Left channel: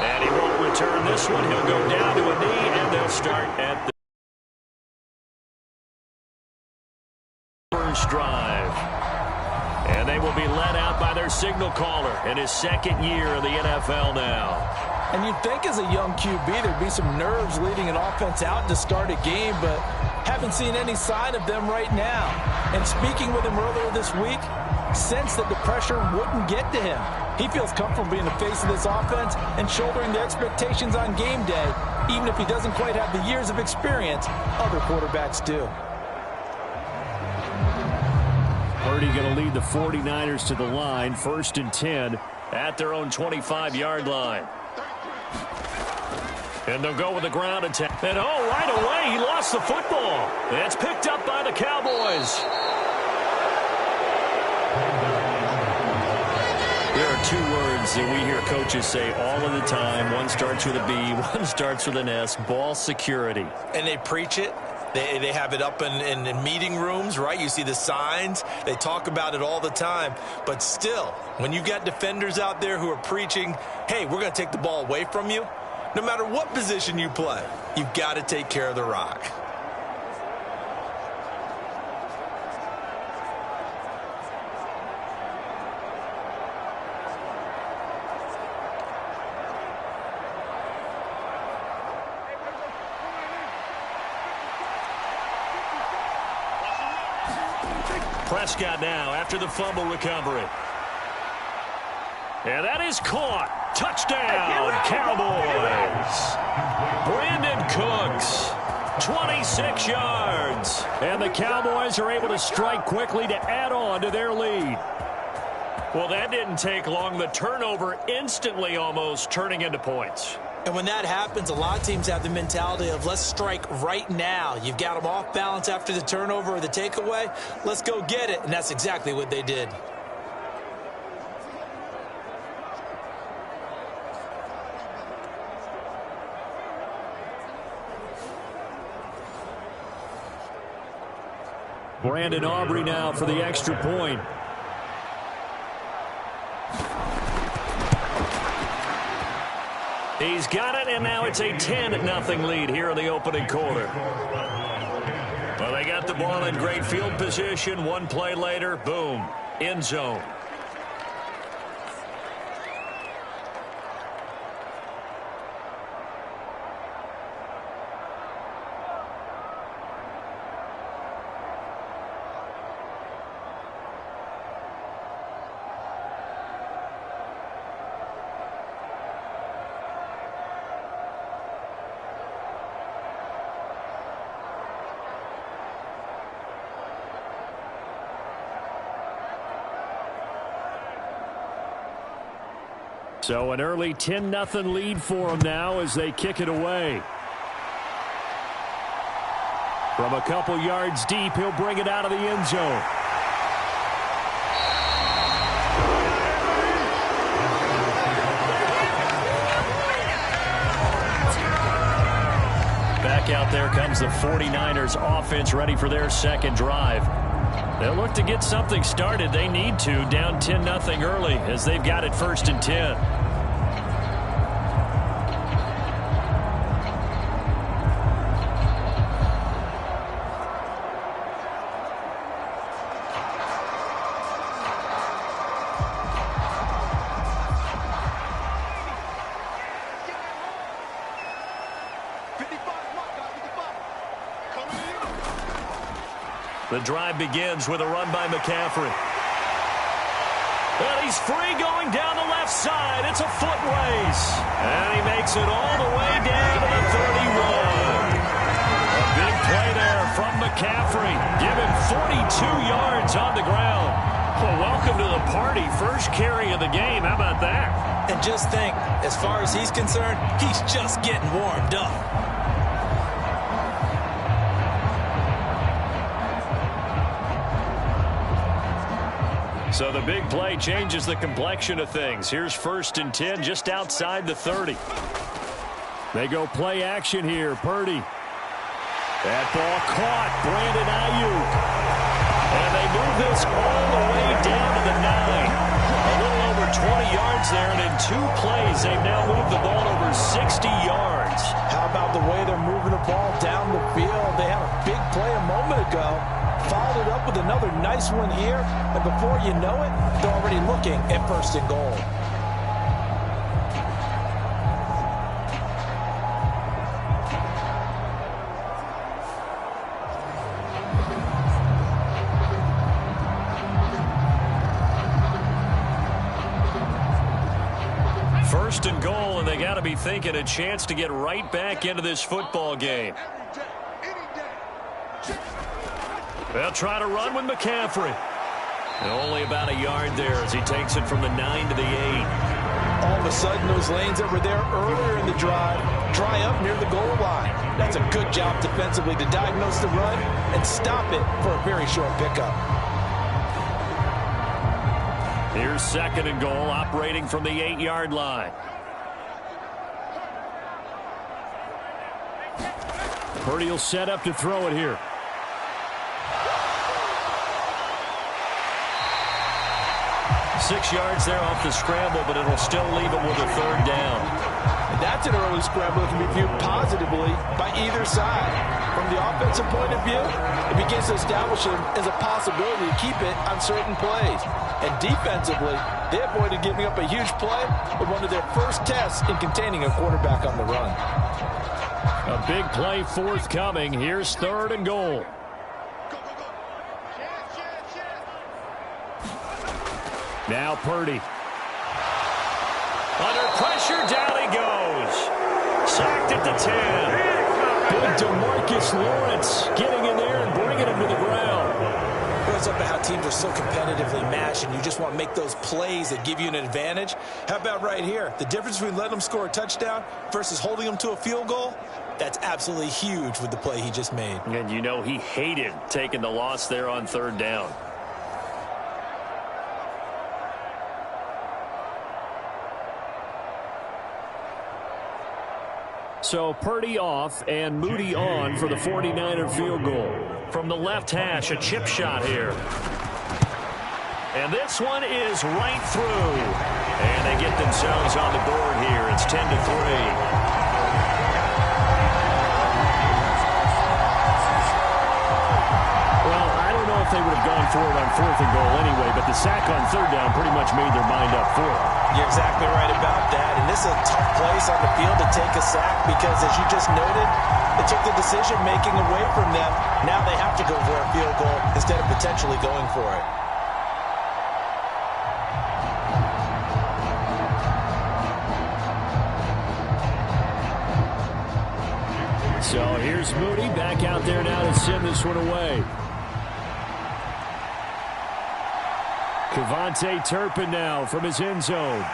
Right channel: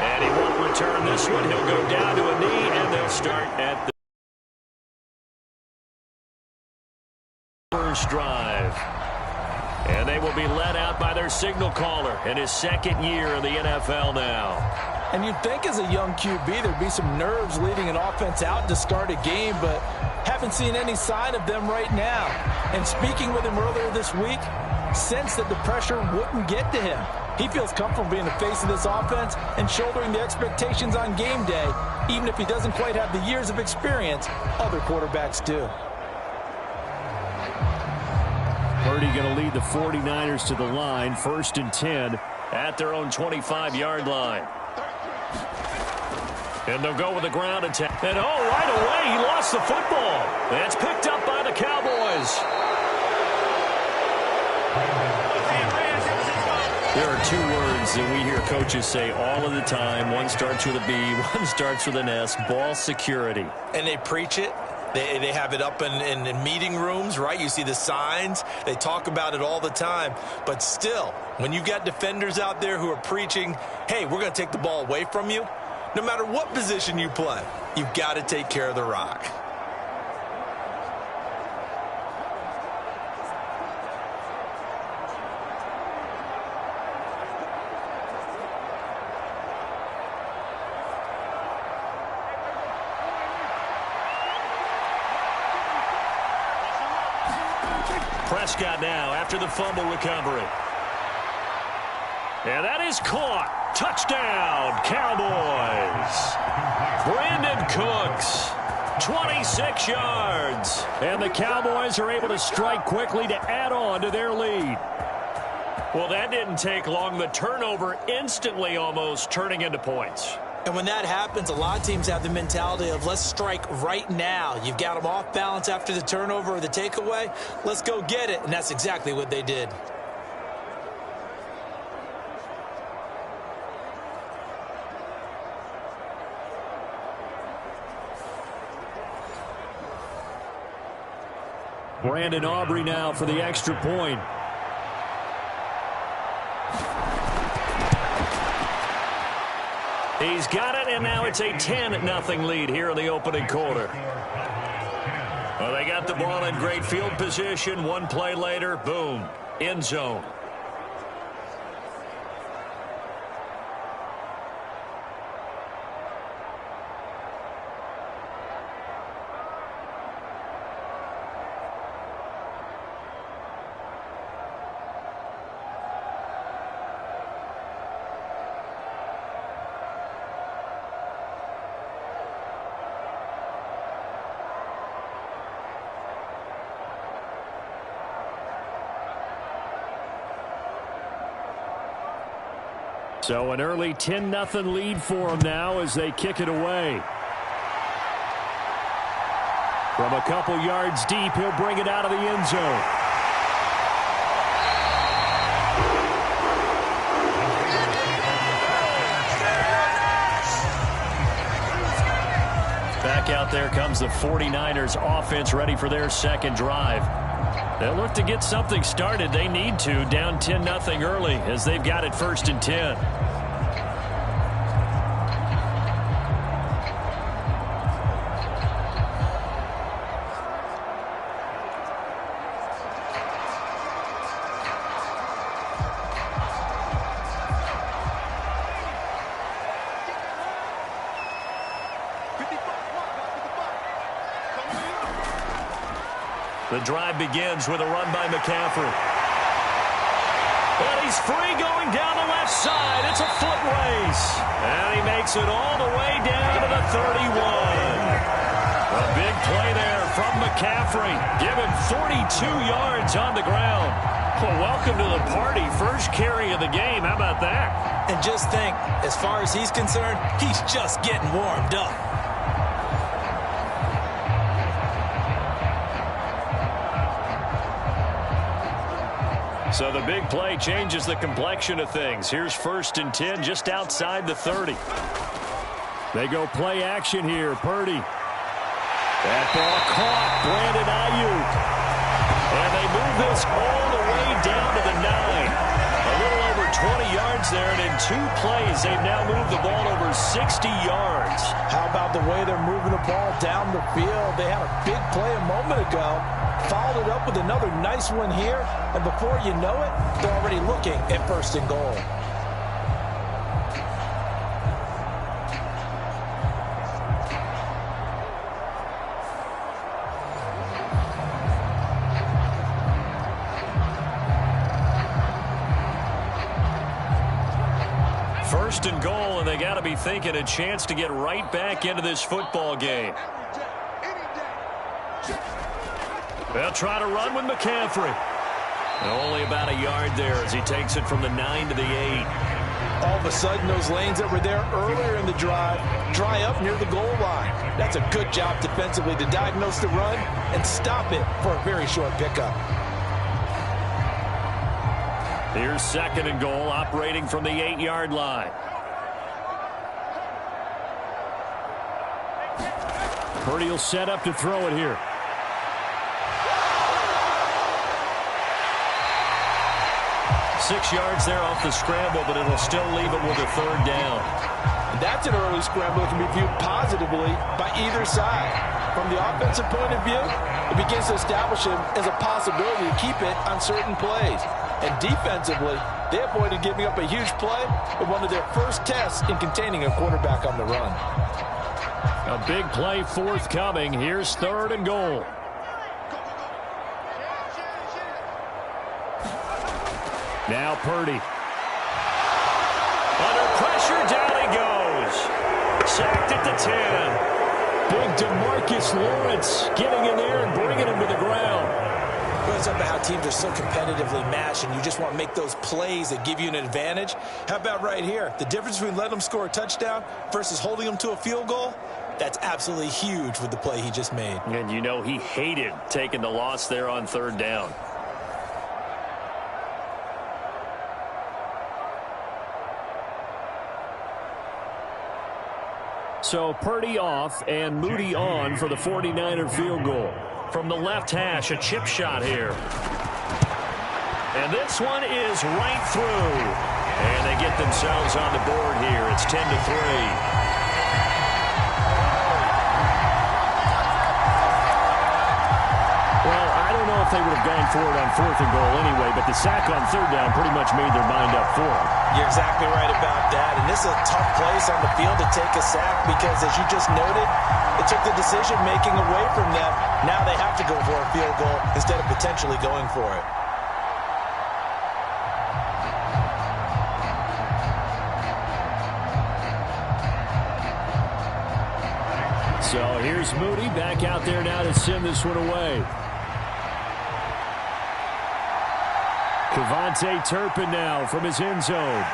And he won't return this one. He'll go down to a knee, and they'll start at the first drive. And they will be led out by their signal caller in his second year in the NFL now. And you'd think as a young QB there'd be some nerves leading an offense out to start a game, but haven't seen any sign of them right now. And speaking with him earlier this week, sensed that the pressure wouldn't get to him. He feels comfortable being the face of this offense and shouldering the expectations on game day, even if he doesn't quite have the years of experience other quarterbacks do. Purdy going to lead the 49ers to the line, 1st and 10 at their own 25-yard line. And they'll go with the ground attack. And right away, he lost the football. It's picked up by the Cowboys. There are two words that we hear coaches say all of the time. One starts with a B, one starts with an S, ball security. And they preach it. They have it up in meeting rooms, right? You see the signs. They talk about it all the time. But still, when you've got defenders out there who are preaching, hey, we're going to take the ball away from you, no matter what position you play, you've got to take care of the rock. Prescott now after the fumble recovery. And that is caught. Touchdown, Cowboys. Brandon Cooks, 26 yards. And the Cowboys are able to strike quickly to add on to their lead. Well, that didn't take long. The turnover instantly almost turning into points. And when that happens, a lot of teams have the mentality of let's strike right now. You've got them off balance after the turnover or the takeaway. Let's go get it. And that's exactly what they did. Brandon Aubrey now for the extra point. He's got it, and now it's a 10-0 lead here in the opening quarter. Well, they got the ball in great field position. One play later, boom, end zone. So an early 10-0 lead for them now as they kick it away. From a couple yards deep, he'll bring it out of the end zone. Back out there comes the 49ers offense ready for their second drive. They'll look to get something started. They need to, down 10-0 early as they've got it 1st and 10. The drive begins with a run by McCaffrey. And he's free going down the left side. It's a foot race. And he makes it all the way down to the 31. A big play there from McCaffrey. Give him 42 yards on the ground. Well, welcome to the party. First carry of the game. How about that? And just think, as far as he's concerned, he's just getting warmed up. So the big play changes the complexion of things. Here's 1st and 10 just outside the 30. They go play action here. Purdy. That ball caught. Brandon Ayuk. And they move this all the way down to the 9. 20 yards there, and in 2 plays, they've now moved the ball over 60 yards. How about the way they're moving the ball down the field? They had a big play a moment ago, followed it up with another nice one here, and before you know it, they're already looking at 1st and goal. First and goal, and they got to be thinking a chance to get right back into this football game. They'll try to run with McCaffrey. And only about a yard there as he takes it from the 9 to the 8. All of a sudden, those lanes that were there earlier in the drive dry up near the goal line. That's a good job defensively to diagnose the run and stop it for a very short pickup. Here's 2nd and goal, operating from the 8-yard line. Purdy will set up to throw it here. Six yards there off the scramble, but it'll still leave him with a 3rd down. And that's an early scramble that can be viewed positively by either side. From the offensive point of view, it begins to establish him as a possibility to keep it on certain plays. And defensively, they avoided giving up a huge play with one of their first tests in containing a quarterback on the run. A big play forthcoming. Here's 3rd and goal. Now Purdy. Under pressure, down he goes. Sacked at the 10. Big DeMarcus Lawrence getting in there and bringing him to the ground. It's up to how teams are so competitively matched, and you just want to make those plays that give you an advantage. How about right here? The difference between letting them score a touchdown versus holding them to a field goal, that's absolutely huge with the play he just made. And you know he hated taking the loss there on 3rd down. So Purdy off and Moody on for the 49er field goal. From the left hash, a chip shot here. And this one is right through. And they get themselves on the board here. It's 10-3. Well, I don't know if they would have gone for it on 4th and goal anyway, but the sack on 3rd down pretty much made their mind up for it. You're exactly right about that. And this is a tough place on the field to take a sack because, as you just noted, it took the decision-making away from them. Now they have to go for a field goal instead of potentially going for it. So here's Moody back out there now to send this one away. Kevontae Turpin now from his end zone.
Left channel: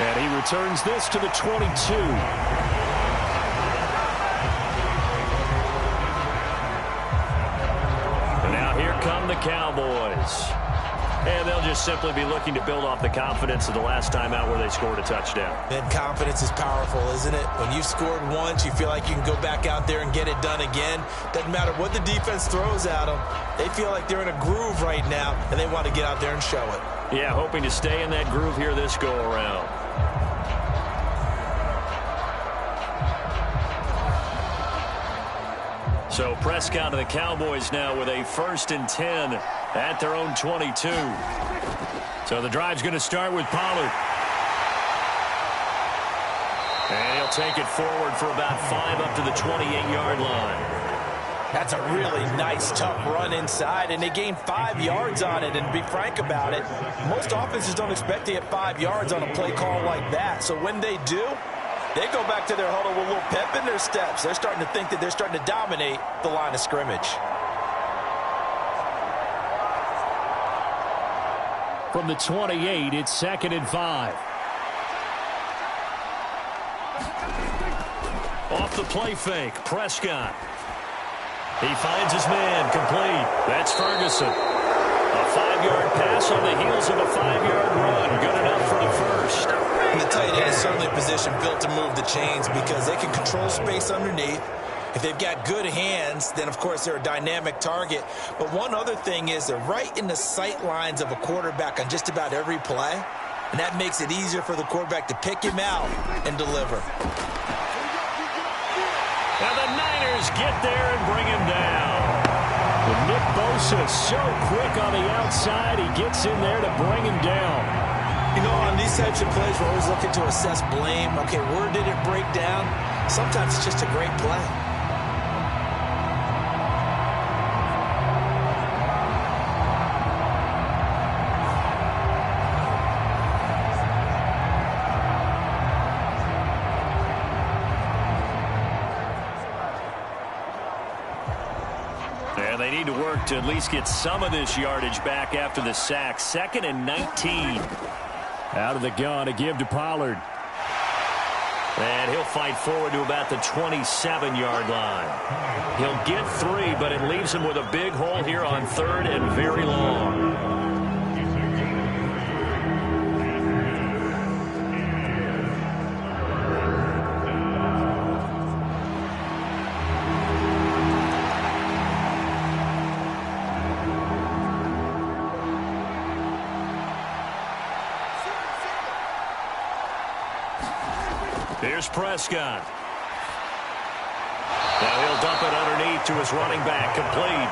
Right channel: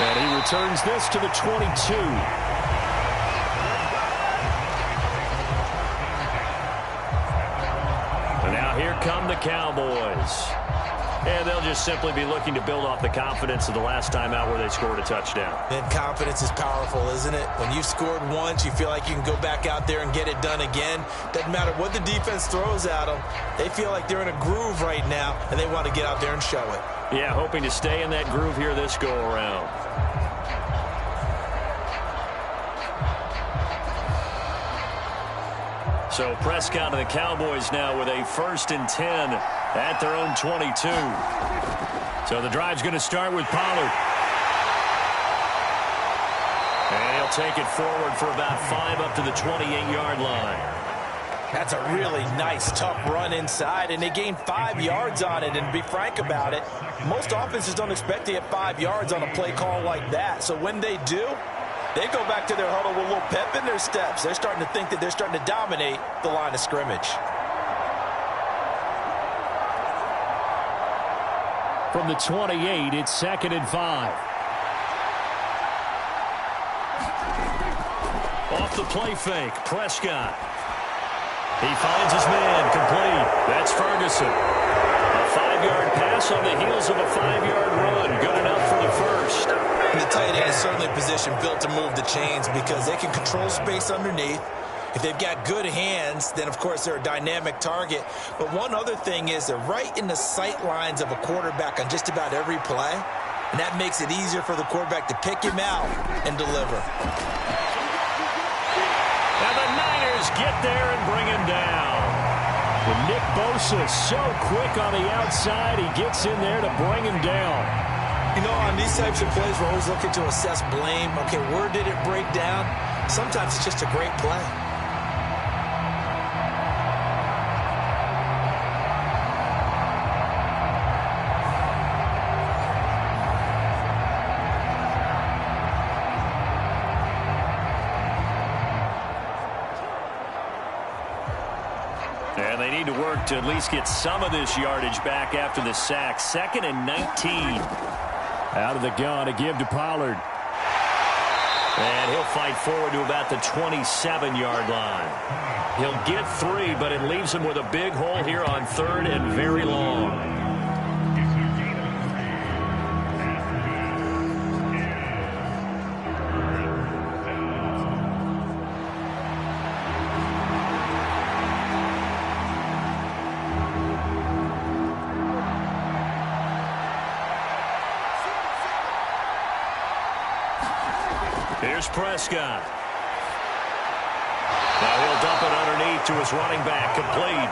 And he returns this to the 22. And now here come the Cowboys. And they'll just simply be looking to build off the confidence of the last time out where they scored a touchdown. And confidence is powerful, isn't it? When you've scored once, you feel like you can go back out there and get it done again. Doesn't matter what the defense throws at them. They feel like they're in a groove right now, and they want to get out there and show it. Yeah, hoping to stay in that groove here this go-around. So Prescott and the Cowboys now with a 1st and 10 at their own 22. So the drive's going to start with Pollard. And he'll take it forward for about 5 up to the 28-yard line. That's a really nice, tough run inside, and they gained 5 yards on it. And to be frank about it, most offenses don't expect to get 5 yards on a play call like that. So when they do, they go back to their huddle with a little pep in their steps. They're starting to think that they're starting to dominate the line of scrimmage. From the 28, it's 2nd and 5. Off the play fake, Prescott. He finds his man, complete. That's Ferguson. A 5-yard pass on the heels of a 5-yard run. Good enough for the first. And the tight end is certainly a position built to move the chains because they can control space underneath. If they've got good hands, then, of course, they're a dynamic target. But one other thing is they're right in the sight lines of a quarterback on just about every play. and that makes it easier for the quarterback to pick him out and deliver. And the Niners get there and bring him down. And Nick Bosa so quick on the outside, he gets in there to bring him down. You know, on these types of plays, we're always looking to assess blame. Okay, where did it break down? Sometimes it's just a great play. And they need to work to at least get some of this yardage back after the sack. 2nd and 19. Out of the gun to give to Pollard. And he'll fight forward to about the 27-yard line. He'll get 3, but it leaves him with a big hole here on 3rd and very long. Here's Prescott. Now he'll dump it underneath to his running back. Complete.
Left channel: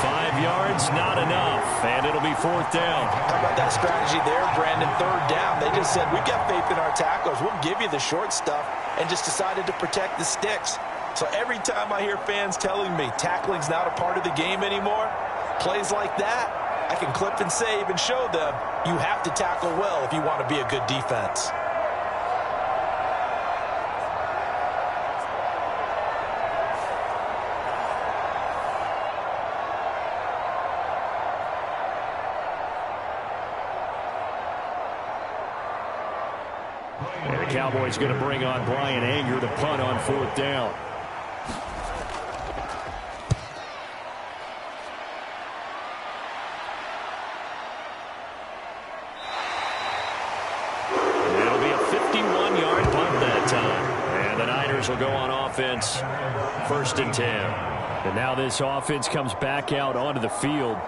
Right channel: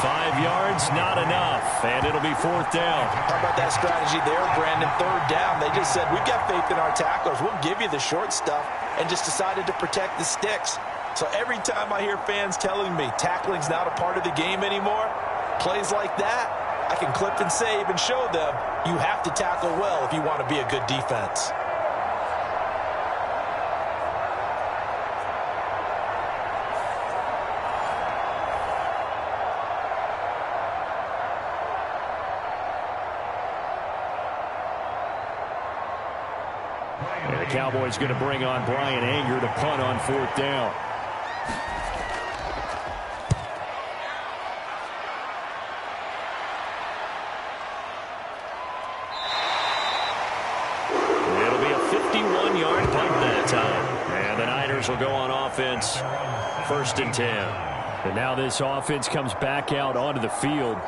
5 yards, not enough. And it'll be 4th down. How about that strategy there, Brandon? 3rd down. They just said, we've got faith in our tacklers. We'll give you the short stuff, and just decided to protect the sticks. So every time I hear fans telling me tackling's not a part of the game anymore, plays like that, I can clip and save and show them you have to tackle well if you want to be a good defense. And the Cowboys going to bring on Brian Anger to punt on 4th down. It'll be a 51-yard punt that time. And the Niners will go on offense. 1st and 10. And now this offense comes back out onto the field.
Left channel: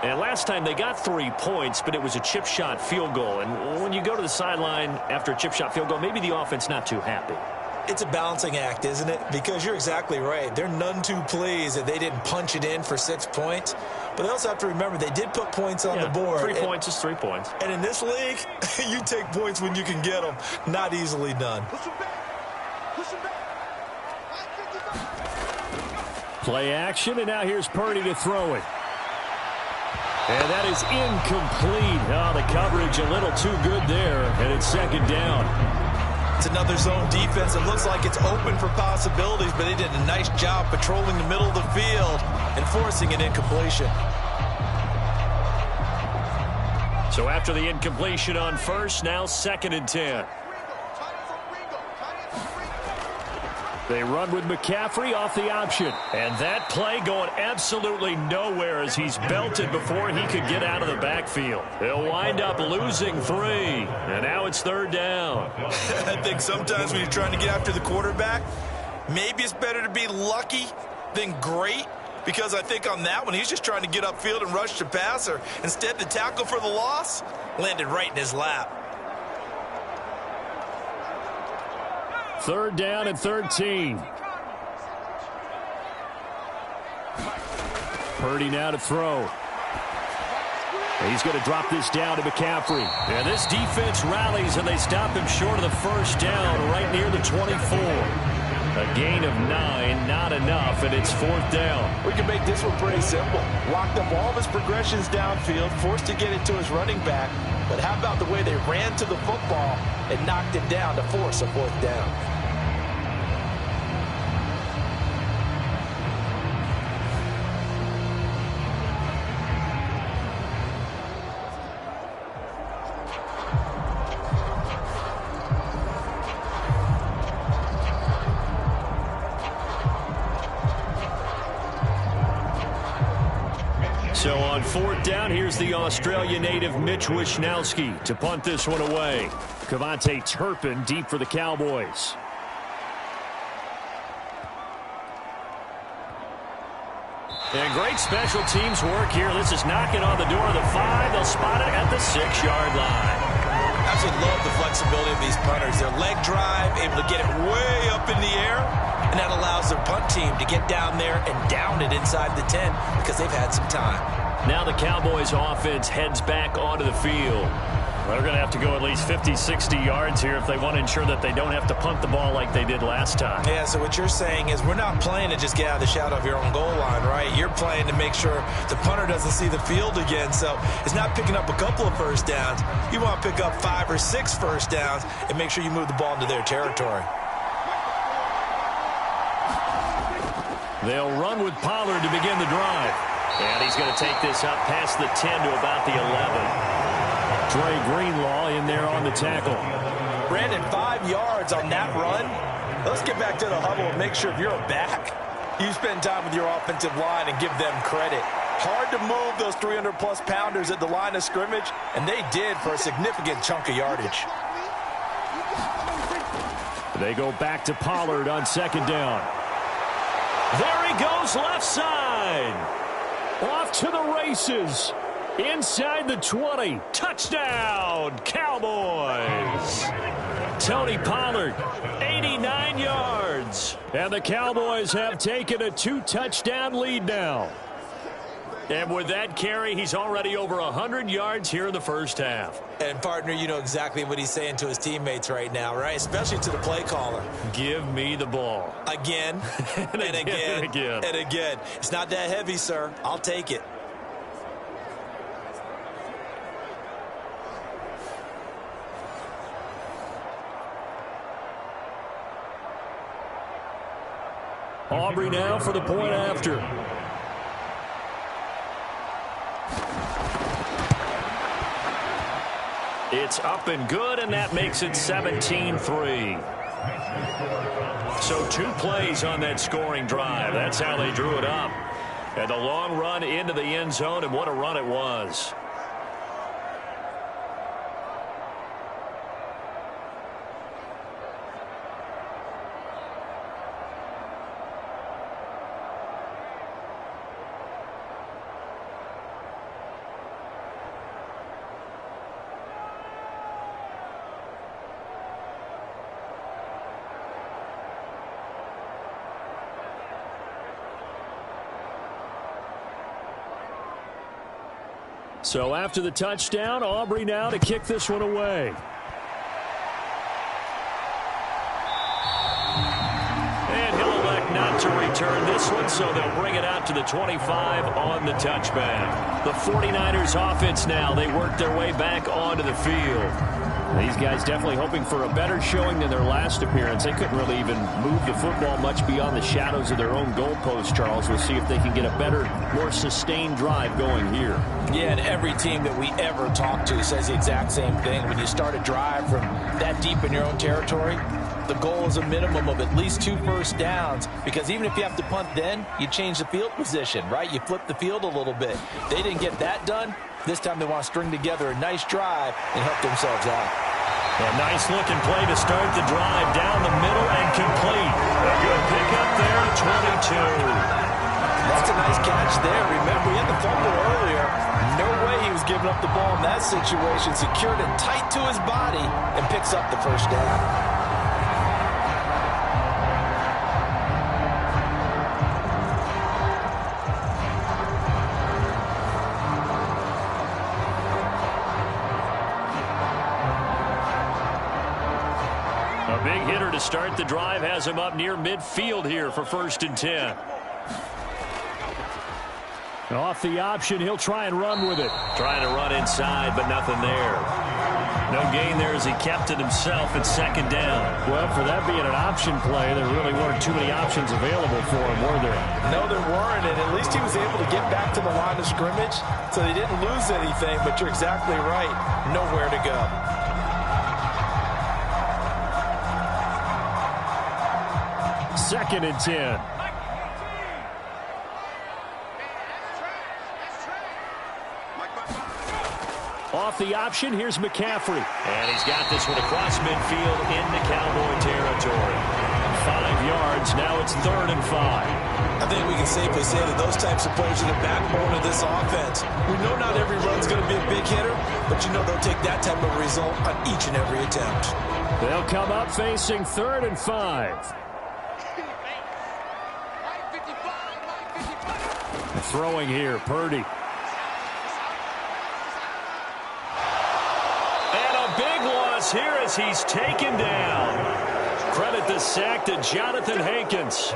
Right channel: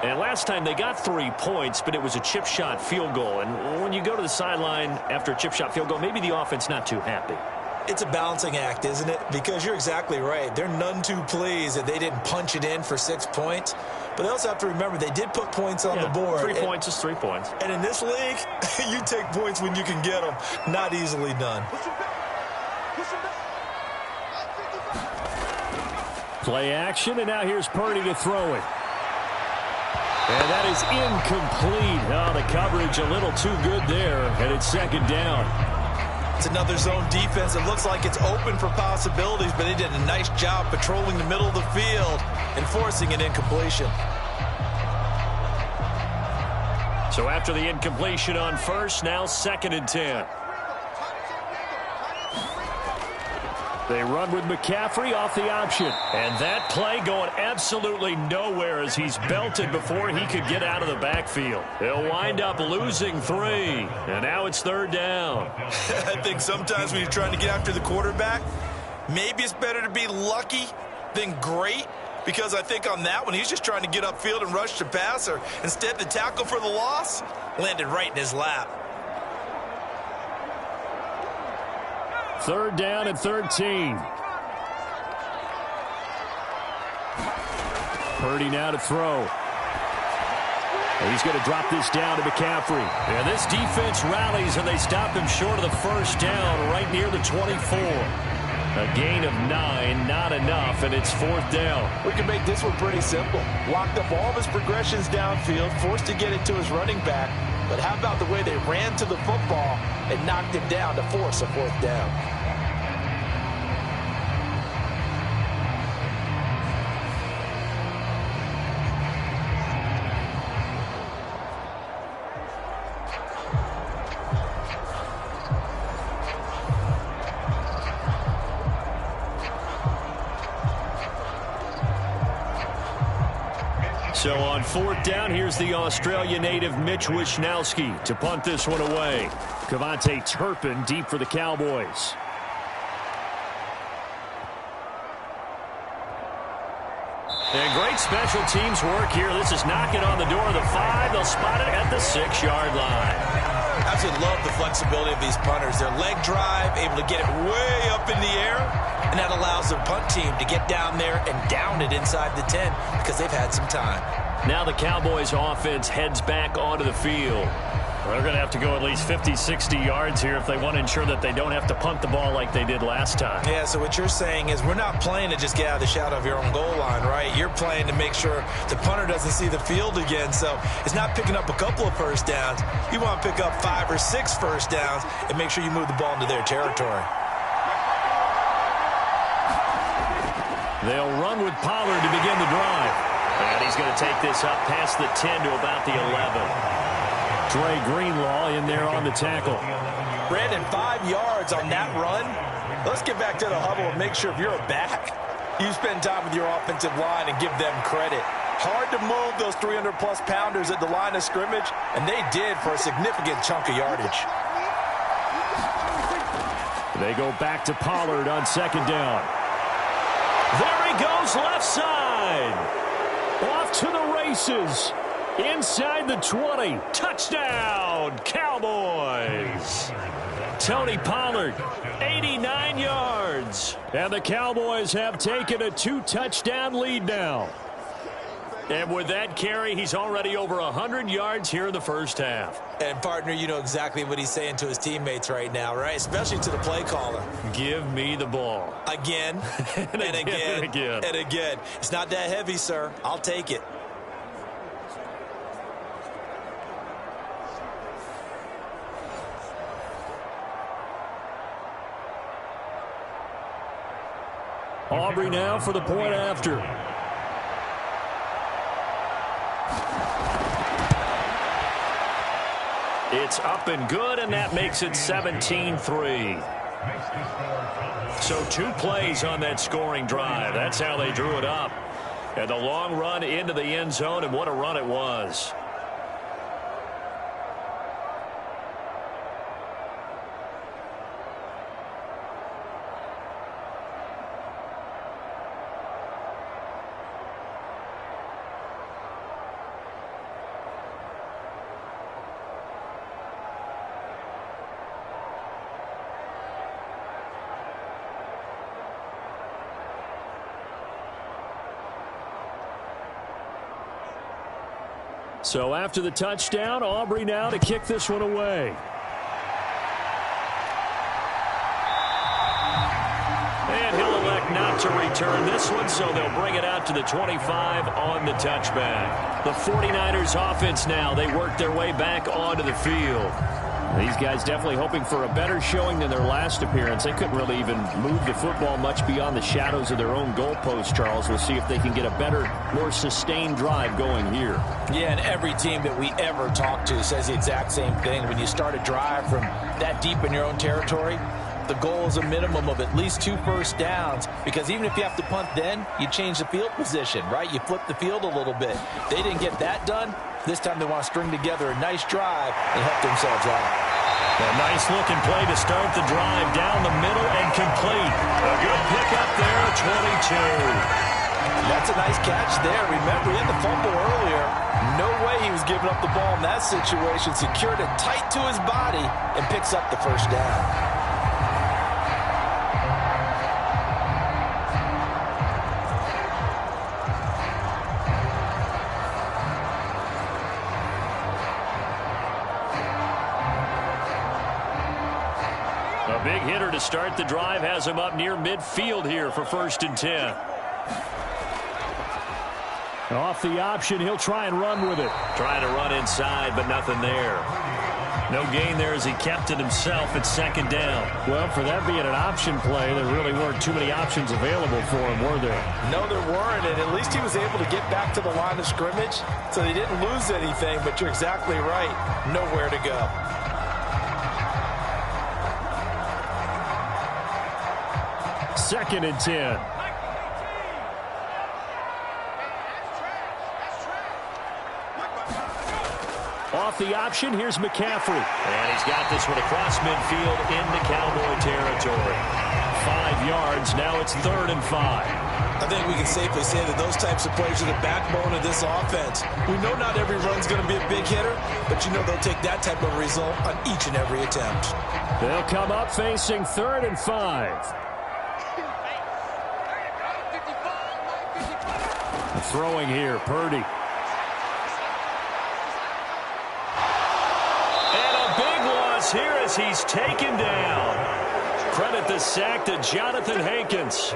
And last time they got 3 points, but it was a chip shot field goal. And when you go to the sideline after a chip shot field goal, maybe the offense not too happy. It's a balancing act, isn't it? Because you're exactly right. They're none too pleased that they didn't punch it in for 6 points. But they also have to remember they did put points on the board. 3 points is 3 points. And in this league, you take points when you can get them. Not easily done. Play action, and now here's Purdy to throw it. And that is incomplete. Oh, the coverage a little too good there, and it's 2nd down. It's another zone defense. It looks like it's open for possibilities, but they did a nice job patrolling the middle of the field and forcing an incompletion. So after the incompletion on 1st, now 2nd and 10. They run with McCaffrey off the option. And that play going absolutely nowhere as he's belted before he could get out of the backfield. They'll wind up losing 3. And now it's 3rd down. I think sometimes when you're trying to get after the quarterback, maybe it's better to be lucky than great. Because I think on that one, he's just trying to get upfield and rush the passer. Instead, the tackle for the loss landed right in his lap. 3rd down and 13. Purdy now to throw. He's going to drop this down to McCaffrey. And this defense rallies, and they stop him short of the 1st down right near the 24. A gain of 9, not enough, and it's 4th down. We can make this one pretty simple. Locked up all of his progressions downfield, forced to get it to his running back. But how about the way they ran to the football and knocked him down to force a 4th down? So on 4th down, here's the Australia native Mitch Wishnowsky to punt this one away. Cavante Turpin deep for the Cowboys. And great special teams work here. This is knocking on the door of the 5. They'll spot it at the 6-yard line. I absolutely love the flexibility of these punters. Their leg drive, able to get it way up in the air, and that allows their punt team to get down there and down it inside the 10 because they've had some time. Now the Cowboys offense heads back onto the field. Well, they're going to have to go at least 50, 60 yards here if they want to ensure that they don't have to punt the ball like they did last time. Yeah, so what you're saying is we're not playing to just get out of the shadow of your own goal line, right? You're playing to make sure the punter doesn't see the field again. So it's not picking up a couple of first downs. You want to pick up 5 or 6 first downs and make sure you move the ball into their territory. They'll run with Pollard to begin the drive. And he's going to take this up past the 10 to about the 11. Dre Greenlaw in there on the tackle. Brandon, 5 yards on that run. Let's get back to the huddle and make sure if you're a back, you spend time with your offensive line and give them credit. Hard to move those 300-plus pounders at the line of scrimmage, and they did for a significant chunk of yardage. They go back to Pollard on second down. There he goes left side. Off to the races. Inside the 20. Touchdown, Cowboys. Tony Pollard, 89 yards. And the Cowboys have taken a 2-touchdown lead now. And with that carry, he's already over 100 yards here in the first half. And, partner, you know exactly what he's saying to his teammates right now, right? Especially to the play caller. Give me the ball. Again, and again, and again. It's not that heavy, sir. I'll take it. Aubrey now for the point after. It's up and good, and that makes it 17-3. So 2 plays on that scoring drive. That's how they drew it up. And the long run into the end zone, and what a run it was. So after the touchdown, Aubrey now to kick this one away. And he'll elect not to return this one, so they'll bring it out to the 25 on the touchback. The 49ers offense now, they work their way back onto the field. These guys definitely hoping for a better showing than their last appearance. They couldn't really even move the football much beyond the shadows of their own goalpost, Charles. We'll see if they can get a better, more sustained drive going here. Yeah, and every team that we ever talk to says the exact same thing. When you start a drive from that deep in your own territory, the goal is a minimum of at least 2 first downs, because even if you have to punt then, you change the field position, right? You flip the field a little bit. They didn't get that done. This time they want to string together a nice drive and help themselves out. A nice looking play to start the drive down the middle and complete. A good pickup there at 22. That's a nice catch there. Remember, he had the fumble earlier. No way he was giving up the ball in that situation. Secured it tight to his body and picks up the first down. A big hitter to start the drive has him up near midfield here for 1st and 10. Off the option, he'll try and run with it. Trying to run inside, but nothing there. No gain there as he kept it himself at 2nd down. Well, for that being an option play, there really weren't too many options available for him, were there? No, there weren't, and at least he was able to get back to the line of scrimmage, so they didn't lose anything, but you're exactly right. Nowhere to go. Second and 10. Off the option, here's McCaffrey. And he's got this one across midfield into Cowboy territory. 5 yards. Now it's 3rd and 5. I think we can safely say that those types of players are the backbone of this offense. We know not every run's going to be a big hitter, but you know they'll take that type of result on each and every attempt. They'll come up facing 3rd and 5. Throwing here, Purdy. And a big loss here as he's taken down. Credit the sack to Jonathan Hankins.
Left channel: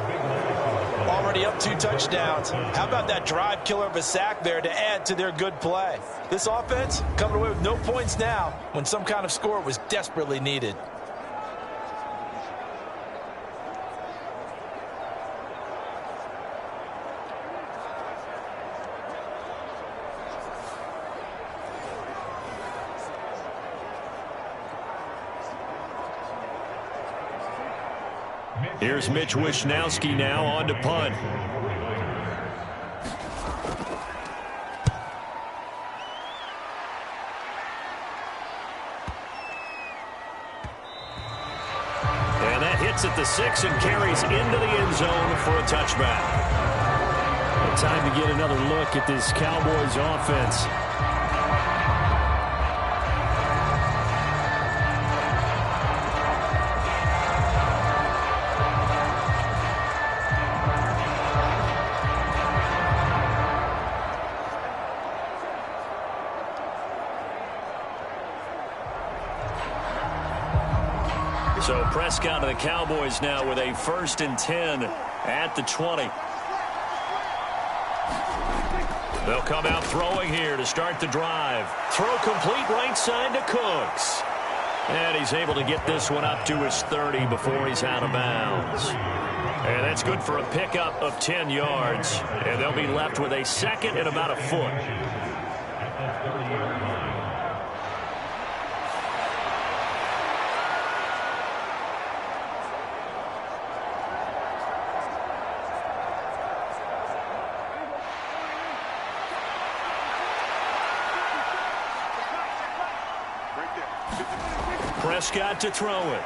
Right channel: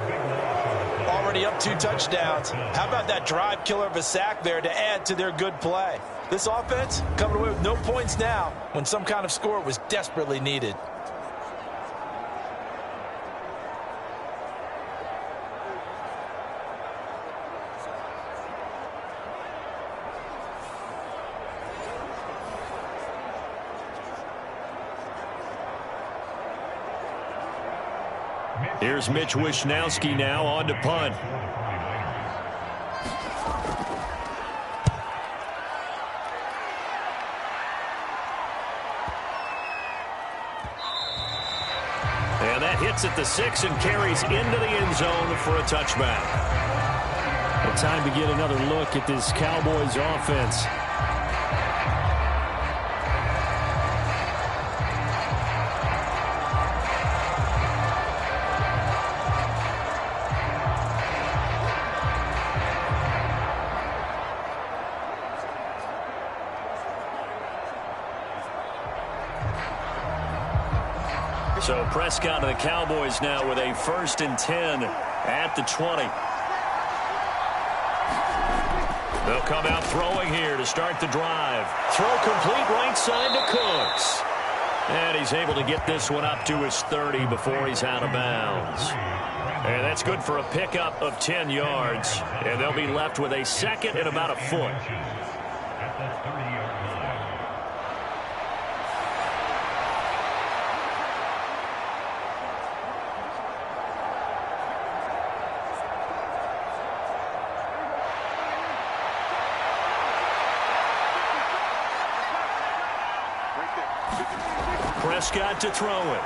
Already up 2 touchdowns. How about that drive killer of a sack there to add to their good play? This offense coming away with no points now when some kind of score was desperately needed. Here's Mitch Wishnowski now on to punt. And that hits at the 6 and carries into the end zone for a touchback. And time to get another look at this Cowboys offense. So Prescott of the Cowboys now with a 1st and 10 at the 20. They'll come out throwing here to start the drive. Throw complete right side to Cooks. And he's able to get this one up to his 30 before he's out of bounds. And that's good for a pickup of 10 yards. And they'll be left with a 2nd and about a foot. At the 30-yard line. Prescott to throw it.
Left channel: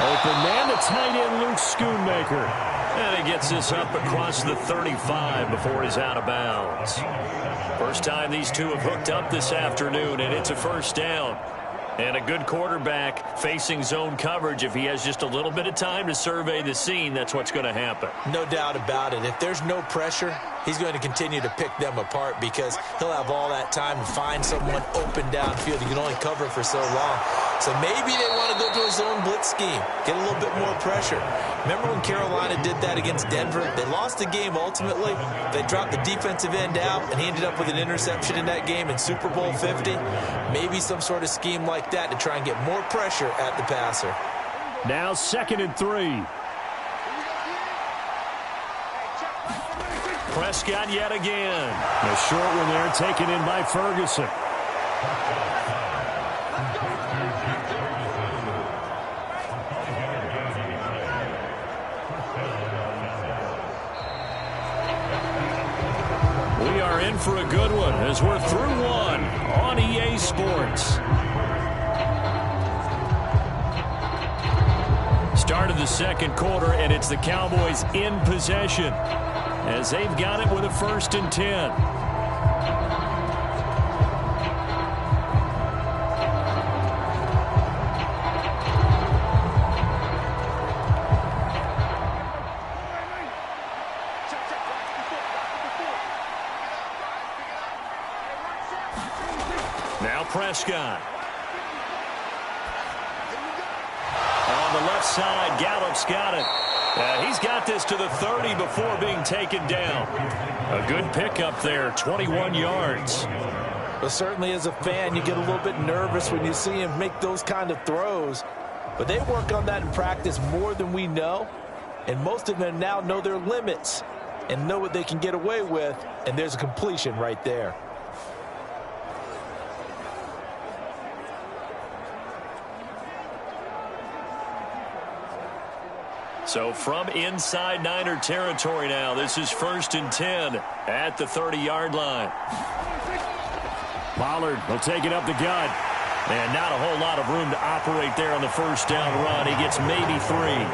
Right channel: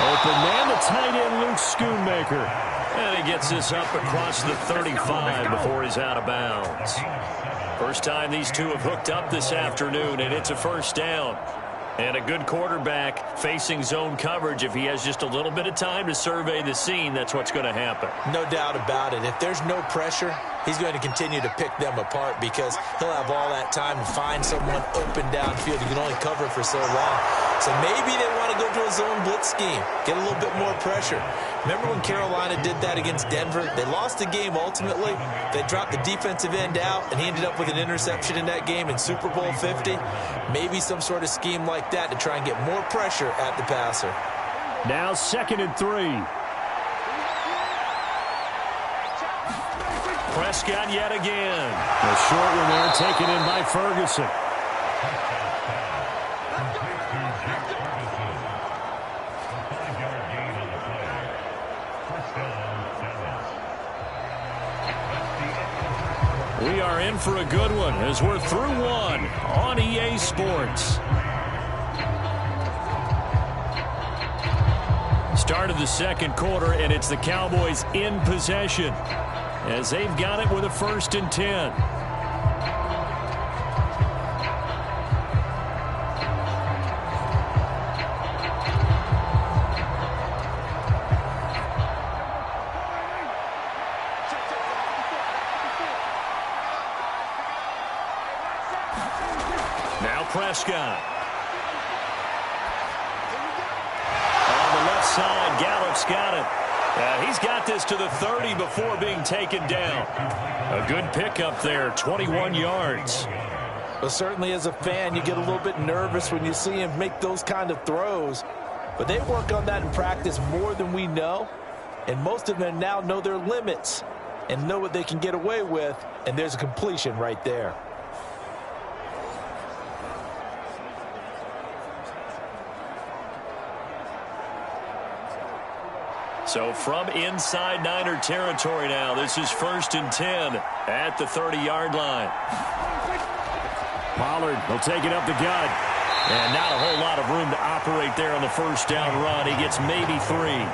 Open man, the tight end, Luke Schoonmaker. And he gets this up across the 35 before he's out of bounds. First time these two have hooked up this afternoon, and it's a 1st down. And a good quarterback facing zone coverage. If he has just a little bit of time to survey the scene, that's what's going to happen. No doubt about it. If there's no pressure, he's going to continue to pick them apart because he'll have all that time to find someone open downfield. He can only cover for so long. So maybe they want to go to a zone blitz scheme, get a little bit more pressure. Remember when Carolina did that against Denver? They lost the game ultimately. They dropped the defensive end out, and he ended up with an interception in that game in Super Bowl 50. Maybe some sort of scheme like that to try and get more pressure at the passer. Now 2nd and 3. Prescott yet again. A short one there taken in by Ferguson. We are in for a good one as we're through one on EA Sports. Start of the 2nd quarter, and it's the Cowboys in possession as they've got it with a 1st and 10. Now Prescott. On the left side, Gallup's got it. He's got this to the 30 before being taken down. A good pickup there, 21 yards. But certainly as a fan, you get a little bit nervous when you see him make those kind of throws. But they work on that in practice more than we know. And most of them now know their limits and know what they can get away with. And there's a completion right there. So from inside Niner territory now, this is 1st and 10 at the 30-yard line. Pollard will take it up the gut. And not a whole lot of room to operate there on the first down run. He gets maybe 3.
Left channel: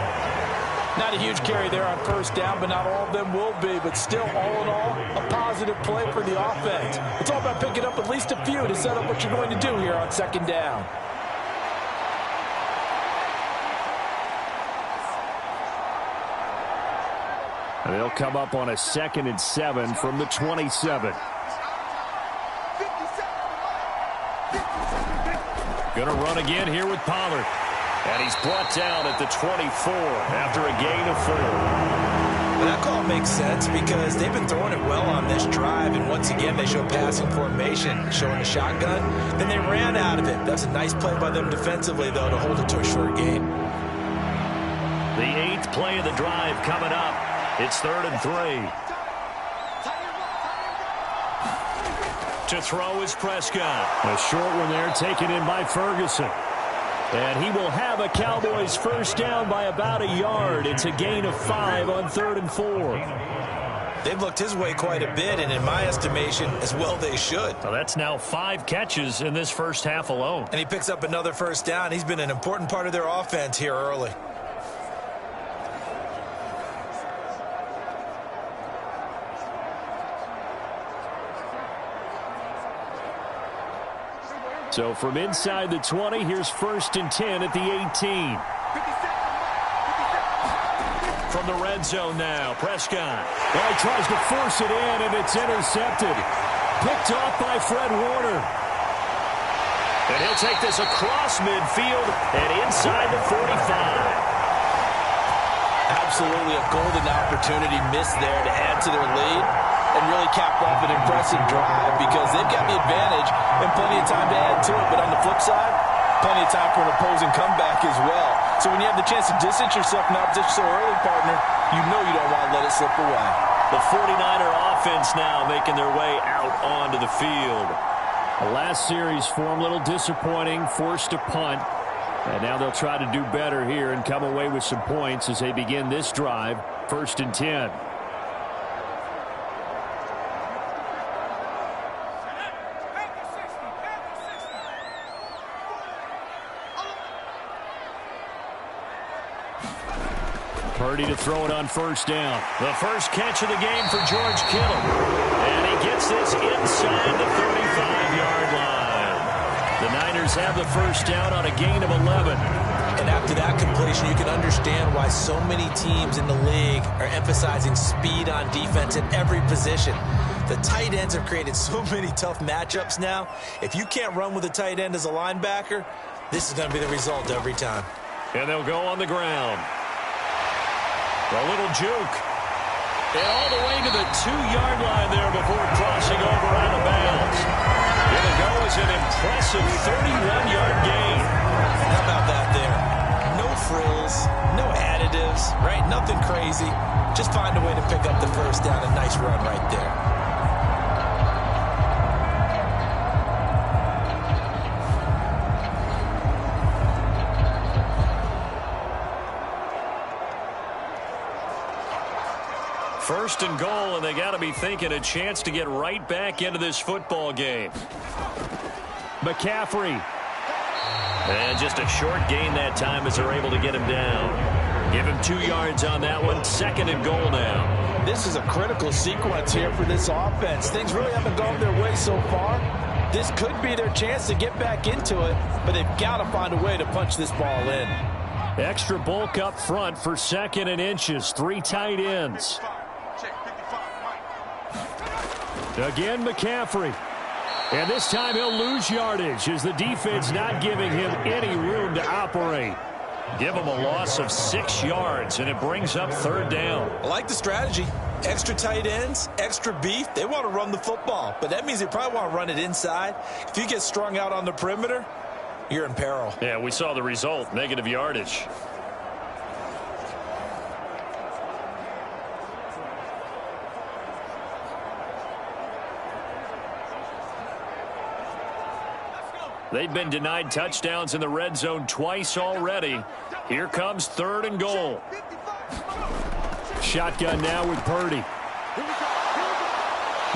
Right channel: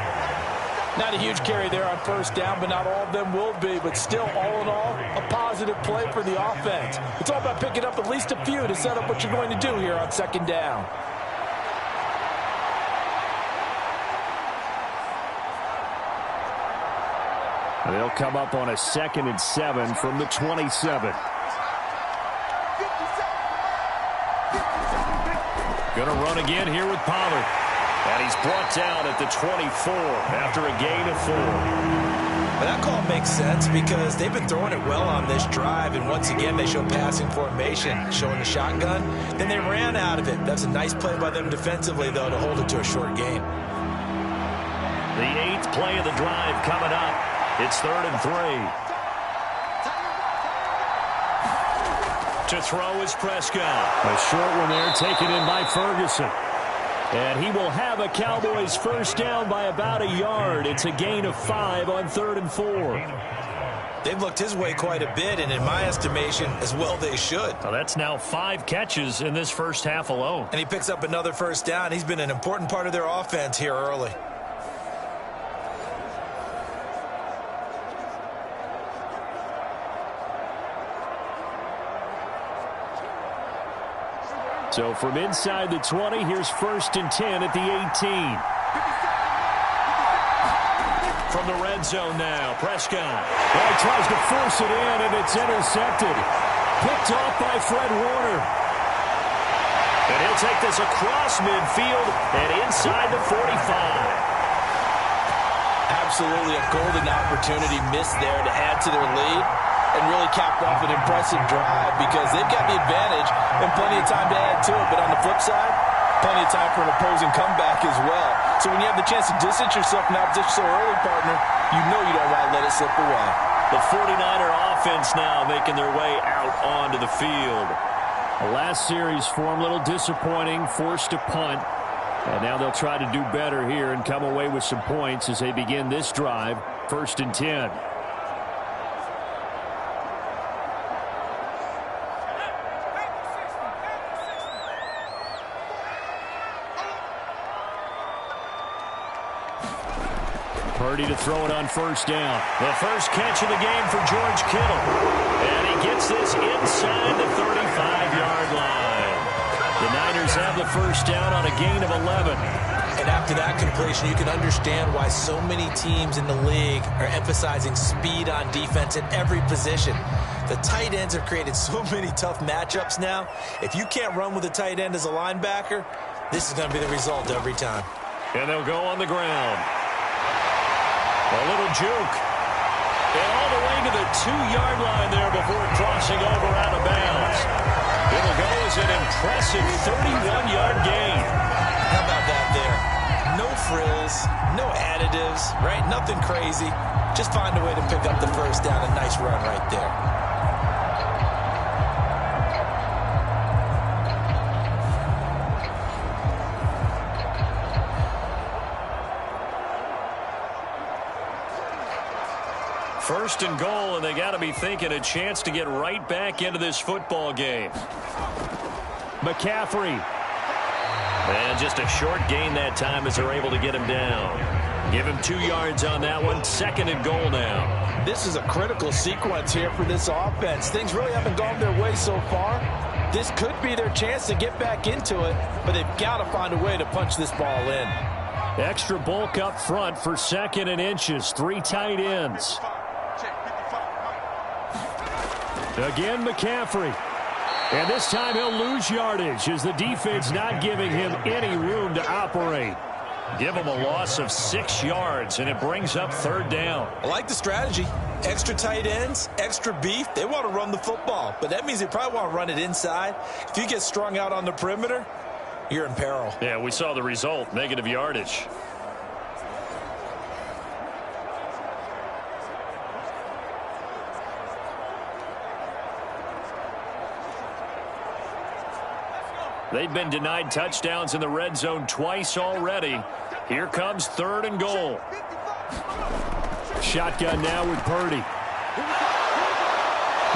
Not a huge carry there on first down, but not all of them will be. But still, all in all, a positive play for the offense. It's all about picking up at least a few to set up what you're going to do here on second down. And they'll come up on a 2nd and 7 from the 27. Going to run again here with Pollard. And he's brought down at the 24 after a gain of 4. But that call makes sense because they've been throwing it well on this drive. And once again, they show passing formation, showing the shotgun. Then they ran out of it. That's a nice play by them defensively, though, to hold it to a short gain. The 8th play of the drive coming up. It's 3rd and 3. To throw is Prescott. A short one there taken in by Ferguson. And he will have a Cowboys first down by about a yard. It's a gain of 5 on 3rd and 4. They've looked his way quite a bit, and in my estimation, as well they should. So that's now 5 catches in this first half alone. And he picks up another first down. He's been an important part of their offense here early. So from inside the 20, here's 1st and 10 at the 18. From the red zone now, Prescott. Well, he tries to force it in, and it's intercepted. Picked off by Fred Warner. And he'll take this across midfield and inside the 45. Absolutely a golden opportunity missed there to add to their lead and really cap off an impressive drive because they've got the advantage and plenty of time to add to it. But on the flip side, plenty of time for an opposing comeback as well. So when you have the chance to distance yourself from the opposition so early, partner, you know you don't want to let it slip away. The 49er offense now making their way out onto the field. The last series form, a little disappointing, forced to punt. And now they'll try to do better here and come away with some points as they begin this drive, 1st and 10. Purdy to throw it on first down. The first catch of the game for George Kittle. And he gets this inside the 35-yard line. The Niners have the first down on a gain of 11. And after that completion, you can understand why so many teams in the league are emphasizing speed on defense at every position. The tight ends have created so many tough matchups now. If you can't run with a tight end as a linebacker, this is going to be the result every time. And they'll go on the ground. A little juke. And all the way to the 2-yard line there before crossing over out of bounds. It'll go as an impressive 31-yard gain. How about that there? No frills, no additives, right? Nothing crazy. Just find a way to pick up the first down. A nice run right there. First and goal, and they got to be thinking a chance to get right back into this football game. McCaffrey. And just a short gain that time as they're able to get him down. Give him 2 yards on that one. 2nd and goal now. This is a critical sequence here for this offense. Things really haven't gone their way so far. This could be their chance to get back into it, but they've got to find a way to punch this ball in. Extra bulk up front for 2nd and inches. 3 tight ends. Again, McCaffrey. And this time he'll lose yardage as the defense not giving him any room to operate. Give him a loss of 6 yards, and it brings up 3rd down. I like the strategy. Extra tight ends, extra beef. They want to run the football, but that means they probably want to run it inside. If you get strung out on the perimeter, you're in peril. Yeah, we saw the result, negative yardage. They've been denied touchdowns in the red zone twice already. Here comes 3rd and goal. Shotgun now with Purdy.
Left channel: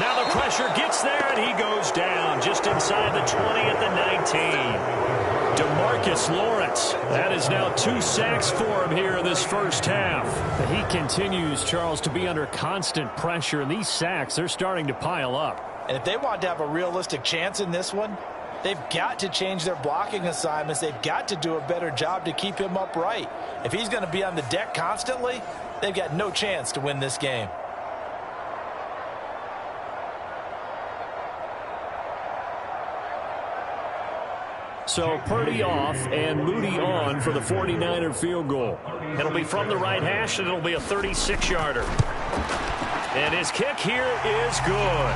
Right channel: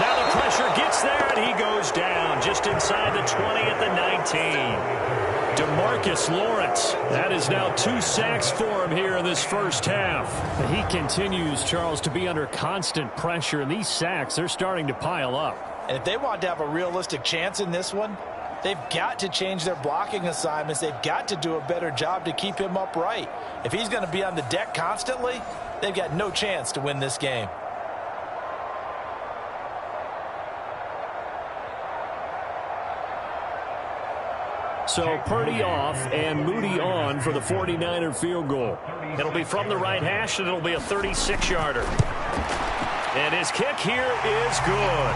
Now the Pressure gets there, and he goes down just inside the 20 at the 19. DeMarcus Lawrence. That is now 2 sacks for him here in this first half. He continues, Charles, to be under constant pressure, and these sacks, they're starting to pile up. And if they want to have a realistic chance in this one, they've got to change their blocking assignments. They've got to do a better job to keep him upright. If he's going to be on the deck constantly, they've got no chance to win this game. So Purdy off and Moody on for the 49er field goal. It'll be from the right hash, and it'll be a 36-yarder. And his kick here is good.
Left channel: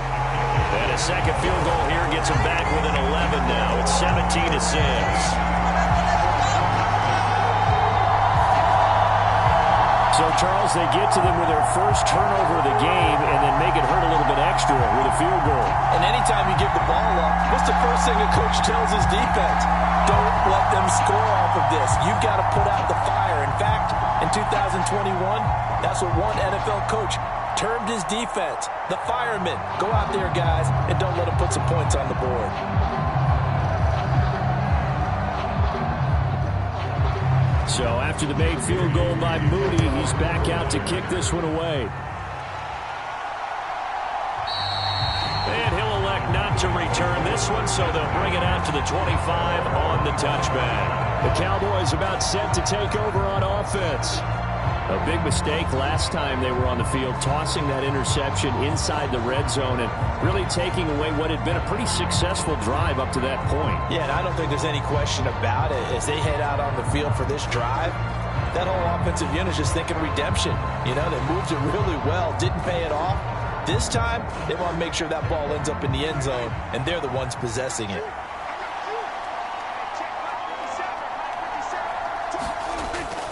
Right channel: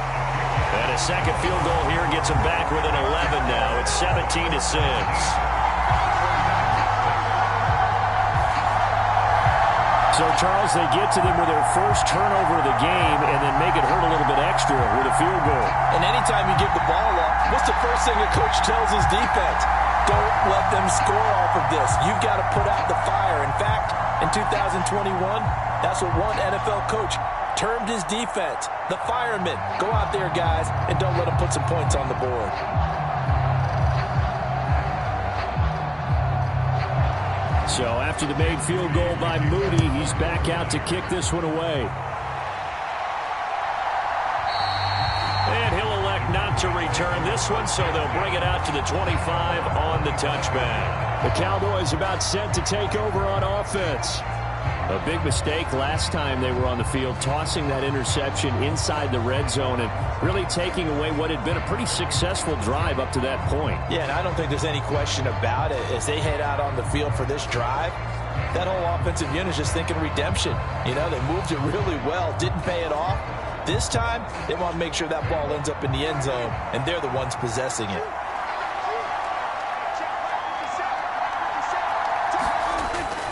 And a second field goal here gets him back within 11 now. It's 17-6. So, Charles, they get to them with their first turnover of the game and then make it hurt a little bit extra with a field goal. And anytime you give the ball up, what's the first thing a coach tells his defense? Don't let them score off of this. You've got to put out the fire. In fact, in 2021, that's what one NFL coach termed his defense, the firemen. Go out there, guys, and don't let them put some points on the board. So after the made field goal by Moody, he's back out to kick this one away. And he'll elect not to return this one, so they'll bring it out to the 25 on the touchback. The Cowboys about set to take over on offense. A big mistake last time they were on the field, tossing that interception inside the red zone and really taking away what had been a pretty successful drive up to that point. Yeah, and I don't think there's any question about it. As they head out on the field for this drive, that whole offensive unit is just thinking redemption. You know, they moved it really well, didn't pay it off. This time, they want to make sure that ball ends up in the end zone, and they're the ones possessing it.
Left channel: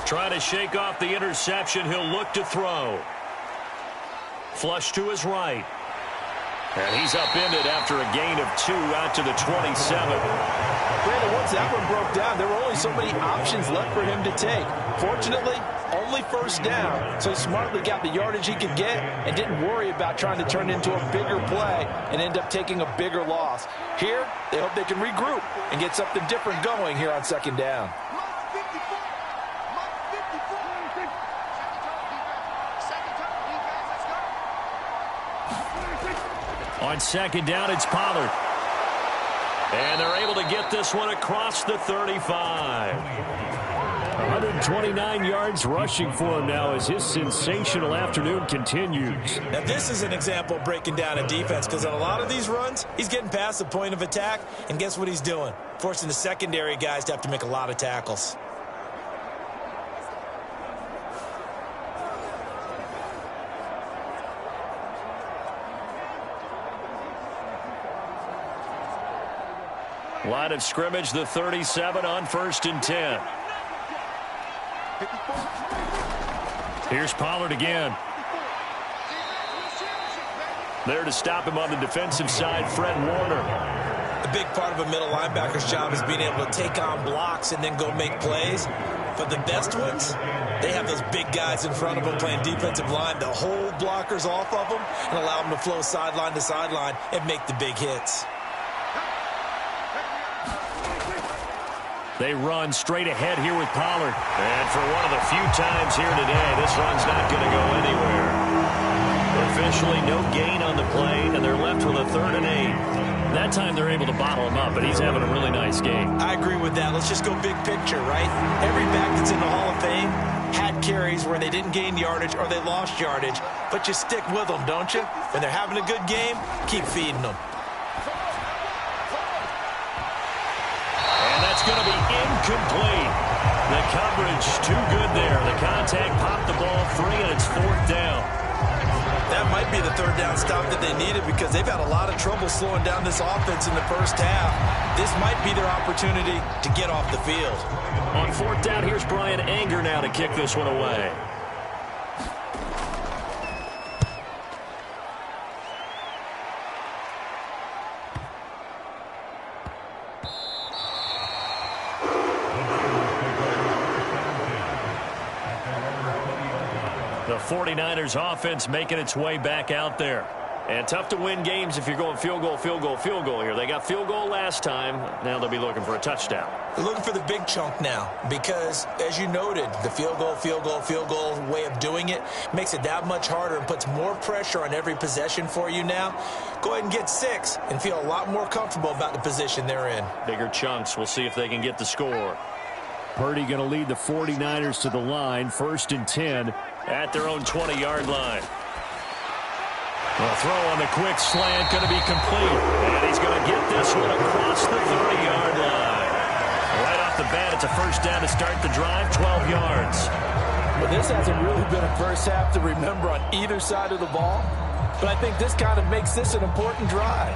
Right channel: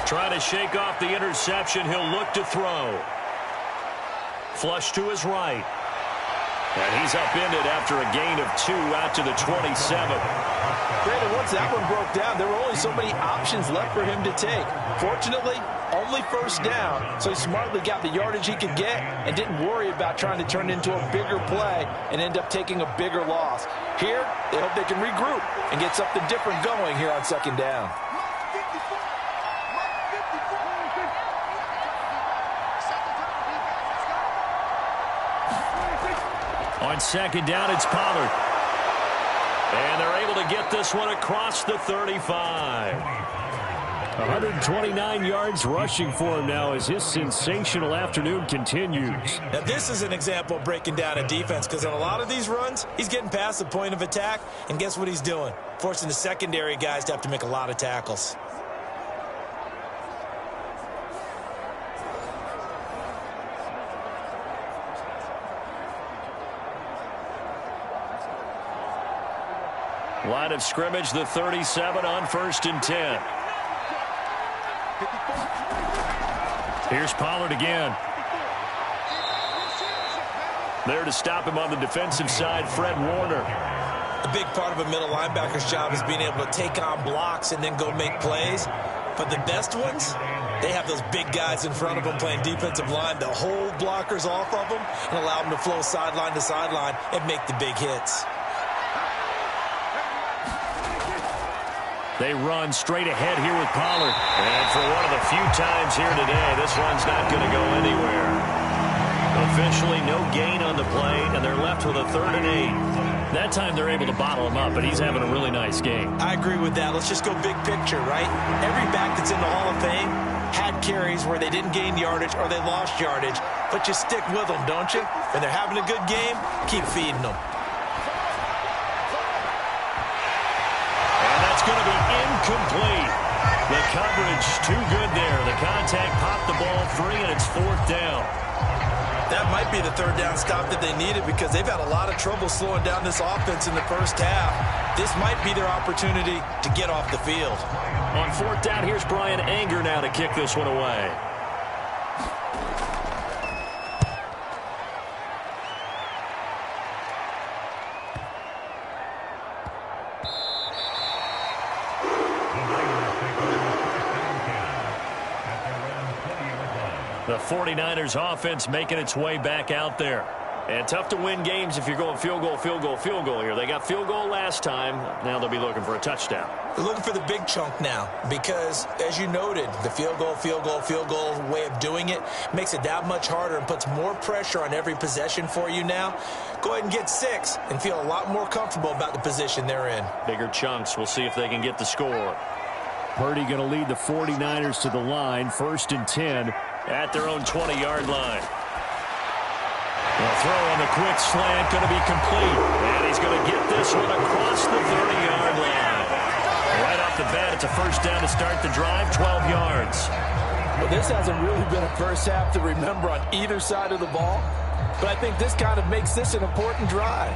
Trying to shake off the interception. He'll look to throw. Flush to his right. And he's upended after a gain of 2 out to the 27. Brandon, once that one broke down, there were only so many options left for him to take. Fortunately, only first down, so he smartly got the yardage he could get and didn't worry about trying to turn it into a bigger play and end up taking a bigger loss. Here, they hope they can regroup and get something different going here on second down. On second down, it's Pollard. And they're able to get this one across the 35. 129 yards rushing for him now as his sensational afternoon continues. Now, this is an example of breaking down a defense, because on a lot of these runs, he's getting past the point of attack, and guess what he's doing? Forcing the secondary guys to have to make a lot of tackles. Line of scrimmage, the 37 on 1st and 10. Here's Pollard again. There to stop him on the defensive side, Fred Warner. A big part of a middle linebacker's job is being able to take on blocks and then go make plays. But the best ones, they have those big guys in front of them playing defensive line to hold blockers off of them and allow them to flow sideline to sideline and make the big hits. They run straight ahead here with Pollard. And for one of the few times here today, this run's not going to go anywhere. Officially no gain on the play, and they're left with a 3rd and 8. That time they're able to bottle him up, but he's having a really nice game. I agree with that. Let's just go big picture, right? Every back that's in the Hall of Fame had carries where they didn't gain yardage or they lost yardage, but you stick with them, don't you? When they're having a good game, keep feeding them. That's going to be incomplete. The coverage too good there. The contact popped the ball free, and it's 4th down. That might be the 3rd down stop that they needed, because they've had a lot of trouble slowing down this offense in the first half. This might be their opportunity to get off the field. On 4th down, here's Brian Anger now to kick this one away. The 49ers offense making its way back out there. And tough to win games if you're going field goal, field goal, field goal here. They got field goal last time. Now they'll be looking for a touchdown. They're looking for the big chunk now because, as you noted, the field goal way of doing it makes it that much harder and puts more pressure on every possession for you now. Go ahead and get 6 and feel a lot more comfortable about the position they're in. Bigger chunks. We'll see if they can get the score. Purdy going to lead the 49ers to the line, 1st and 10. At their own 20-yard line. The throw on the quick slant going to be complete. And he's going to get this one across the 30-yard line. Right off the bat, it's a first down to start the drive, 12 yards. Well, this hasn't really been a first half to remember on either side of the ball. But I think this kind of makes this an important drive.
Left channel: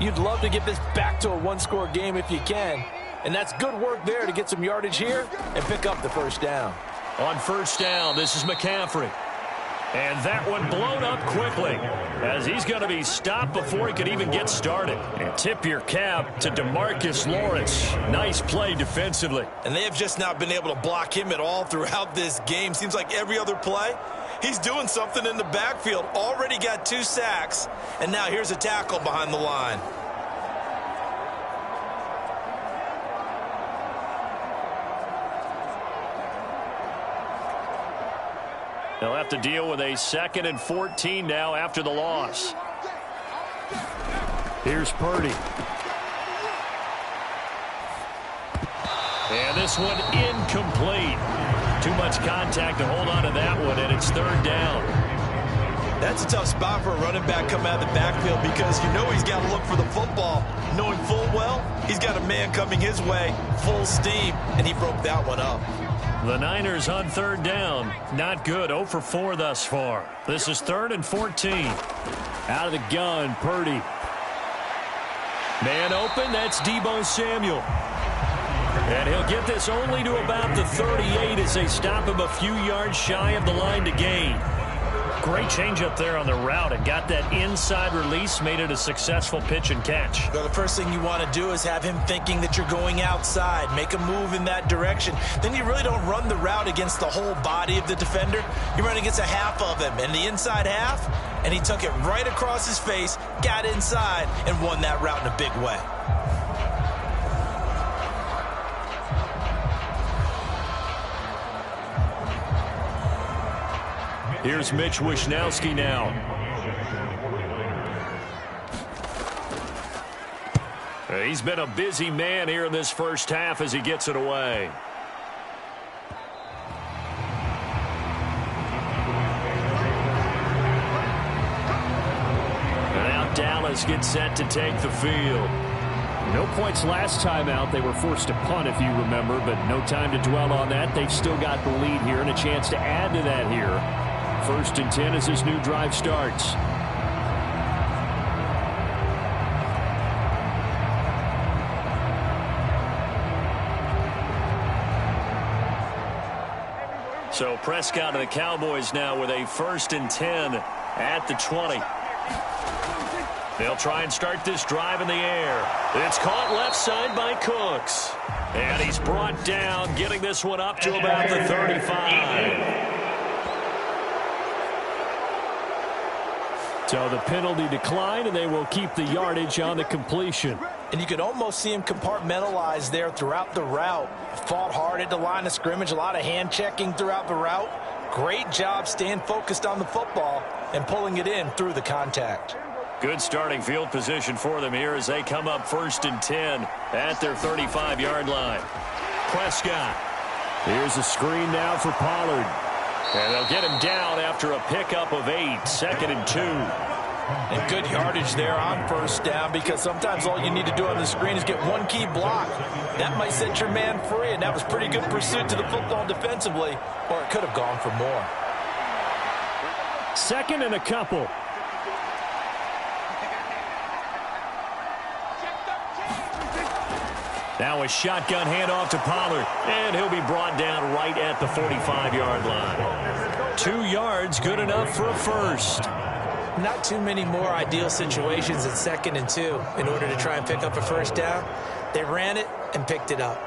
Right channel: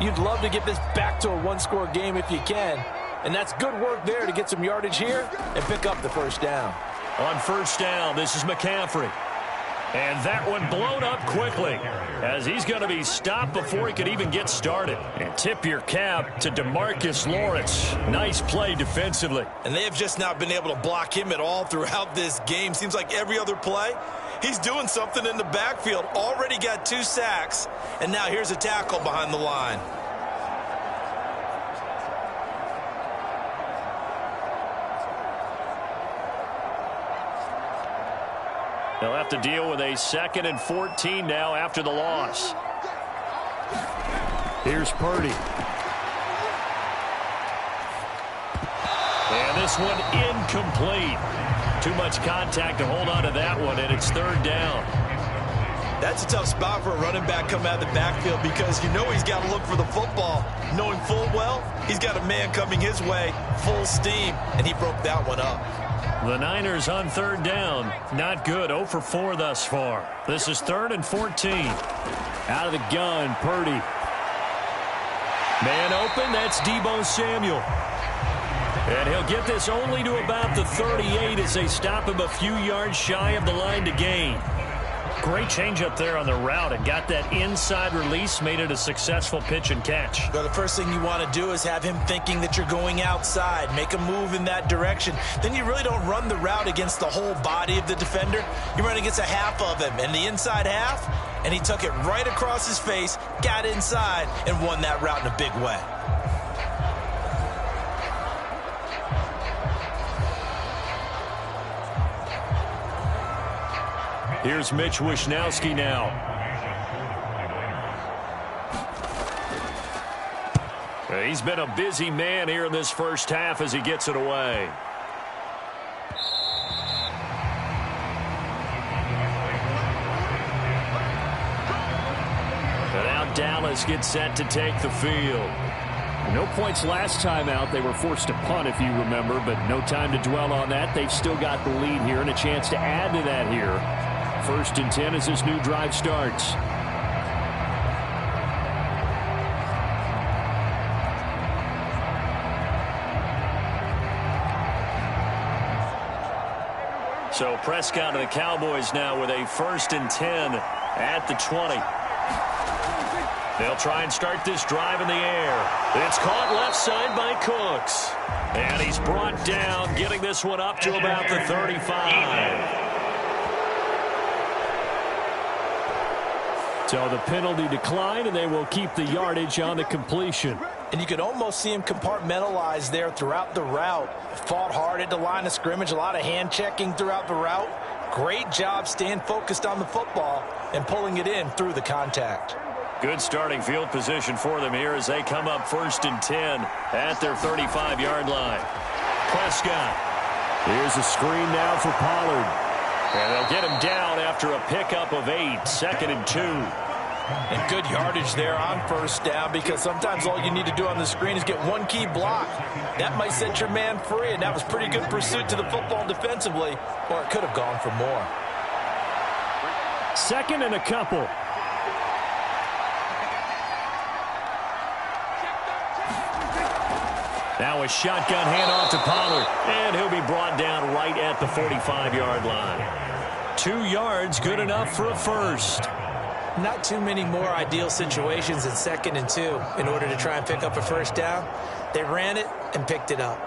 You'd love to get this back to a one-score game if you can. And that's good work there to get some yardage here and pick up the first down. On first down, this is McCaffrey. And that one blown up quickly as he's going to be stopped before he could even get started. And tip your cap to DeMarcus Lawrence. Nice play defensively. And they have just not been able to block him at all throughout this game. Seems like every other play, he's doing something in the backfield. Already got 2 sacks. And now here's a tackle behind the line. They'll have to deal with a 2nd and 14 now after the loss. Here's Purdy. And this one incomplete. Too much contact to hold on to that one, and it's 3rd down. That's a tough spot for a running back coming out of the backfield because you know he's got to look for the football, knowing full well he's got a man coming his way, full steam, and he broke that one up. The Niners on 3rd down. Not good. 0 for 4 thus far. This is 3rd and 14. Out of the gun, Purdy. Man open. That's Deebo Samuel. And he'll get this only to about the 38 as they stop him a few yards shy of the line to gain. Great change up there on the route and got that inside release, made it a successful pitch and catch. Well, the first thing you want to do is have him thinking that you're going outside, make a move in that direction. Then you really don't run the route against the whole body of the defender. You run against a half of him, and the inside half, and he took it right across his face, got inside, and won that route in a big way. Here's Mitch Wishnowsky now. He's been a busy man here in this first half as he gets it away. And now Dallas gets set to take the field. No points last time out. They were forced to punt, if you remember, but no time to dwell on that. They've still got the lead here and a chance to add to that here. 1st and 10 as this new drive starts. So Prescott and the Cowboys now with a 1st and 10 at the 20. They'll try and start this drive in the air. It's caught left side by Cooks. And he's brought down, getting this one up to about the 35. So the penalty declined, and they will keep the yardage on the completion. And you could almost see him compartmentalize there throughout the route. Fought hard at the line of scrimmage, a lot of hand checking throughout the route. Great job staying focused on the football and pulling it in through the contact. Good starting field position for them here as they come up 1st and 10 at their 35-yard line. Prescott. Here's a screen now for Pollard. And they'll get him down after a pickup of 8, 2nd and 2. And good yardage there on first down because sometimes all you need to do on the screen is get one key block. That might set your man free, and that was pretty good pursuit to the football defensively, or it could have gone for more. 2nd and a couple. Now a shotgun handoff to Pollard, and he'll be brought down right at the 45-yard line. 2 yards, good enough for a first. Not too many more ideal situations in 2nd and 2 in order to try and pick up a first down. They ran it and picked it up.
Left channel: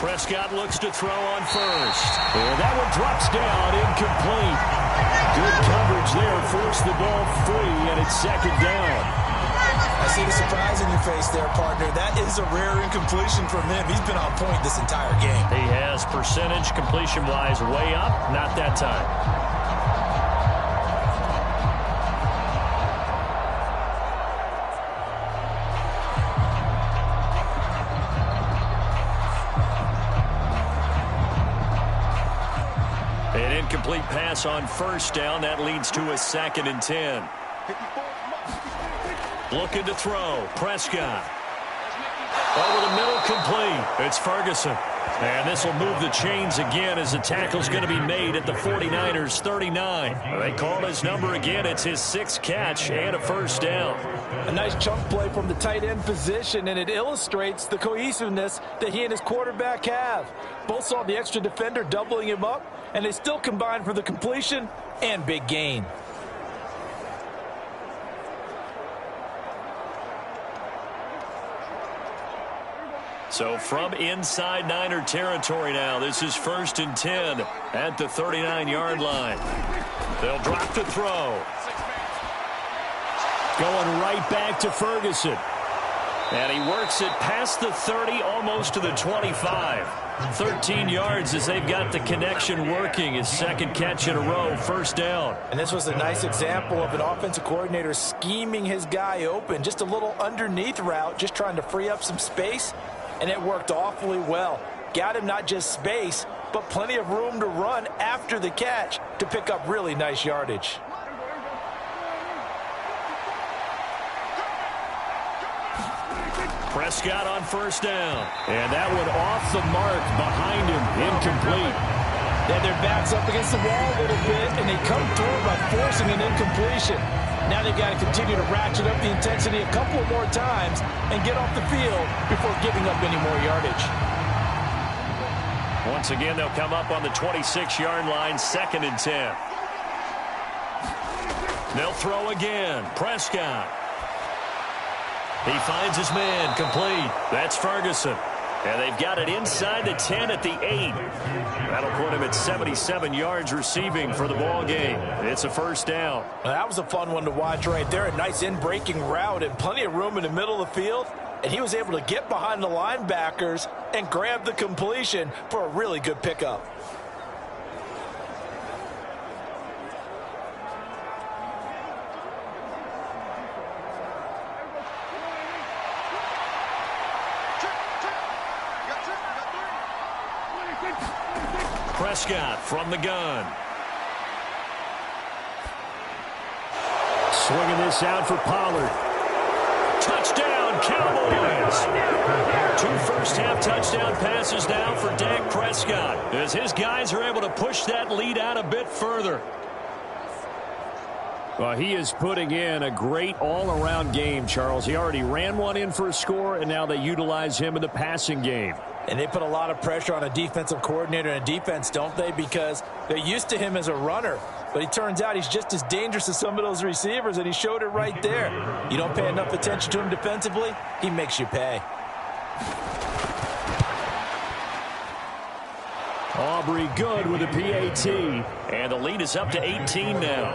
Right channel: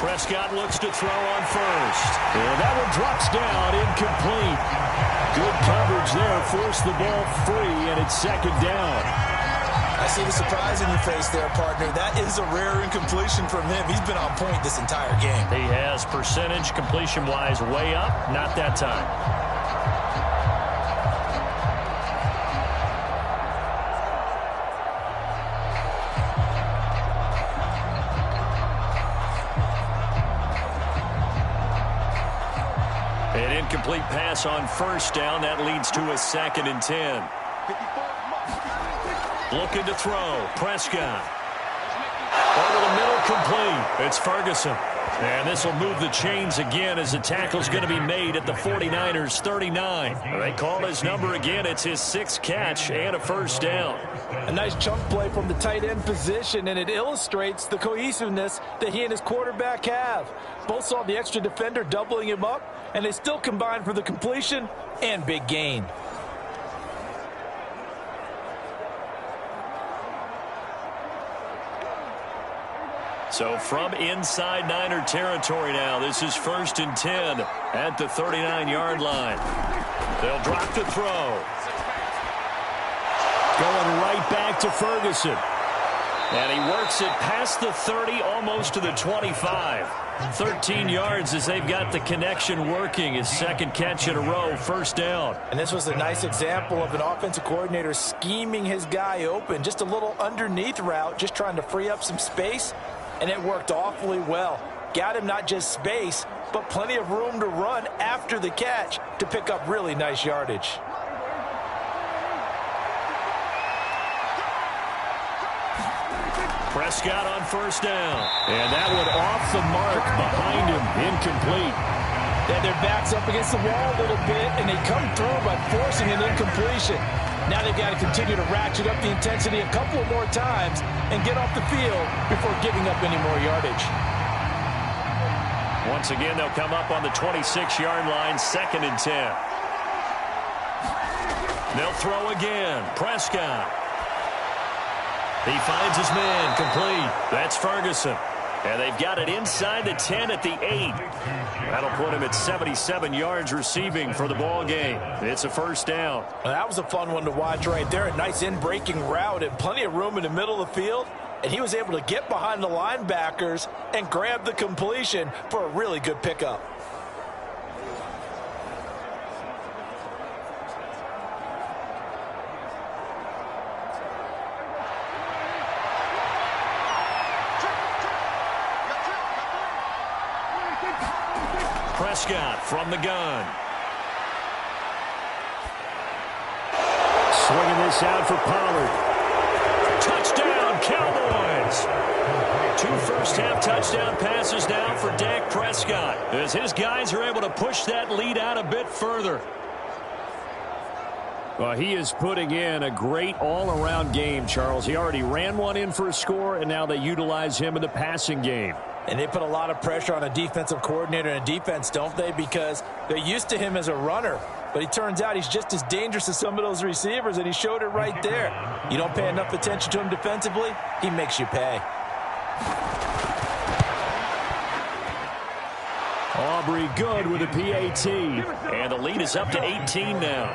Prescott looks to throw on first. And that one drops down, incomplete. Good coverage there, forced the ball free, and it's second down. I see the surprise in your face there, partner. That is a rare incompletion from him. He's been on point this entire game. He has percentage completion-wise way up, not that time. An incomplete pass on first down. That leads to a 2nd and 10. Looking to throw. Prescott. Over the middle, complete. It's Ferguson. And this will move the chains again as the tackle's going to be made at the 49ers 39. They call his number again. It's his 6th catch and a first down. A nice chunk play from the tight end position, and it illustrates the cohesiveness that he and his quarterback have. Both saw the extra defender doubling him up, and they still combined for the completion and big gain. So from inside Niner territory now, this is 1st and 10 at the 39-yard line. They'll drop to throw. Going right back to Ferguson. And he works it past the 30, almost to the 25. 13 yards as they've got the connection working. His 2nd catch in a row, first down. And this was a nice example of an offensive coordinator scheming his guy open. Just a little underneath route, just trying to free up some space. And it worked awfully well. Got him not just space, but plenty of room to run after the catch to pick up really nice yardage. Prescott on first down. And that one off the mark behind him. Incomplete. Yeah, their back's up against the wall a little bit, and they come through by forcing an incompletion. Now they've got to continue to ratchet up the intensity a couple of more times and get off the field before giving up any more yardage. Once again, they'll come up on the 26-yard line, 2nd and 10. They'll throw again. Prescott. He finds his man, complete. That's Ferguson. And they've got it inside the 10 at the 8. That'll put him at 77 yards receiving for the ball game. It's a first down. Well, that was a fun one to watch right there. A nice in-breaking route and plenty of room in the middle of the field. And he was able to get behind the linebackers and grab the completion for a really good pickup. Prescott from the gun. Swinging this out for Pollard. Touchdown, Cowboys! 2 first-half touchdown passes now for Dak Prescott as his guys are able to push that lead out a bit further. Well, he is putting in a great all-around game, Charles. He already ran one in for a score, and now they utilize him in the passing game. And they put a lot of pressure on a defensive coordinator and a defense, don't they? Because they're used to him as a runner. But it turns out he's just as dangerous as some of those receivers, and he showed it right there. You don't pay enough attention to him defensively, he makes you pay. Aubrey good with a PAT. And the lead is up to 18 now.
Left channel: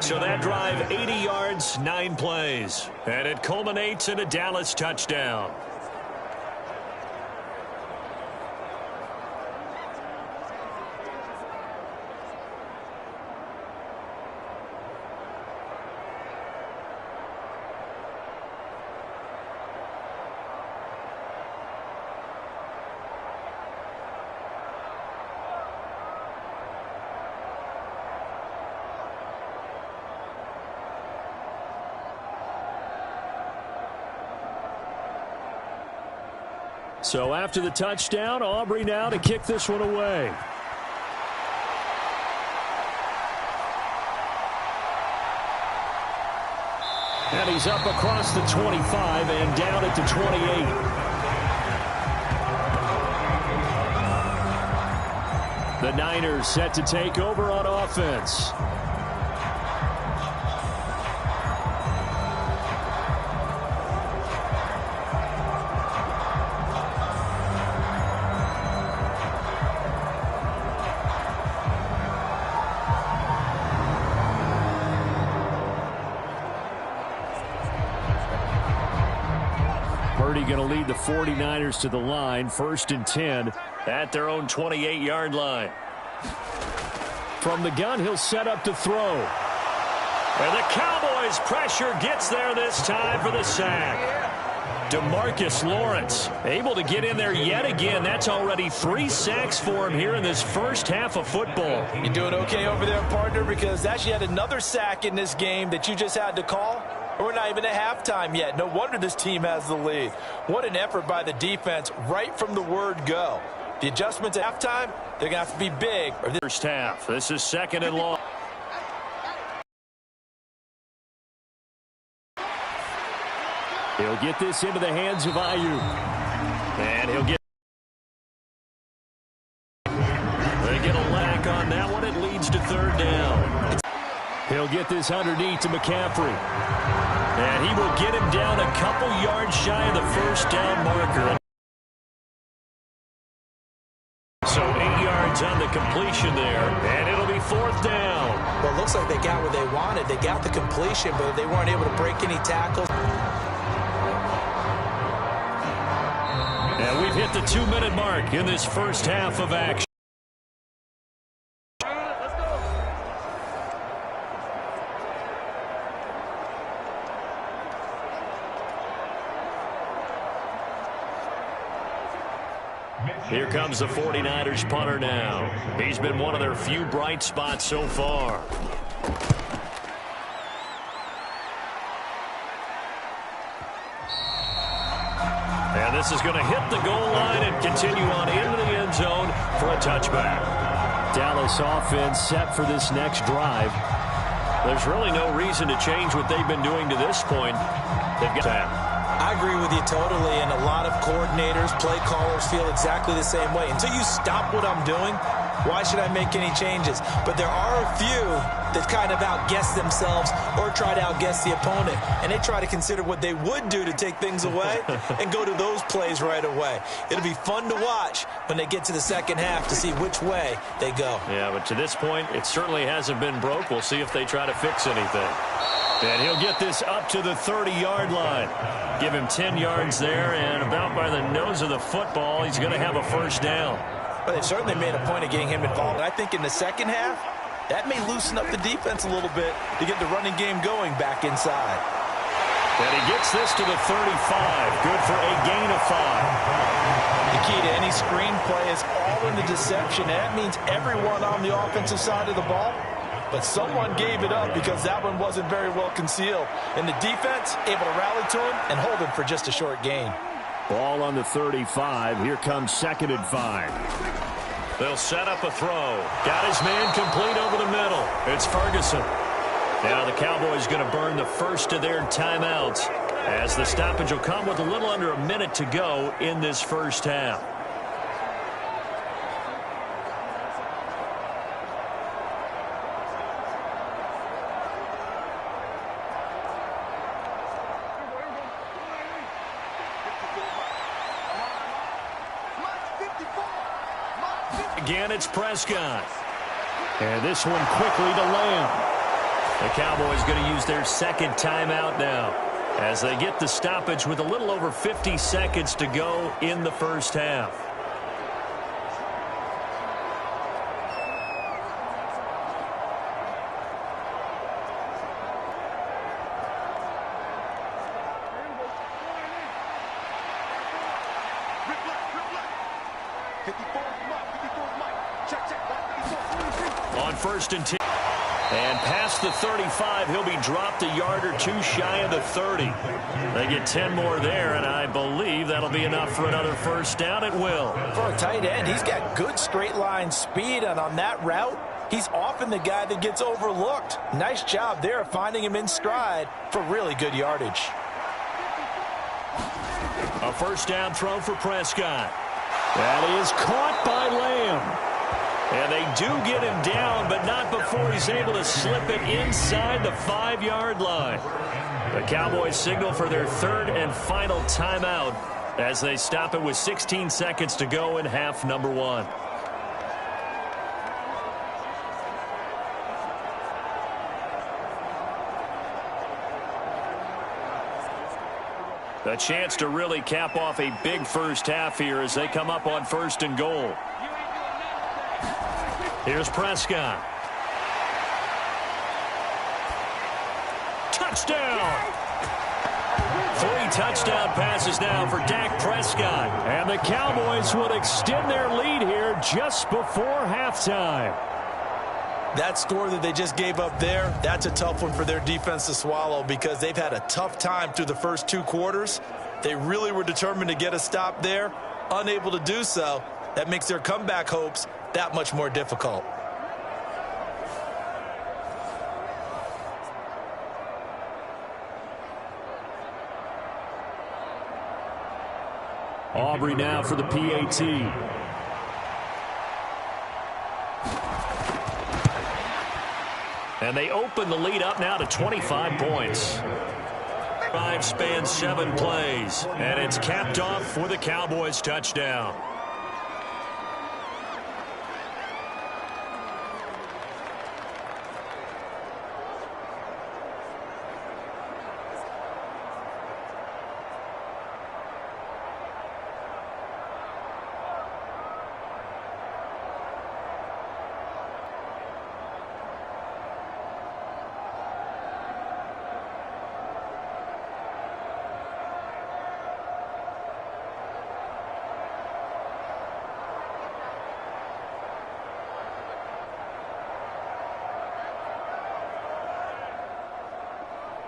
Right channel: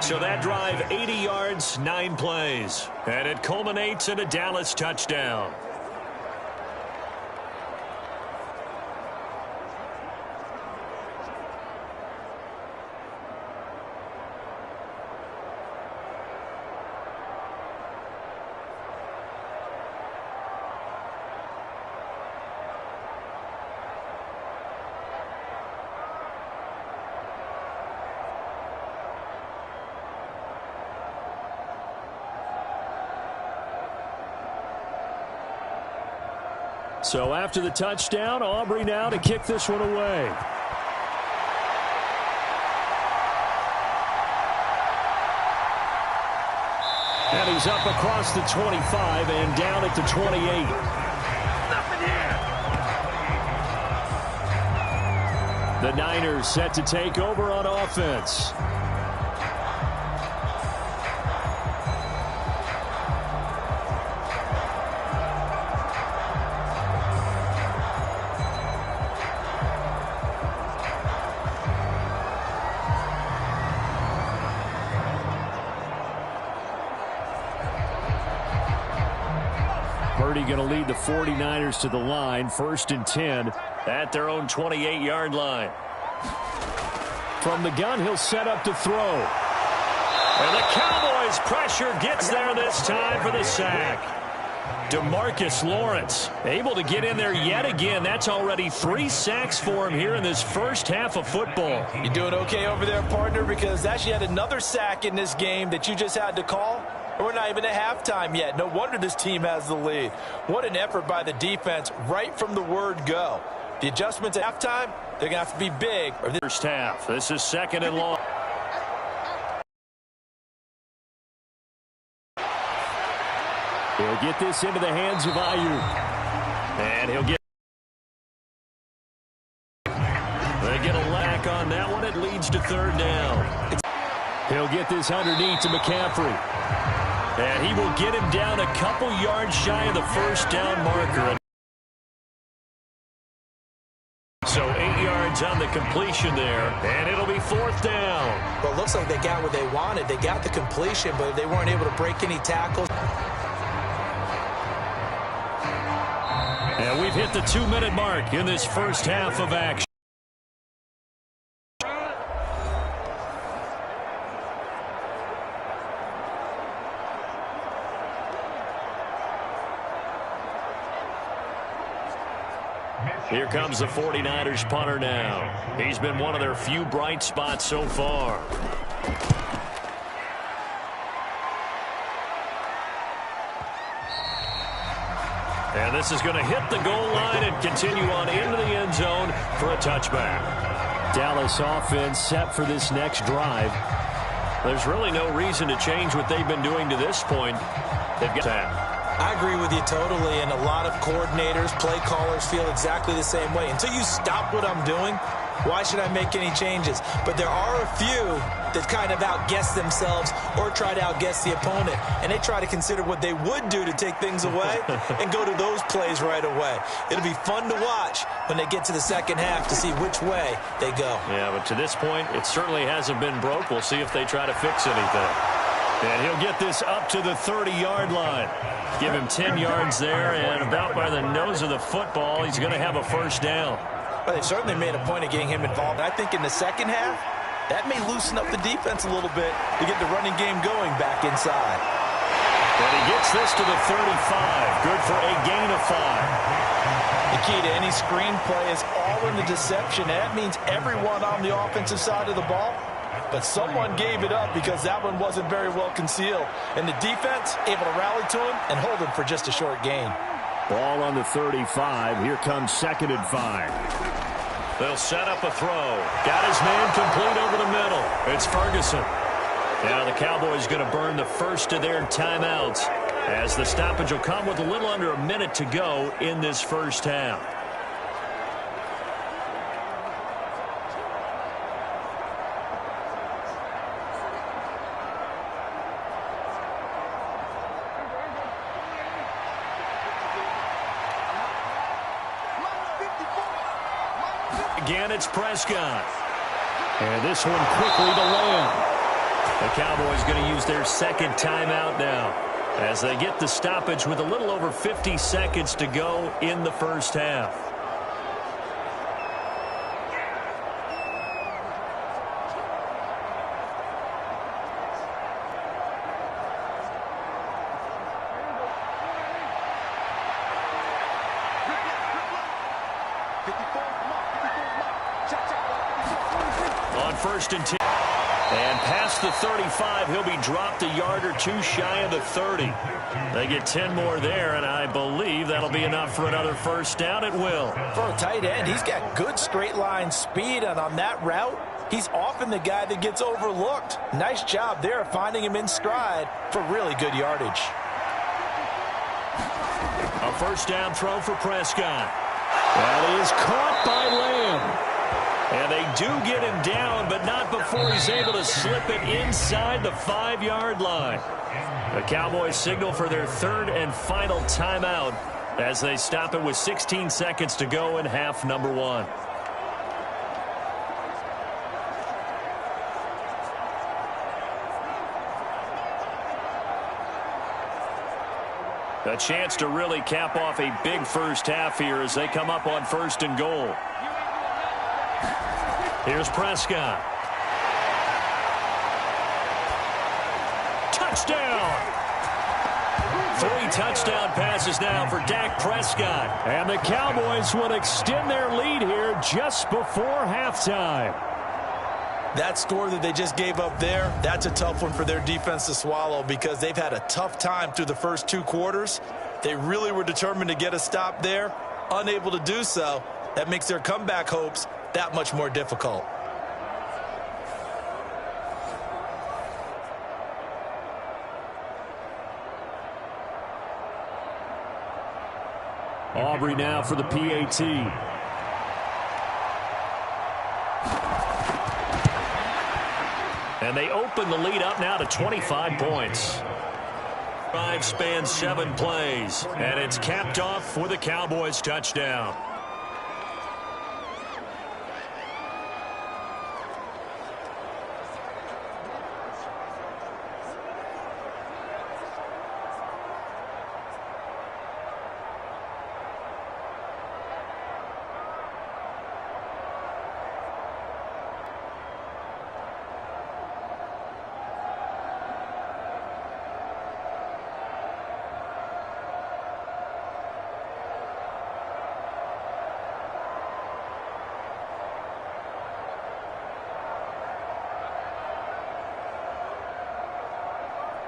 So that drive, 80 yards, 9 plays. And it culminates in a Dallas touchdown. So after the touchdown, Aubrey now to kick this one away. And he's up across the 25 and down at the 28. The Niners set to take over on offense. Purdy going to lead the 49ers to the line. 1st and 10 at their own 28-yard line. From the gun, he'll set up to throw. And the Cowboys pressure gets there this time for the sack. DeMarcus Lawrence able to get in there yet again. That's already 3 sacks for him here in this first half of football. You're doing okay over there, partner, because that's yet another sack in this game that you just had to call. We're not even at halftime yet. No wonder this team has the lead. What an effort by the defense right from the word go. The adjustments at halftime, they're going to have to be big. First half. This is 2nd and long. He'll get this into the hands of Ayuk. And he'll get... They get a lack on that one. It leads to 3rd down. He'll get this underneath to McCaffrey. And he will get him down a couple yards shy of the 1st down marker. So 8 yards on the completion there, and it'll be 4th down. Well, it looks like they got what they wanted. They got the completion, but they weren't able to break any tackles. And we've hit the 2-minute mark in this first half of action. Here comes the 49ers punter now. He's been one of their few bright spots so far. And this is going to hit the goal line and continue on into the end zone for a touchback. Dallas offense set for this next drive. There's really no reason to change what they've been doing to this point. They've got that. I agree with you totally, and a lot of coordinators, play callers feel exactly the same way. Until you stop what I'm doing, why should I make any changes? But there are a few that kind of outguess themselves or try to outguess the opponent, and they try to consider what they would do to take things away and go to those plays right away. It'll be fun to watch when they get to the second half to see which way they go. Yeah, but to this point, it certainly hasn't been broke. We'll see if they try to fix anything. And he'll get this up to the 30-yard line. Give him 10 yards there, and about by the nose of the football, he's going to have a 1st down. Well, they certainly made a point of getting him involved. I think in the second half, that may loosen up the defense a little bit to get the running game going back inside. And he gets this to the 35. Good for a gain of 5. The key to any screen play is all in the deception. That means everyone on the offensive side of the ball. But someone gave it up because that one wasn't very well concealed. And the defense able to rally to him and hold him for just a short gain. Ball on the 35. Here comes 2nd and 5. They'll set up a throw. Got his man complete over the middle. It's Ferguson. Now the Cowboys going to burn the first of their timeouts as the stoppage will come with a little under a minute to go in this first half. Again, it's Prescott. And this one quickly to Lamb. The Cowboys going to use their 2nd timeout now as they get the stoppage with a little over 50 seconds to go in the first half. On 1st and 10. And past the 35, he'll be dropped a yard or two shy of the 30. They get 10 more there, and I believe that'll be enough for another 1st down. It will. For a tight end, he's got good straight line speed, and on that route, he's often the guy that gets overlooked. Nice job there finding him in stride for really good yardage. A 1st down throw for Prescott. That is caught by Lamb. And they do get him down, but not before he's able to slip it inside the 5-yard line. The Cowboys signal for their 3rd and final timeout as they stop it with 16 seconds to go in half number 1. A chance to really cap off a big first half here as they come up on 1st and goal. Here's Prescott. Touchdown! 3 touchdown passes now for Dak Prescott. And the Cowboys would extend their lead here just before halftime. That score that they just gave up there, that's a tough one for their defense to swallow because they've had a tough time through the first 2 quarters. They really were determined to get a stop there, unable to do so. That makes their comeback hopes that much more difficult. Aubrey now for the PAT. And they open the lead up now to 25 points. 5 spans 7 plays. And it's capped off with a Cowboys touchdown.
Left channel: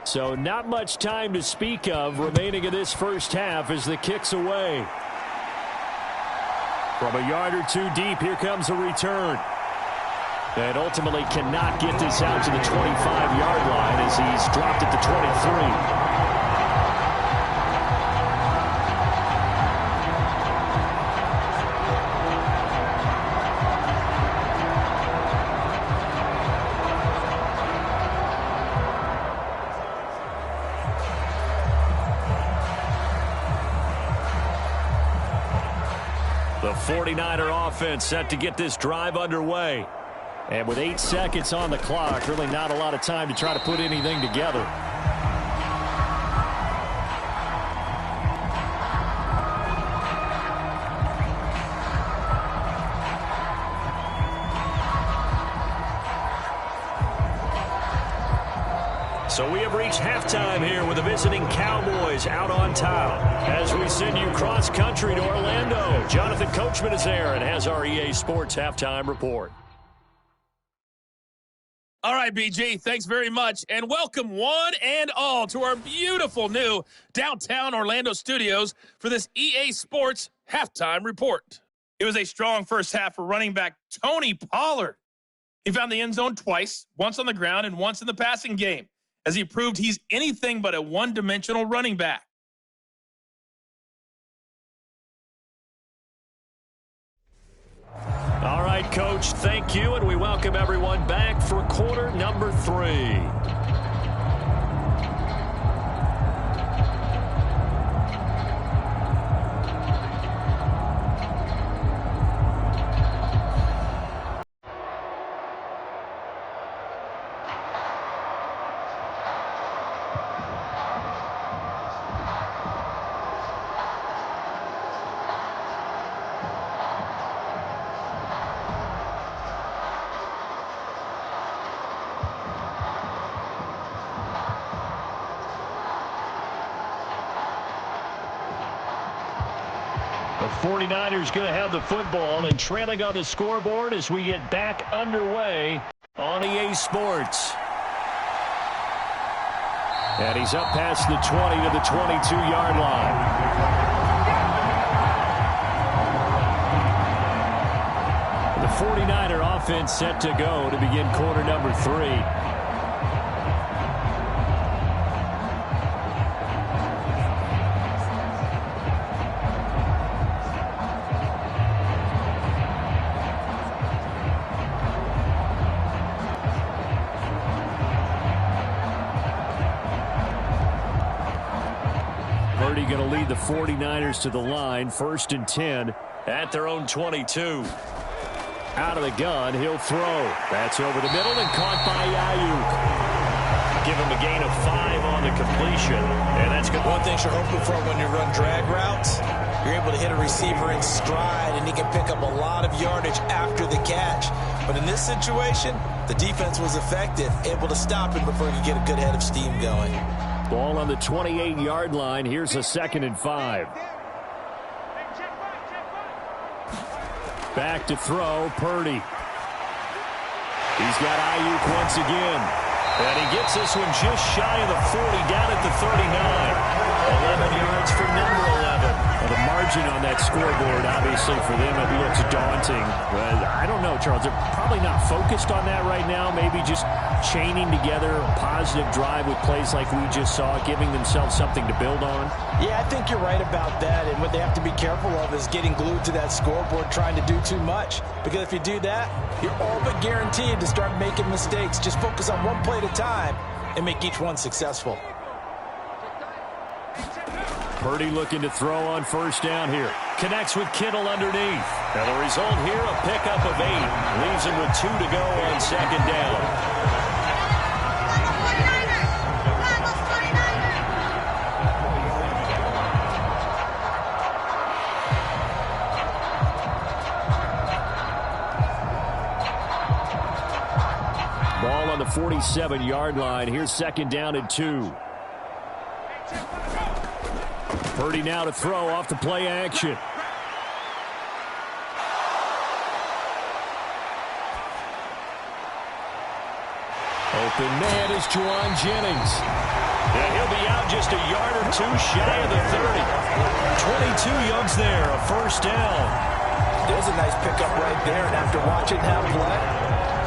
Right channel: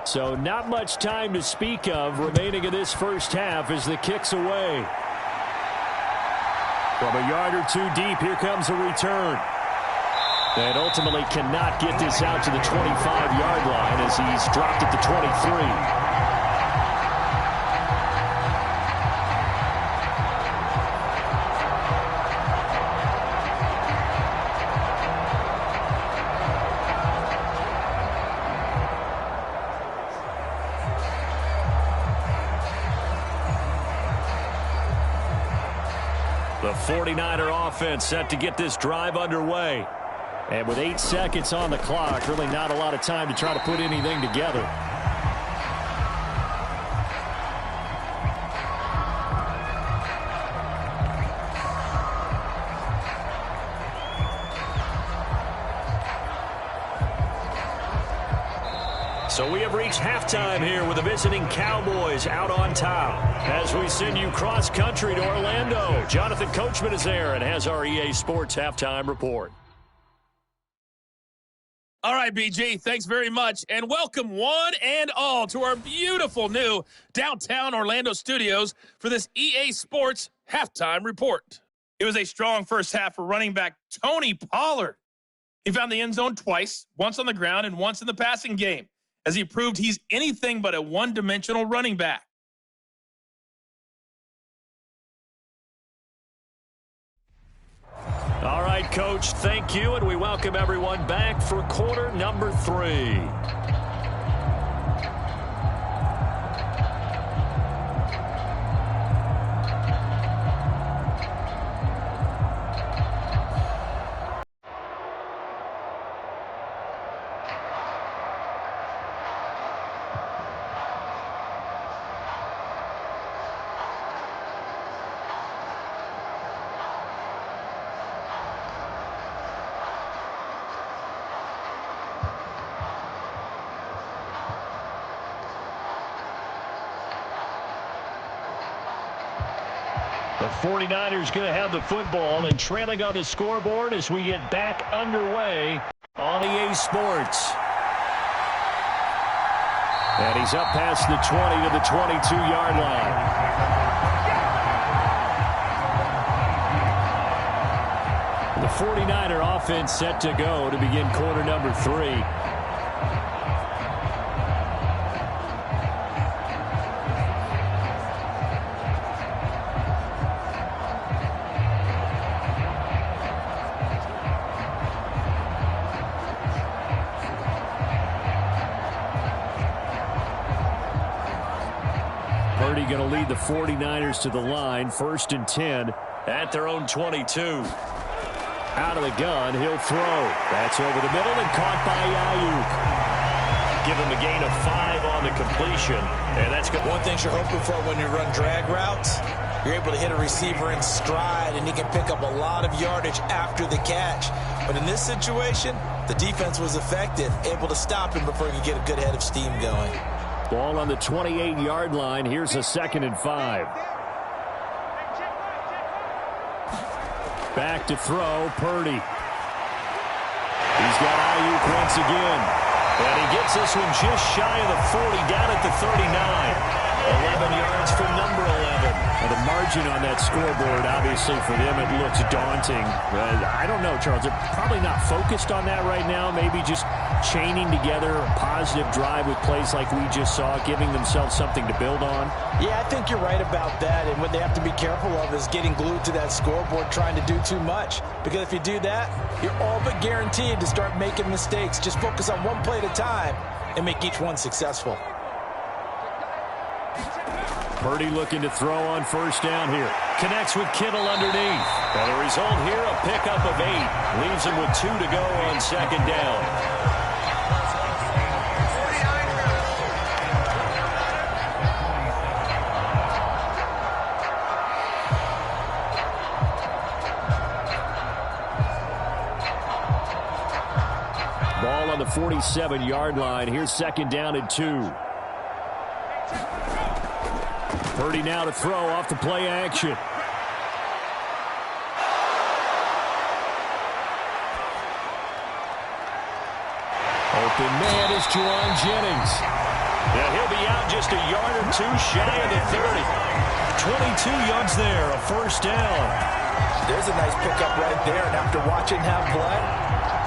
So not much time to speak of remaining in this first half as the kick's away. From a yard or 2 deep, here comes a return. And ultimately cannot get this out to the 25-yard line as he's dropped at the 23. The 49er offense set to get this drive underway. And with 8 seconds on the clock, really not a lot of time to try to put anything together. So we have reached halftime here with the visiting Cowboys out on top. As we send you cross-country to Orlando, Jonathan Coachman is there and has our EA Sports halftime report. All right, BG, thanks very much, and welcome one and all to our beautiful new downtown Orlando studios for this EA Sports halftime report. It was a strong first half for running back Tony Pollard. He found the end zone twice, once on the ground and once in the passing game, as he proved he's anything but a one-dimensional running back. All right, Coach, thank you, and we welcome everyone back for quarter number 3. The 49ers going to have the football and trailing on the scoreboard as we get back underway on EA Sports. And he's up past the 20 to the 22-yard line. The 49er offense set to go to begin quarter number 3. Purdy going to lead the 49ers to the line, 1st and 10 at their own 22. Out of the gun, he'll throw. That's over the middle and caught by Ayuk. give him a gain of 5 on the completion. And that's good. One thing you're hoping for when you run drag routes, you're able to hit a receiver in stride, and he can pick up a lot of yardage after the catch. But in this situation, the defense was effective, able to stop him before he could get a good head of steam going. Ball on the 28-yard line. Here's a 2nd and 5. Back to throw, Purdy. He's got Ayuk once again. And he gets this one just shy of the 40, down at the 39. 11 yards for number 11. Well, the margin on that scoreboard, obviously, for them, it looks daunting. But I don't know, Charles. They're probably not focused on that right now. Maybe just chaining together a positive drive with plays like we just saw, giving themselves something to build on. Yeah, I think you're right about that. And what they have to be careful of is getting glued to that scoreboard, trying to do too much. Because if you do that, you're all but guaranteed to start making mistakes. Just focus on one play at a time and make each one successful. Purdy looking to throw on 1st down here. Connects with Kittle underneath. And the result here, a pickup of 8. Leaves him with 2 to go on 2nd down. Ball on the 47-yard line. Here's 2nd down and 2. Purdy now to throw off the play action. Open man is Juwan Jennings. And he'll be out just a yard or 2 shy of the 30. 22 yards there, a 1st down. There's a nice pickup right there. And after watching him play,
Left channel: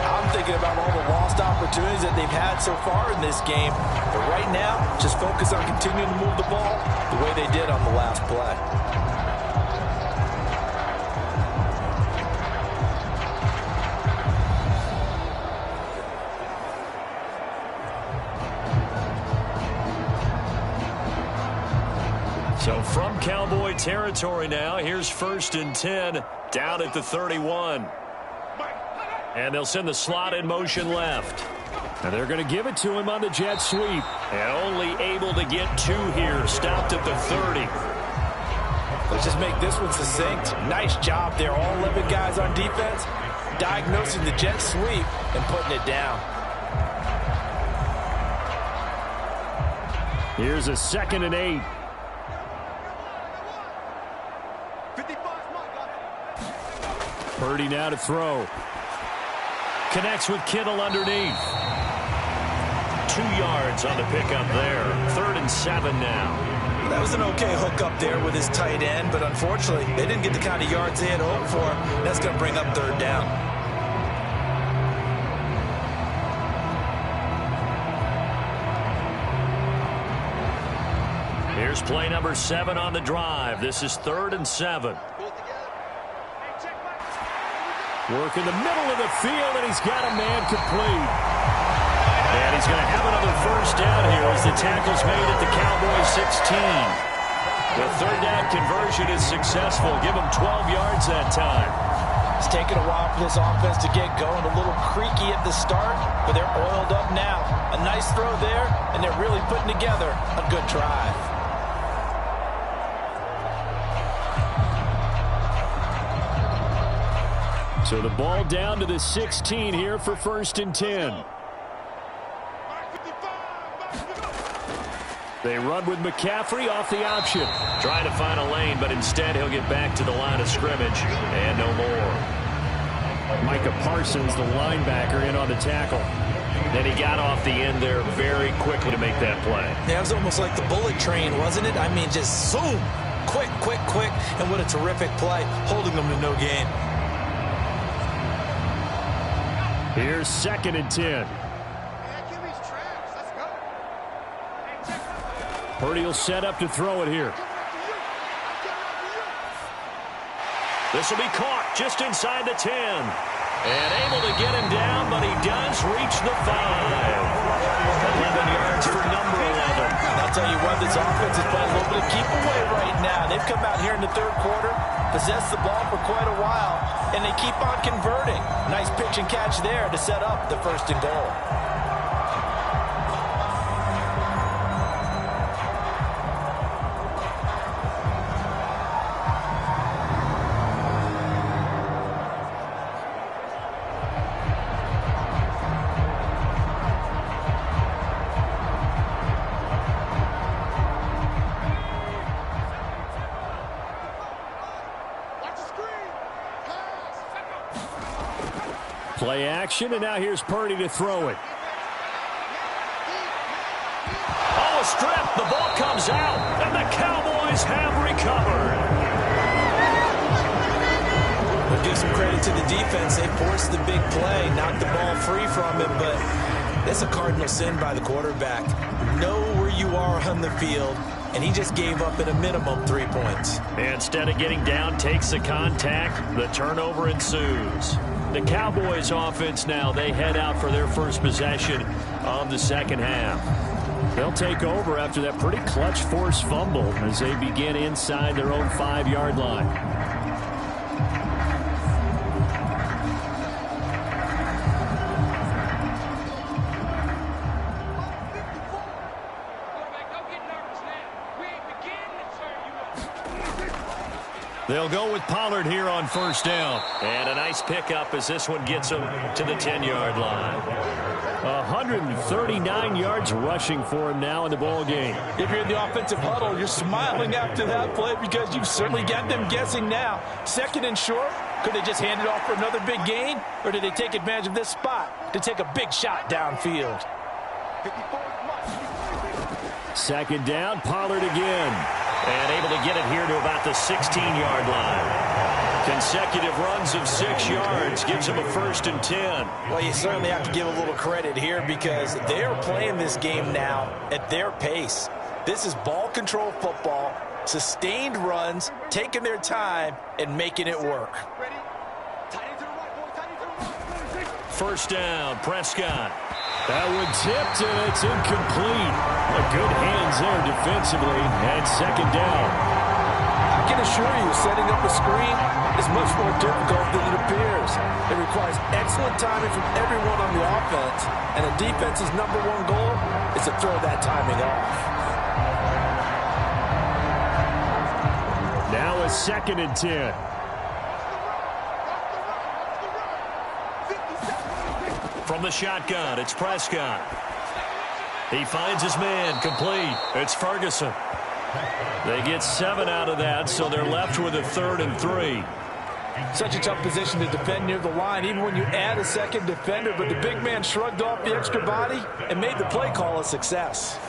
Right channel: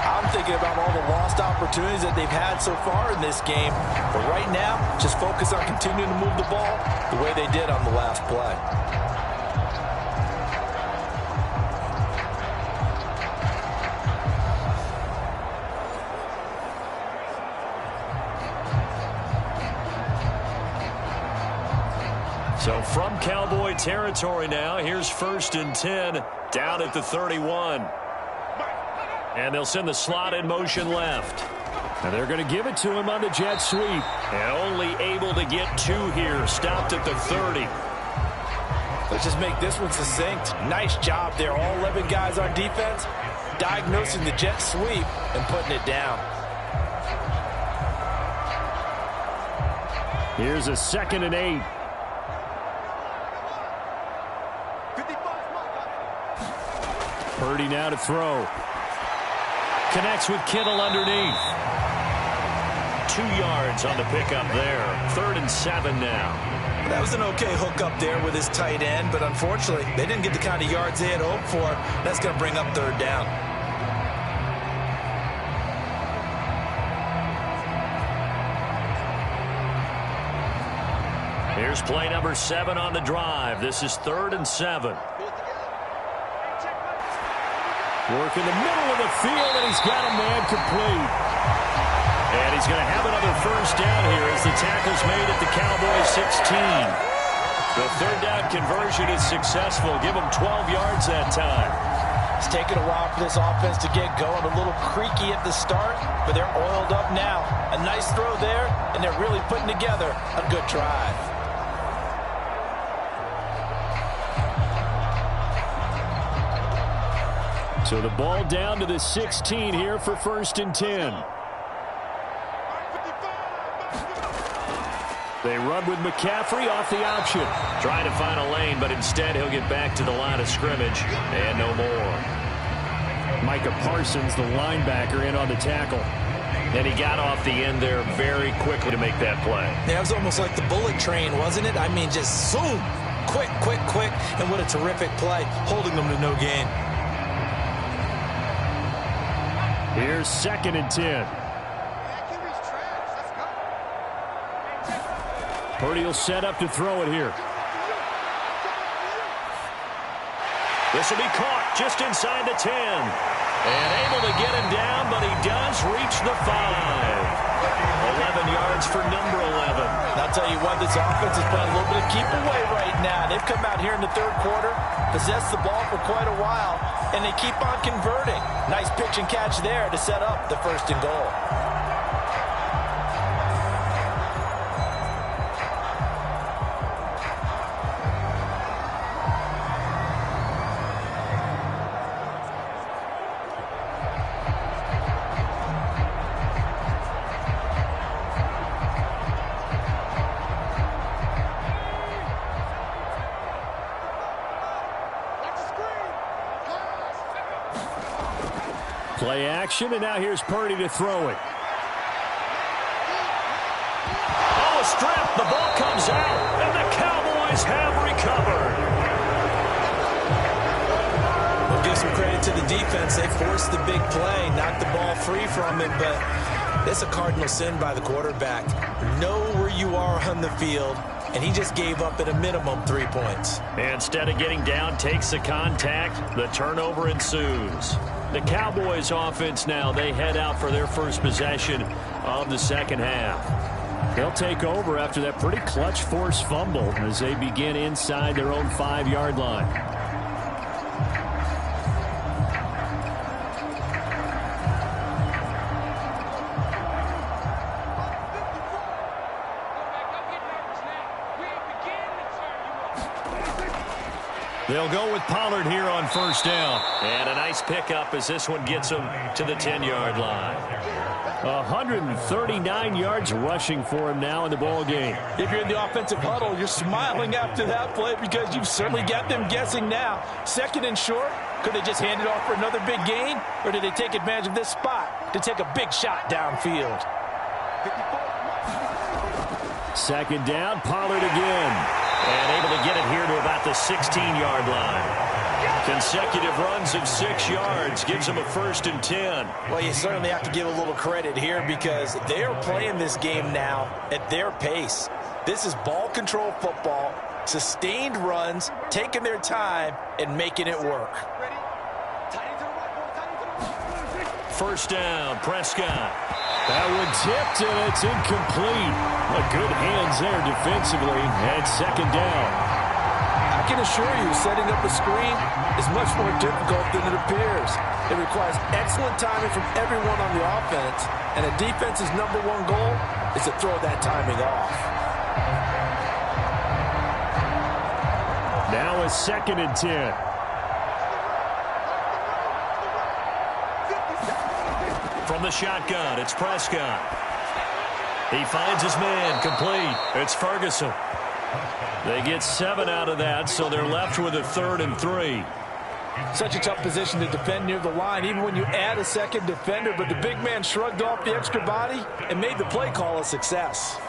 I'm thinking about all the lost opportunities that they've had so far in this game. But right now, just focus on continuing to move the ball the way they did on the last play. So from Cowboy territory now, here's 1st and 10 down at the 31. And they'll send the slot in motion left. And they're going to give it to him on the jet sweep. And only able to get 2 here. Stopped at the 30. Let's just make this one succinct. Nice job there. All 11 guys on defense diagnosing the jet sweep and putting it down. Here's a 2nd and 8. Purdy now to throw. Connects with Kittle underneath. 2 yards on the pickup there. 3rd and 7 now. Well, that was an okay hook up there with his tight end, but unfortunately, they didn't get the kind of yards they had hoped for. That's going to bring up 3rd down. Here's play number 7 on the drive. This is 3rd and 7. Work in the middle of the field, and he's got a man complete. And he's going to have another 1st down here as the tackle's made at the Cowboys 16. The 3rd down conversion is successful. Give him 12 yards that time. It's taken a while for this offense to get going. A little creaky at the start, but they're oiled up now. A nice throw there, and they're really putting together a good drive. So the ball down to the 16 here for 1st and 10. They run with McCaffrey off the option. Trying to find a lane, but instead he'll get back to the line of scrimmage. And no more. Micah Parsons, the linebacker, in on the tackle. Then he got off the end there very quickly to make that play. Yeah, it was almost like the bullet train, wasn't it? I mean, just zoom. Quick, quick, quick. And what a terrific play, holding them to no gain. Here's 2nd and 10. Purdy will set up to throw it here. This will be caught just inside the 10. And able to get him down, but he does reach the 5. 11 yards for number 11. And I'll tell you what, this offense is playing a little bit of keep away right now. They've come out here in the 3rd quarter, possessed the ball for quite a while, and they keep on converting. Nice pitch and catch there to set up the 1st and goal. Play action, and now here's Purdy to throw it. Oh, a strip. The ball comes out, and the Cowboys have recovered. We'll give some credit to the defense. They forced the big play, knocked the ball free from him, but it's a cardinal sin by the quarterback. Know where you are on the field, and he just gave up at a minimum 3 points. Instead of getting down, takes the contact. The turnover ensues. The Cowboys offense now, they head out for their first possession of the second half. They'll take over after that pretty clutch forced fumble as they begin inside their own 5-yard line. They'll go with Pollard here on first down. And a nice pickup as this one gets him to the 10-yard line. 139 yards rushing for him now in the ball game. If you're in the offensive huddle, you're smiling after that play because you've certainly got them guessing now. Second and short, could they just hand it off for another big gain? Or did they take advantage of this spot to take a big shot downfield? Second down, Pollard again. And able to get it here to about the 16-yard line. Consecutive runs of 6 yards gives them a 1st and 10. Well, you certainly have to give a little credit here because they're playing this game now at their pace. This is ball control football, sustained runs, taking their time, and making it work. First down, Prescott. That one tipped, and it's incomplete. But good hands there defensively at second down. I can assure you, setting up a screen is much more difficult than it appears. It requires excellent timing from everyone on the offense, and a defense's #1 goal is to throw that timing off. Now a 2nd and 10. From the shotgun, it's Prescott. He finds his man, complete. It's Ferguson. They get 7 out of that, so they're left with a 3rd and 3. Such a tough position to defend near the line, even when you add a second defender, but the big man shrugged off the extra body and made the play call a success.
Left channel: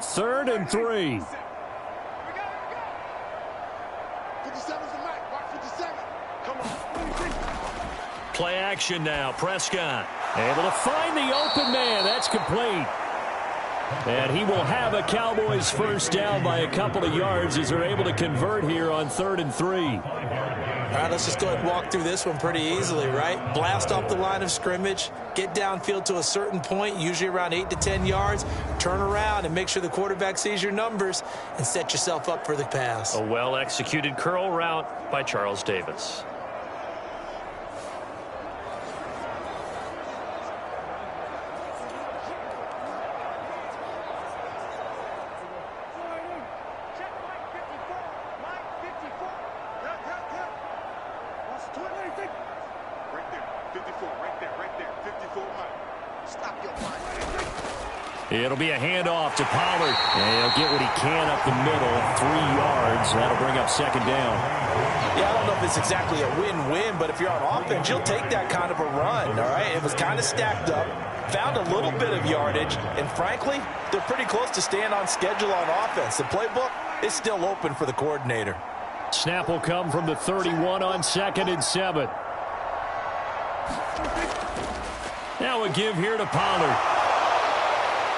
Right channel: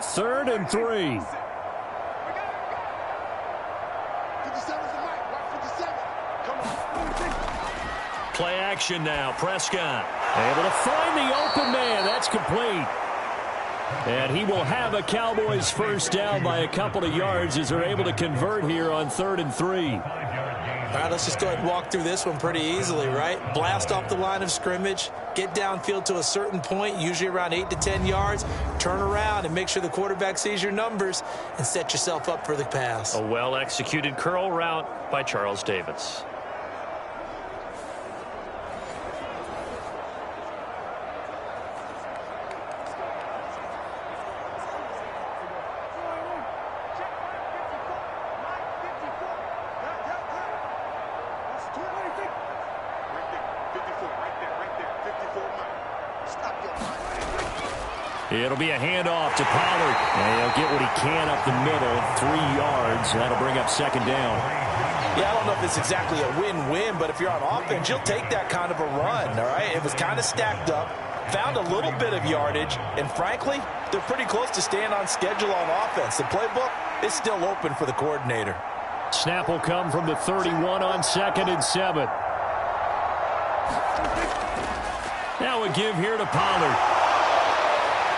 Third and 3. Play action now. Prescott able to find the open man. That's complete. And he will have a Cowboys first down by a couple of yards as they're able to convert here on 3rd and 3. All right, let's just go ahead and walk through this one pretty easily, right? Blast off the line of scrimmage, get downfield to a certain point, usually around 8 to 10 yards, turn around and make sure the quarterback sees your numbers and set yourself up for the pass. A well-executed curl route by Charles Davis. It'll be a handoff to Pollard. And he'll get what he can up the middle. 3 yards. That'll bring up 2nd down. Yeah, I don't know if it's exactly a win-win, but if you're on offense, you'll take that kind of a run, all right? It was kind of stacked up, found a little bit of yardage, and frankly, they're pretty close to staying on schedule on offense. The playbook is still open for the coordinator. Snap will come from the 31 on 2nd and 7. Now a give here to Pollard.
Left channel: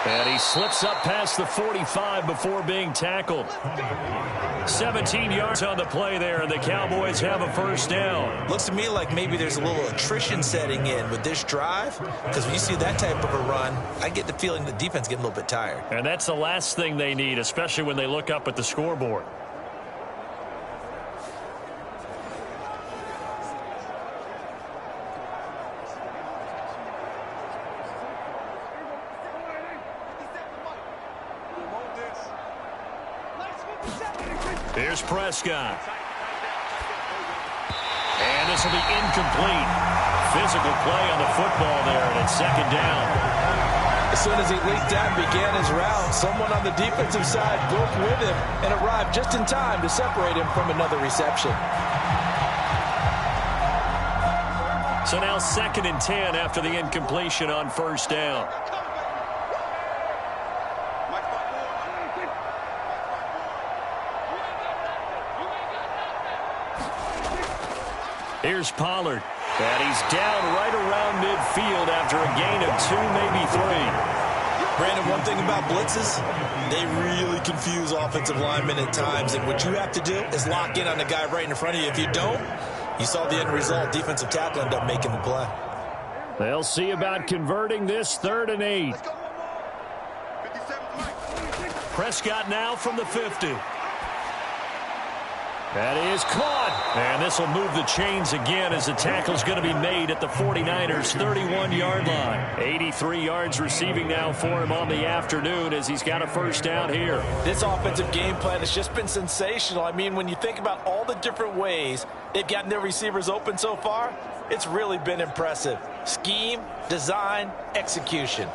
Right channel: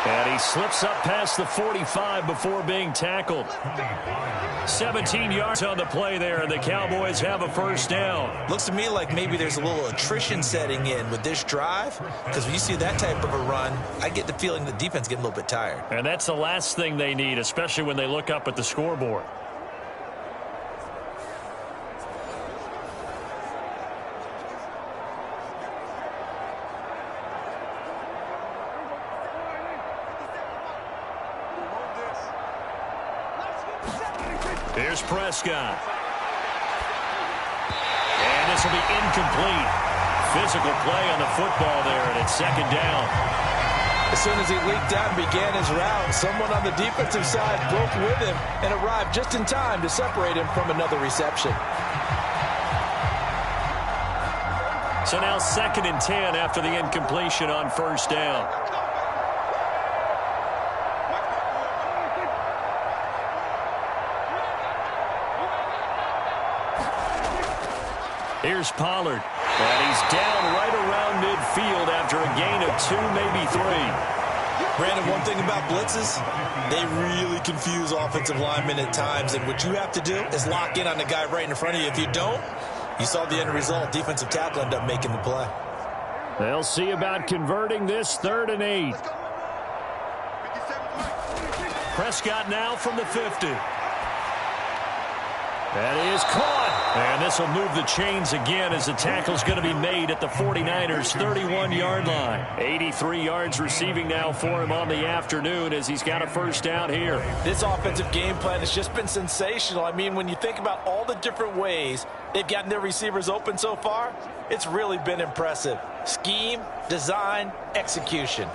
And he slips up past the 45 before being tackled. 17 yards on the play there, and the Cowboys have a first down. Looks to me like maybe there's a little attrition setting in with this drive, because when you see that type of a run, I get the feeling the defense getting a little bit tired. And that's the last thing they need, especially when they look up at the scoreboard. Here's Prescott. And this will be incomplete. Physical play on the football there, and it's 2nd down. As soon as he leaked out and began his route, someone on the defensive side broke with him and arrived just in time to separate him from another reception. So now 2nd and 10 after the incompletion on first down. Here's Pollard. And he's down right around midfield after a gain of 2, maybe 3. Brandon, one thing about blitzes, they really confuse offensive linemen at times. And what you have to do is lock in on the guy right in front of you. If you don't, you saw the end result. Defensive tackle ended up making the play. They'll see about converting this 3rd and 8. Prescott now from the 50. That is caught. And this will move the chains again as the tackle's going to be made at the 49ers' 31-yard line. 83 yards receiving now for him on the afternoon as he's got a first down here. This offensive game plan has just been sensational. I mean, when you think about all the different ways they've gotten their receivers open so far, it's really been impressive. Scheme, design, execution.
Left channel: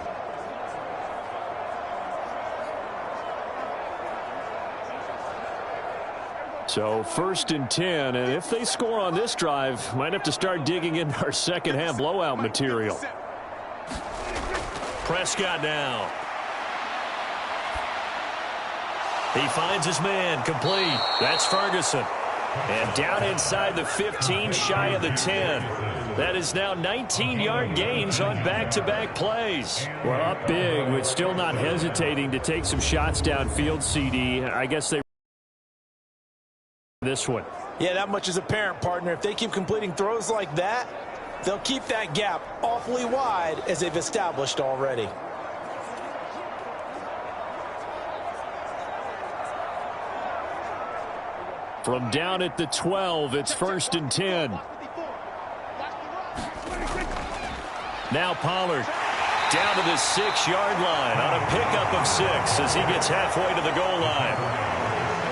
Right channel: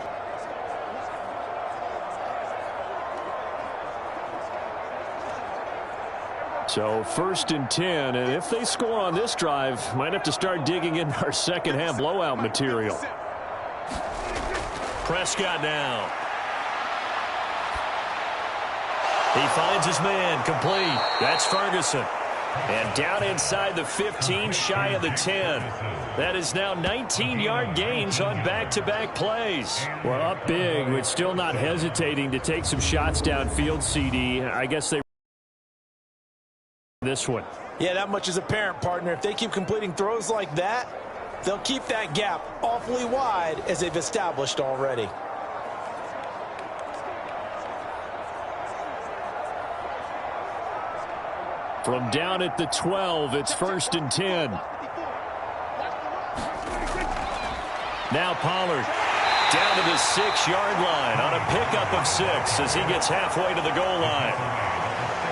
So 1st and 10, and if they score on this drive, might have to start digging into our second half blowout material. Prescott now. He finds his man, complete. That's Ferguson. And down inside the 15, shy of the 10. That is now 19-yard gains on back-to-back plays. Well, up big, but still not hesitating to take some shots downfield, CD. I guess they this one. Yeah, that much is apparent, partner. If they keep completing throws like that, they'll keep that gap awfully wide as they've established already. From down at the 12, it's 1st and 10. Now Pollard down to the 6-yard line on a pickup of 6 as he gets halfway to the goal line.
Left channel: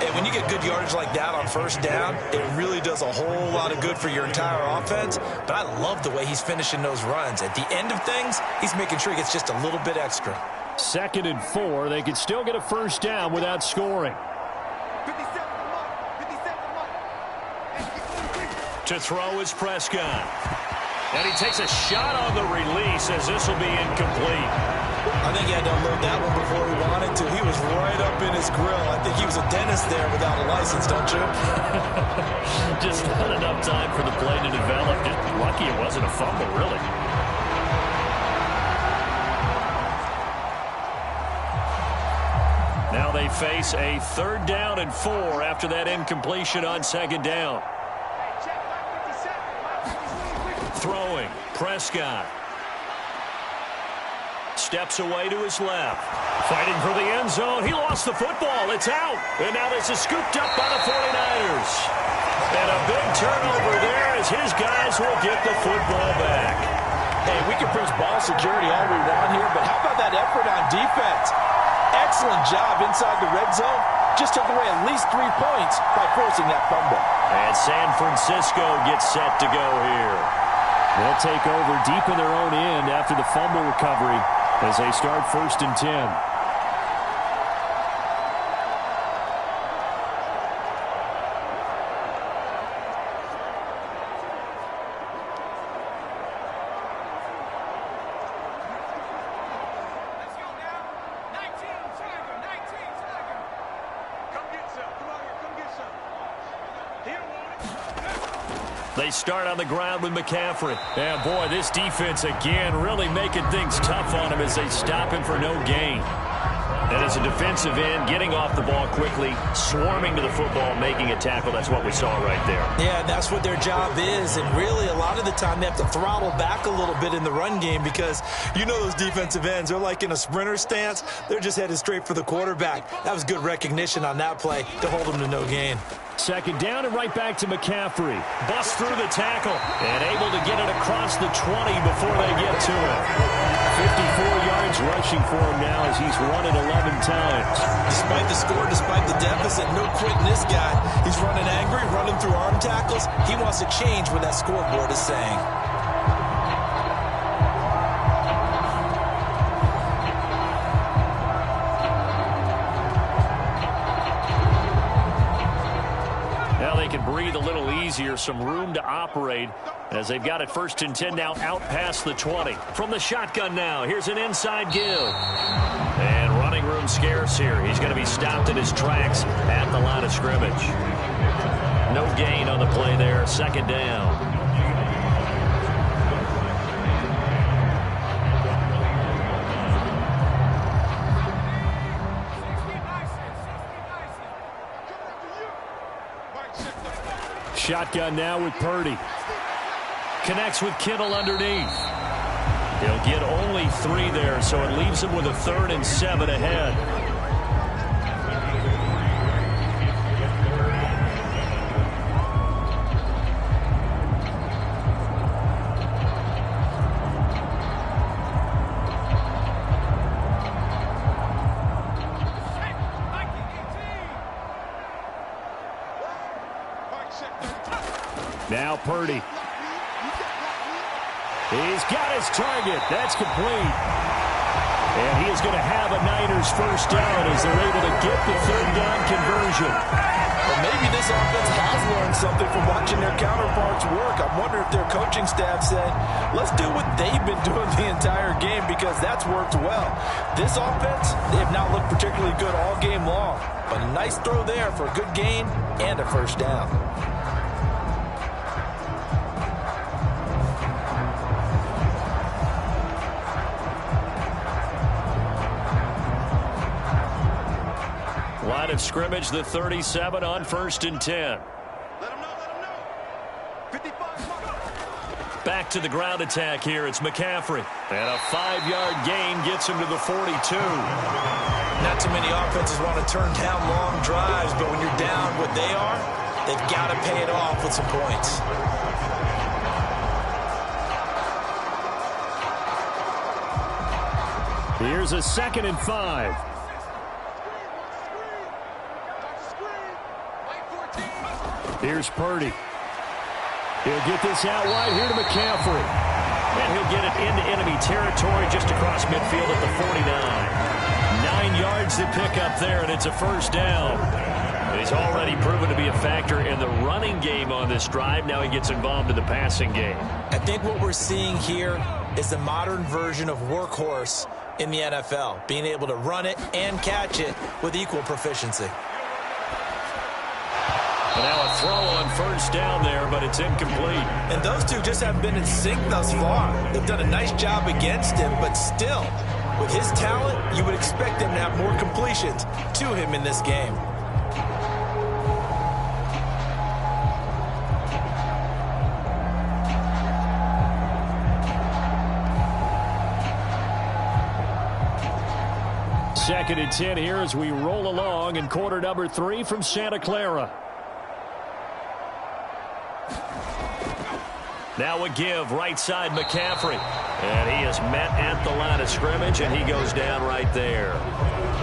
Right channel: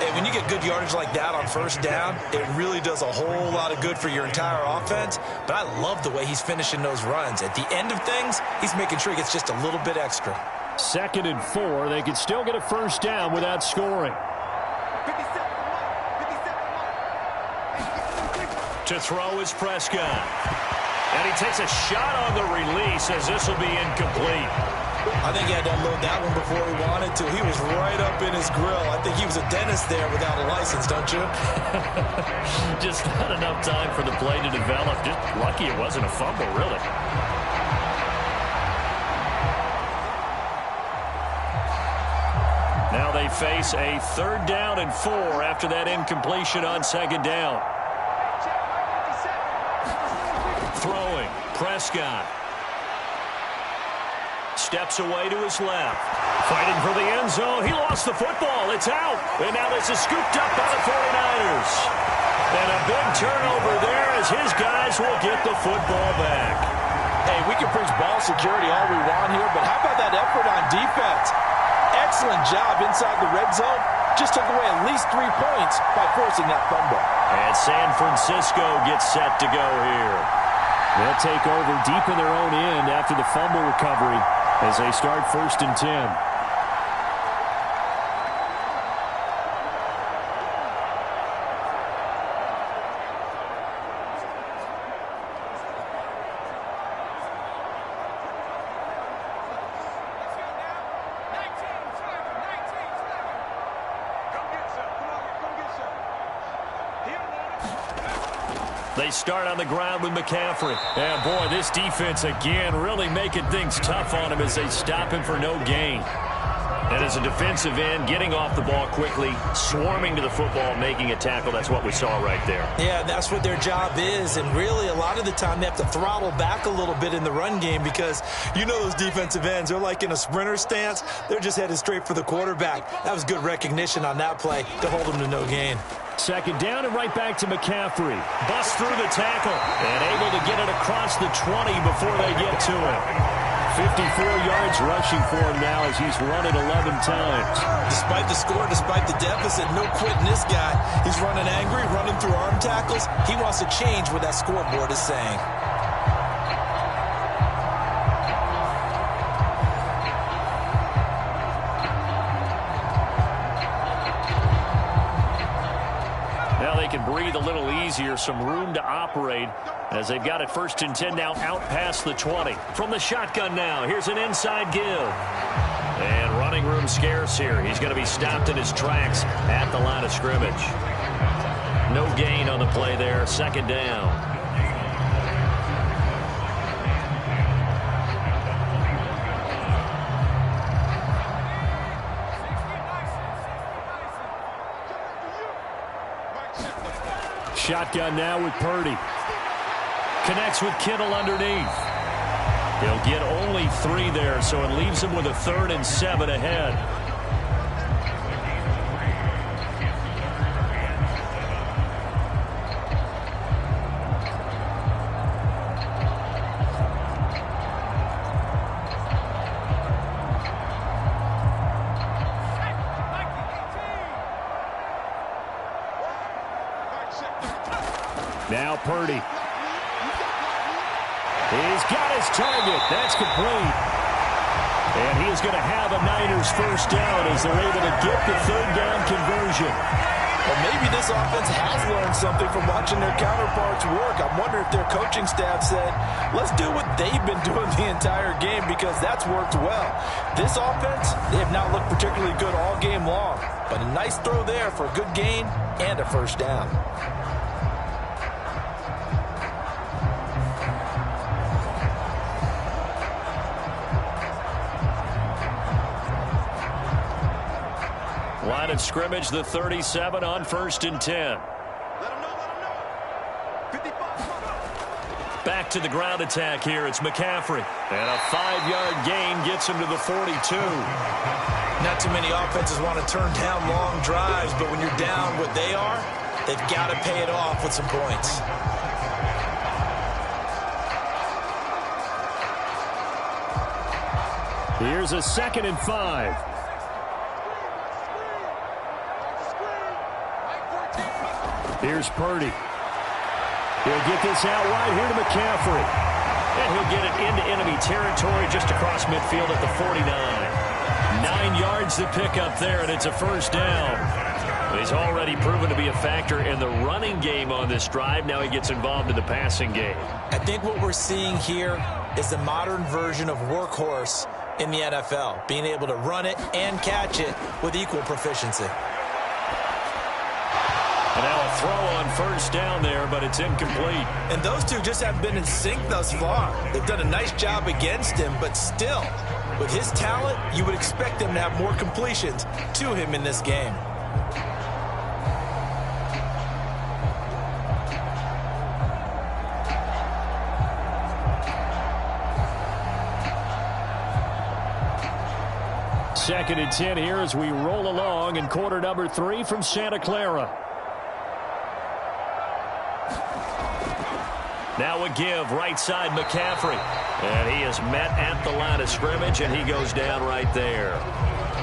And when you get good yardage like that on first down, it really does a whole lot of good for your entire offense. But I love the way he's finishing those runs. At the end of things, he's making sure he gets just a little bit extra. 2nd and 4. They could still get a first down without scoring. To throw is Prescott. And he takes a shot on the release as this will be incomplete. I think he had to unload that one before he wanted to. He was right up in his grill. I think he was a dentist there without a license, don't you? Just not enough time for the play to develop. Just lucky it wasn't a fumble, really. Now they face a 3rd down and 4 after that incompletion on 2nd down. Throwing, Prescott. Steps away to his left. Fighting for the end zone. He lost the football. It's out. And now this is scooped up by the 49ers. And a big turnover there as his guys will get the football back. Hey, we can preach ball security all we want here, but how about that effort on defense? Excellent job inside the red zone. Just took away at least 3 points by forcing that fumble. And San Francisco gets set to go here. They'll take over deep in their own end after the fumble recovery as they start 1st and 10. They start on the ground with McCaffrey. And, boy, this defense, again, really making things tough on him as they stop him for no gain. And as a defensive end, getting off the ball quickly, swarming to the football, making a tackle, that's what we saw right there. Yeah, that's what their job is. And really, a lot of the time, they have to throttle back a little bit in the run game because you know those defensive ends, they're like in a sprinter stance. They're just headed straight for the quarterback. That was good recognition on that play to hold them to no gain. 2nd down and right back to McCaffrey. Bust through the tackle and able to get it across the 20 before they get to him. 54 yards rushing for him now as he's run it 11 times. Despite the score, despite the deficit, no quitting this guy. He's running angry, running through arm tackles. He wants to change what that scoreboard is saying. can breathe a little easier, some room to operate as they've got it 1st and 10 now out past the 20. From the shotgun now, here's an inside give. And running room scarce here. He's going to be stopped in his tracks at the line of scrimmage. No gain on the play there, 2nd down. Shotgun now with Purdy. Connects with Kittle underneath. He'll get only 3 there, so it leaves him with a 3rd and 7 ahead. Now Purdy. He's got his target. That's complete. And he is going to have a Niners 1st down as they're able to get the 3rd down conversion. Well, maybe this offense has learned something from watching their counterparts work. I'm wondering if their coaching staff said, let's do what they've been doing the entire game because that's worked well. This offense, they have not looked particularly good all game long. But a nice throw there for a good gain and a 1st down. Line of scrimmage, the 37 on 1st and 10. Let him know. 55. Back to the ground attack here. It's McCaffrey. And a 5-yard gain gets him to the 42. Not too many offenses want to turn down long drives, but when you're down what they are, they've got to pay it off with some points. Here's a 2nd and 5. Here's Purdy. He'll get this out wide here to McCaffrey. And he'll get it into enemy territory just across midfield at the 49. 9 yards to pick up there, and it's a 1st down. He's already proven to be a factor in the running game on this drive. Now he gets involved in the passing game. I think what we're seeing here is the modern version of workhorse in the NFL, being able to run it and catch it with equal proficiency. And now a throw on 1st down there, but it's incomplete. And those two just haven't been in sync thus far. They've done a nice job against him, but still, with his talent, you would expect them to have more completions to him in this game. Second and 10 here as we roll along in quarter number 3 from Santa Clara. Now a give, right side McCaffrey. And he is met at the line of scrimmage, and he goes down right there.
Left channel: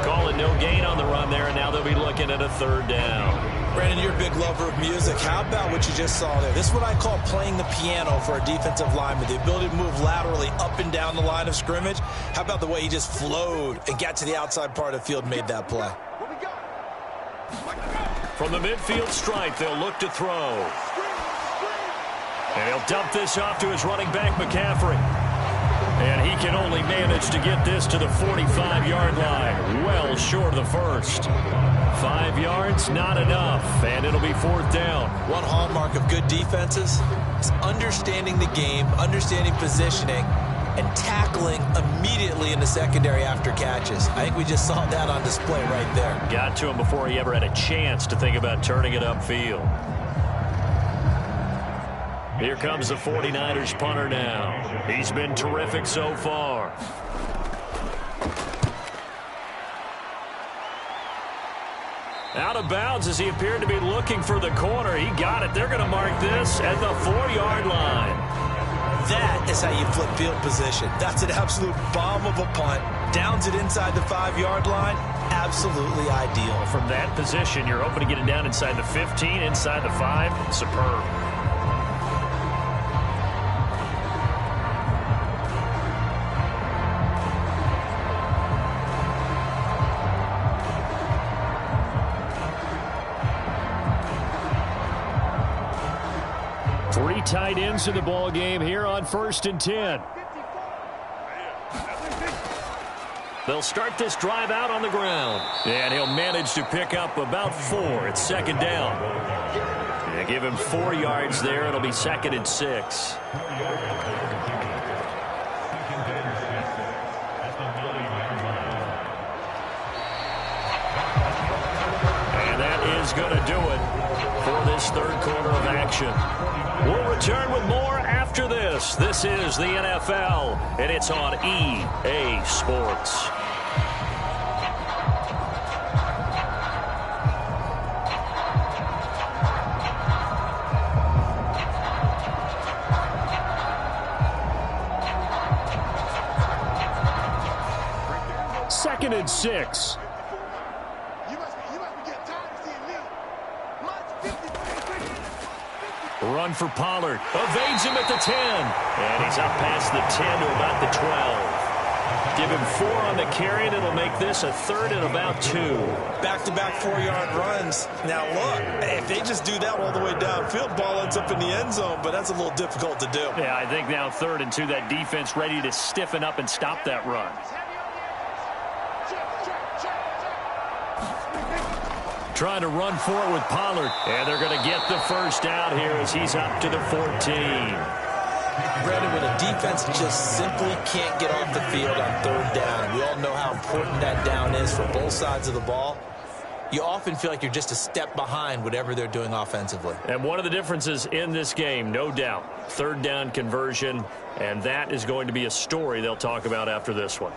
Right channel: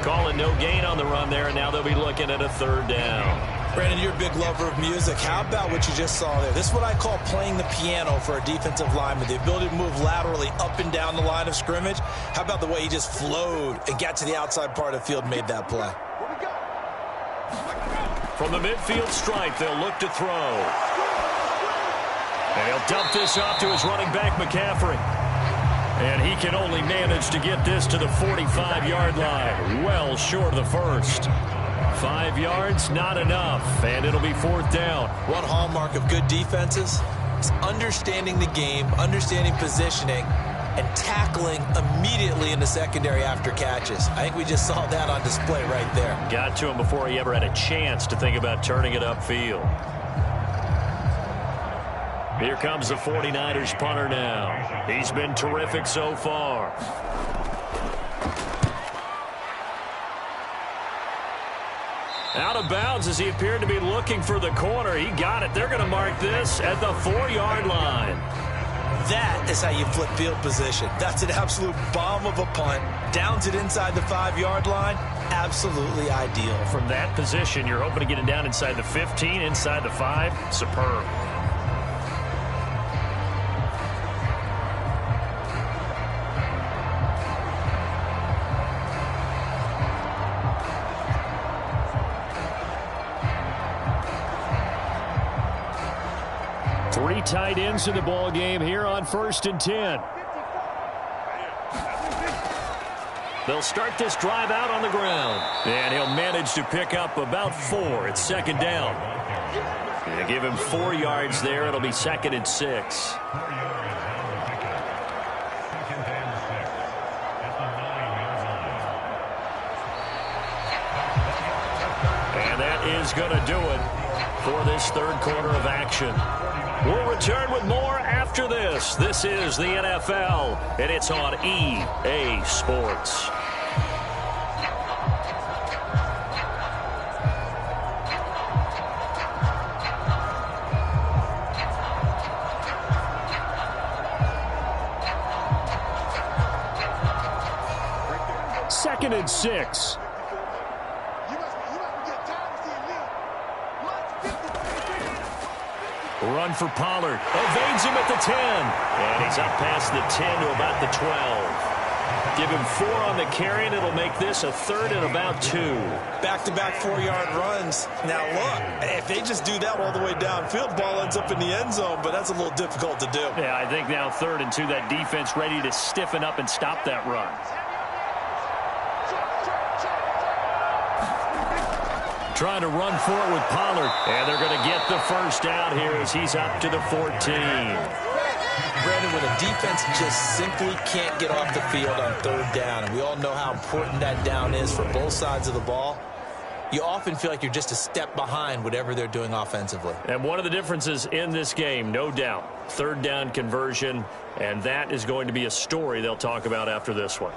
Calling no gain on the run there, and now they'll be looking at a 3rd down. Brandon, you're a big lover of music. How about what you just saw there? This is what I call playing the piano for a defensive lineman. The ability to move laterally up and down the line of scrimmage. How about the way he just flowed and got to the outside part of the field and made that play? From the midfield stripe, they'll look to throw. And he'll dump this off to his running back, McCaffrey. And he can only manage to get this to the 45-yard line. Well short of the 1st. 5 yards, not enough. And it'll be 4th down. One hallmark of good defenses is understanding the game, understanding positioning, and tackling immediately in the secondary after catches. I think we just saw that on display right there. Got to him before he ever had a chance to think about turning it upfield. Here comes the 49ers punter now. He's been terrific so far. Out of bounds as he appeared to be looking for the corner. He got it. They're going to mark this at the 4-yard line. That is how you flip field position. That's an absolute bomb of a punt. Downs it inside the 5-yard line. Absolutely ideal. From that position, you're hoping to get it down inside the 15, inside the 5. Superb. 3 tight ends in the ball game here on 1st and 10. They'll start this drive out on the ground. And he'll manage to pick up about 4. It's 2nd down. They give him 4 yards there. It'll be 2nd and 6. 4 yards on the pickup. 2nd and 6 at the 9-yard line. And that is going to do it for this 3rd quarter of action. We'll return with more after this. This is the NFL, and it's on EA Sports. Second and 6. Run for Pollard. Evades him at the 10. And he's up past the 10 to about the 12. Give him 4 on the carry, and it'll make this a 3rd and about 2. Back-to-back 4-yard runs. Now, look, if they just do that all the way downfield, ball ends up in the end zone, but that's a little difficult to do. Yeah, I think now 3rd and 2, that defense ready to stiffen up and stop that run. Trying to run for it with Pollard. And they're going to get the 1st down here as he's up to the 14. Brandon, when a defense just simply can't get off the field on 3rd down, and we all know how important that down is for both sides of the ball, you often feel like you're just a step behind whatever they're doing offensively. And one of the differences in this game, no doubt, 3rd down conversion, and that is going to be a story they'll talk about after this one.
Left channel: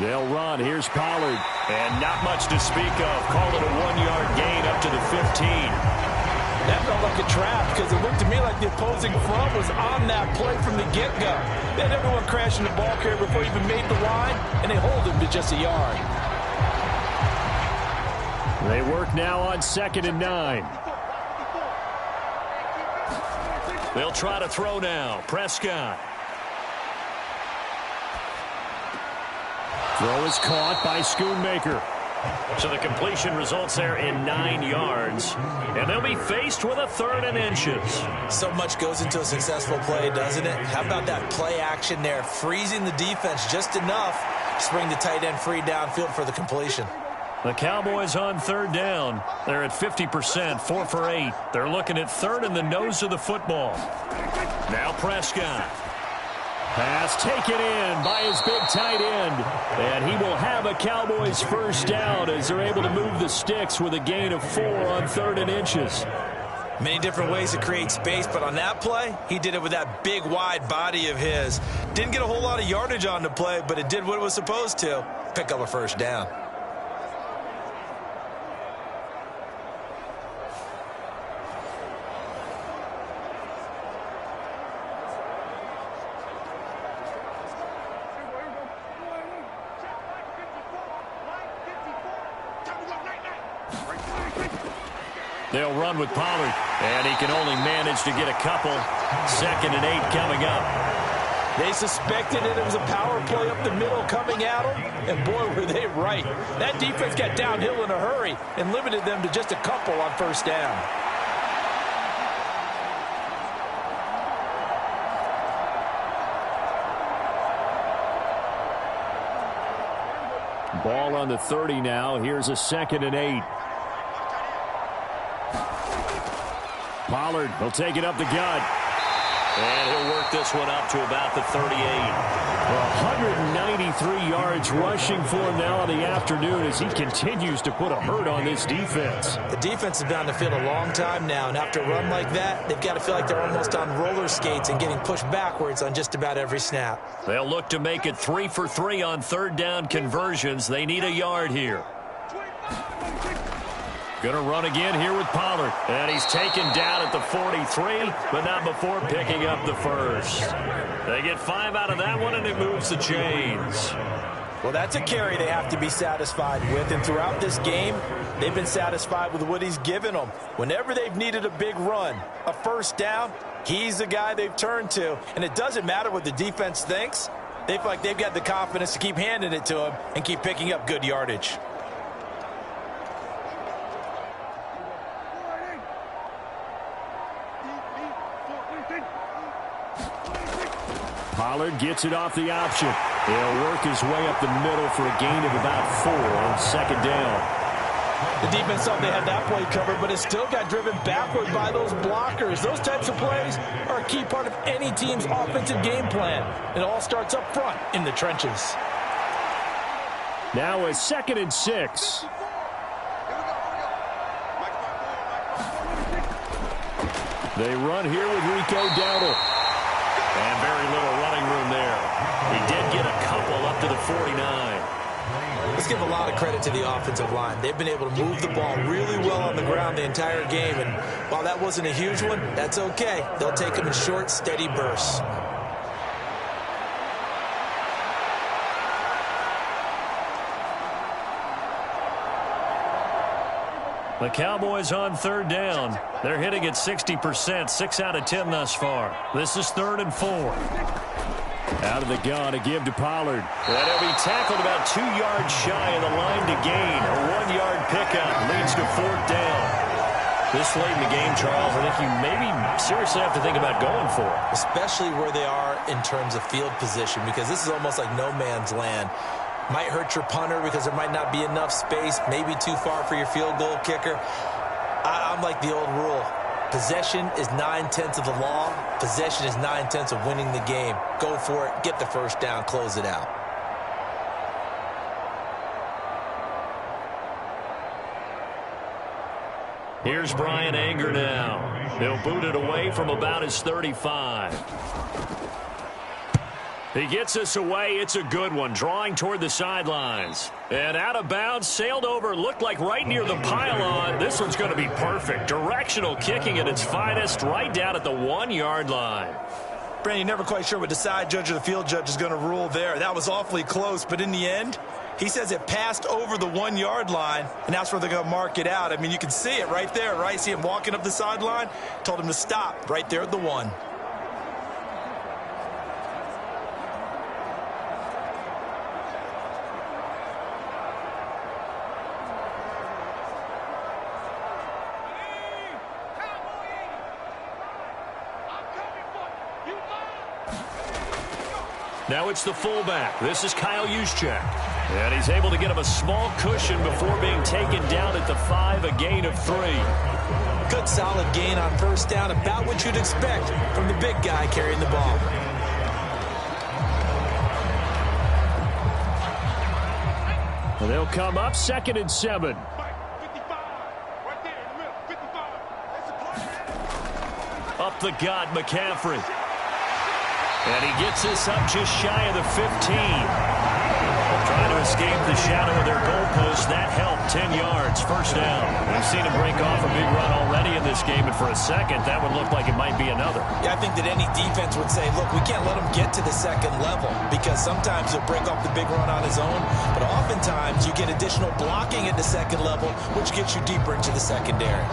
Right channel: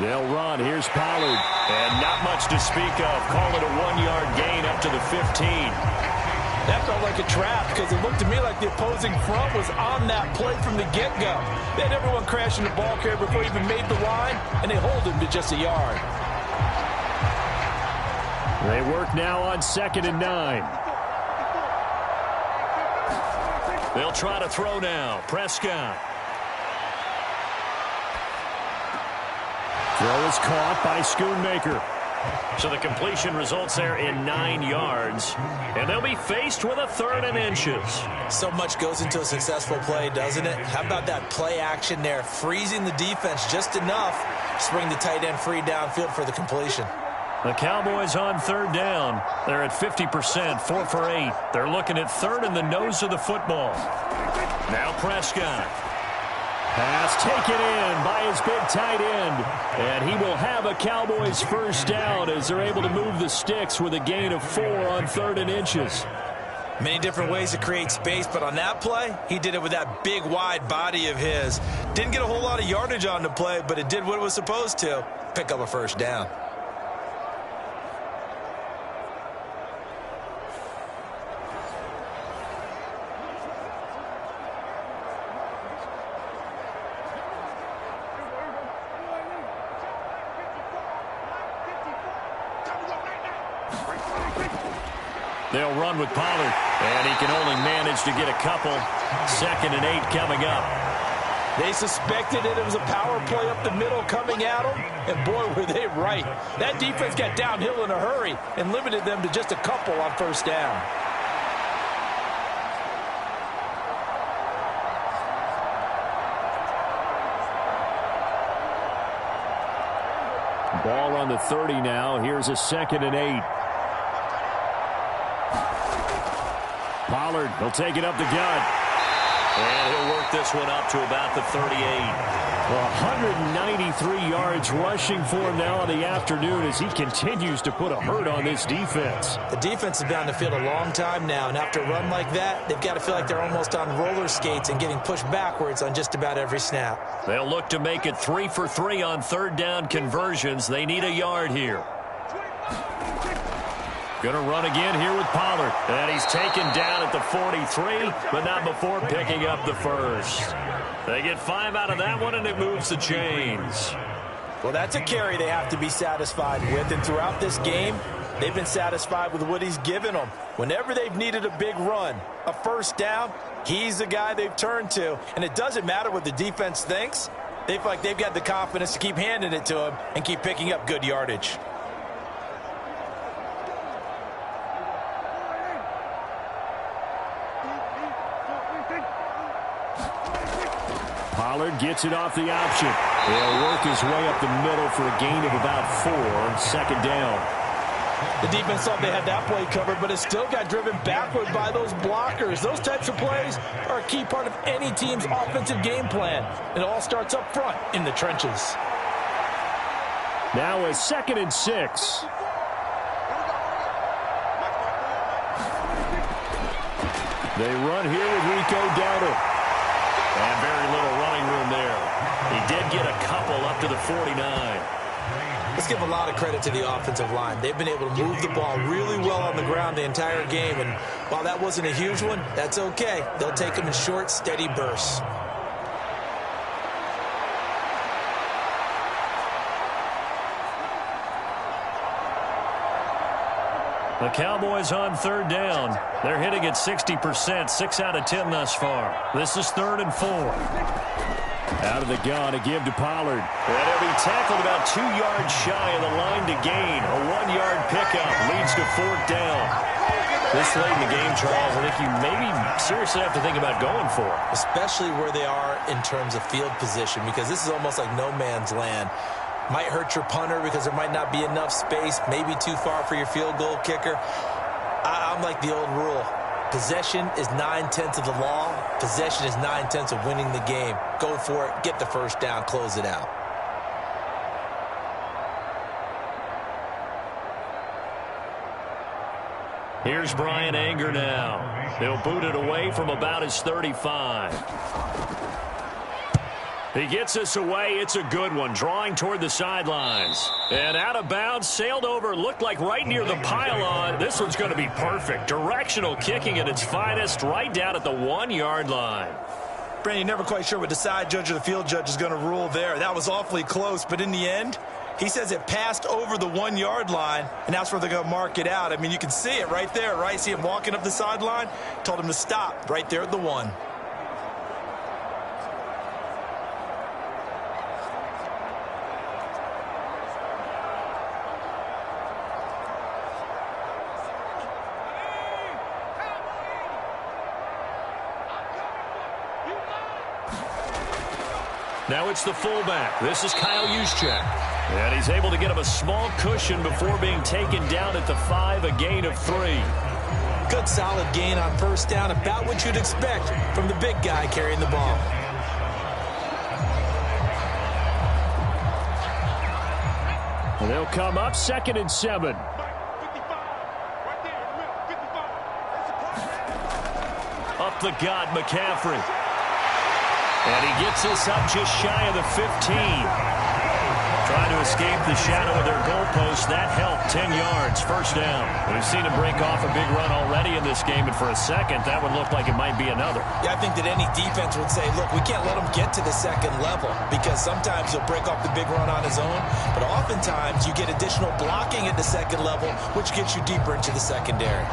They'll run. Here's Pollard. And not much to speak of. Call it a 1-yard gain up to the 15. That felt like a trap because it looked to me like the opposing front was on that play from the get-go. They had everyone crashing the ball carrier before he even made the line, and they hold him to just a yard. They work now on 2nd and 9. They'll try to throw now. Prescott. Throw is caught by Schoonmaker. So the completion results there in 9 yards. And they'll be faced with a 3rd and inches. So much goes into a successful play, doesn't it? How about that play action there? Freezing the defense just enough to bring the tight end free downfield for the completion. The Cowboys on 3rd down. They're at 50%, 4 for 8. They're looking at 3rd in the nose of the football. Now Prescott. Pass taken in by his big tight end. And he will have a Cowboys 1st down as they're able to move the sticks with a gain of 4 on 3rd and inches. Many different ways to create space, but on that play, he did it with that big, wide body of his. Didn't get a whole lot of yardage on the play, but it did what it was supposed to. Pick up a 1st down. They'll run with Pollard, and he can only manage to get a couple. 2nd and 8 coming up. They suspected it was a power play up the middle coming at them, and boy, were they right. That defense got downhill in a hurry and limited them to just a couple on 1st down. Ball on the 30 now. Here's a 2nd and 8. Pollard will take it up the gut. And he'll work this one up to about the 38. 193 yards rushing for him now in the afternoon as he continues to put a hurt on this defense. The defense has been on the field a long time now, and after a run like that, they've got to feel like they're almost on roller skates and getting pushed backwards on just about every snap. They'll look to make it 3 for 3 on 3rd down conversions. They need a yard here. Going to run again here with Pollard. And he's taken down at the 43, but not before picking up the 1st. They get 5 out of that one, and it moves the chains. Well, that's a carry they have to be satisfied with, and throughout this game, they've been satisfied with what he's given them. Whenever they've needed a big run, a first down, he's the guy they've turned to. And it doesn't matter what the defense thinks. They feel like they've got the confidence to keep handing it to him and keep picking up good yardage. Pollard gets it off the option. He'll work his way up the middle for a gain of about 4, second down. The defense thought they had that play covered, but it still got driven backward by those blockers. Those types of plays are a key part of any team's offensive game plan. It all starts up front in the trenches. Now a 2nd and 6. They run here with Rico Dowdle. And very little running room there. He did get a couple up to the 49. Let's give a lot of credit to the offensive line. They've been able to move the ball really well on the ground the entire game. And while that wasn't a huge one, that's okay. They'll take them in short, steady bursts. The Cowboys on 3rd down. They're hitting at 60%, 6 out of 10 thus far. This is 3rd and 4. Out of the gun, a give to Pollard. And he'll be tackled about 2 yards shy of the line to gain. A 1-yard pickup leads to 4th down. This late in the game, Charles, I think you maybe seriously have to think about going for it. Especially where they are in terms of field position, because this is almost like no man's land. Might hurt your punter because there might not be enough space, maybe too far for your field goal kicker. I'm like the old rule. Possession is 9/10 of the law. Possession is 9/10 of winning the game. Go for it. Get the first down. Close it out. Here's Brian Anger now. He'll boot it away from about his 35. He gets us away. It's a good one. Drawing toward the sidelines. And out of bounds, sailed over, looked like right near the pylon. This one's going to be perfect. Directional kicking at its finest, right down at the 1-yard line. Brandon, you're never quite sure what the side judge or the field judge is going to rule there. That was awfully close, but in the end, he says it passed over the 1-yard line, and that's where they're going to mark it out. I mean, you can see it right there, right? See him walking up the sideline? Told him to stop right there at the 1. Now it's the fullback. This is Kyle Juszczyk. And he's able to get him a small cushion before being taken down at the 5, a gain of 3. Good solid gain on first down, about what you'd expect from the big guy carrying the ball. And they'll come up 2nd and 7. Up the gut, McCaffrey. And he gets us up just shy of the 15. Trying to escape the shadow of their goalpost. That helped. 10 yards, first down. We've seen him break off a big run already in this game, and for a second, that would look like it might be another. Yeah, I think that any defense would say, look, we can't let him get to the second level, because sometimes he'll break off the big run on his own, but oftentimes you get additional blocking at the second level, which gets you deeper into the secondary.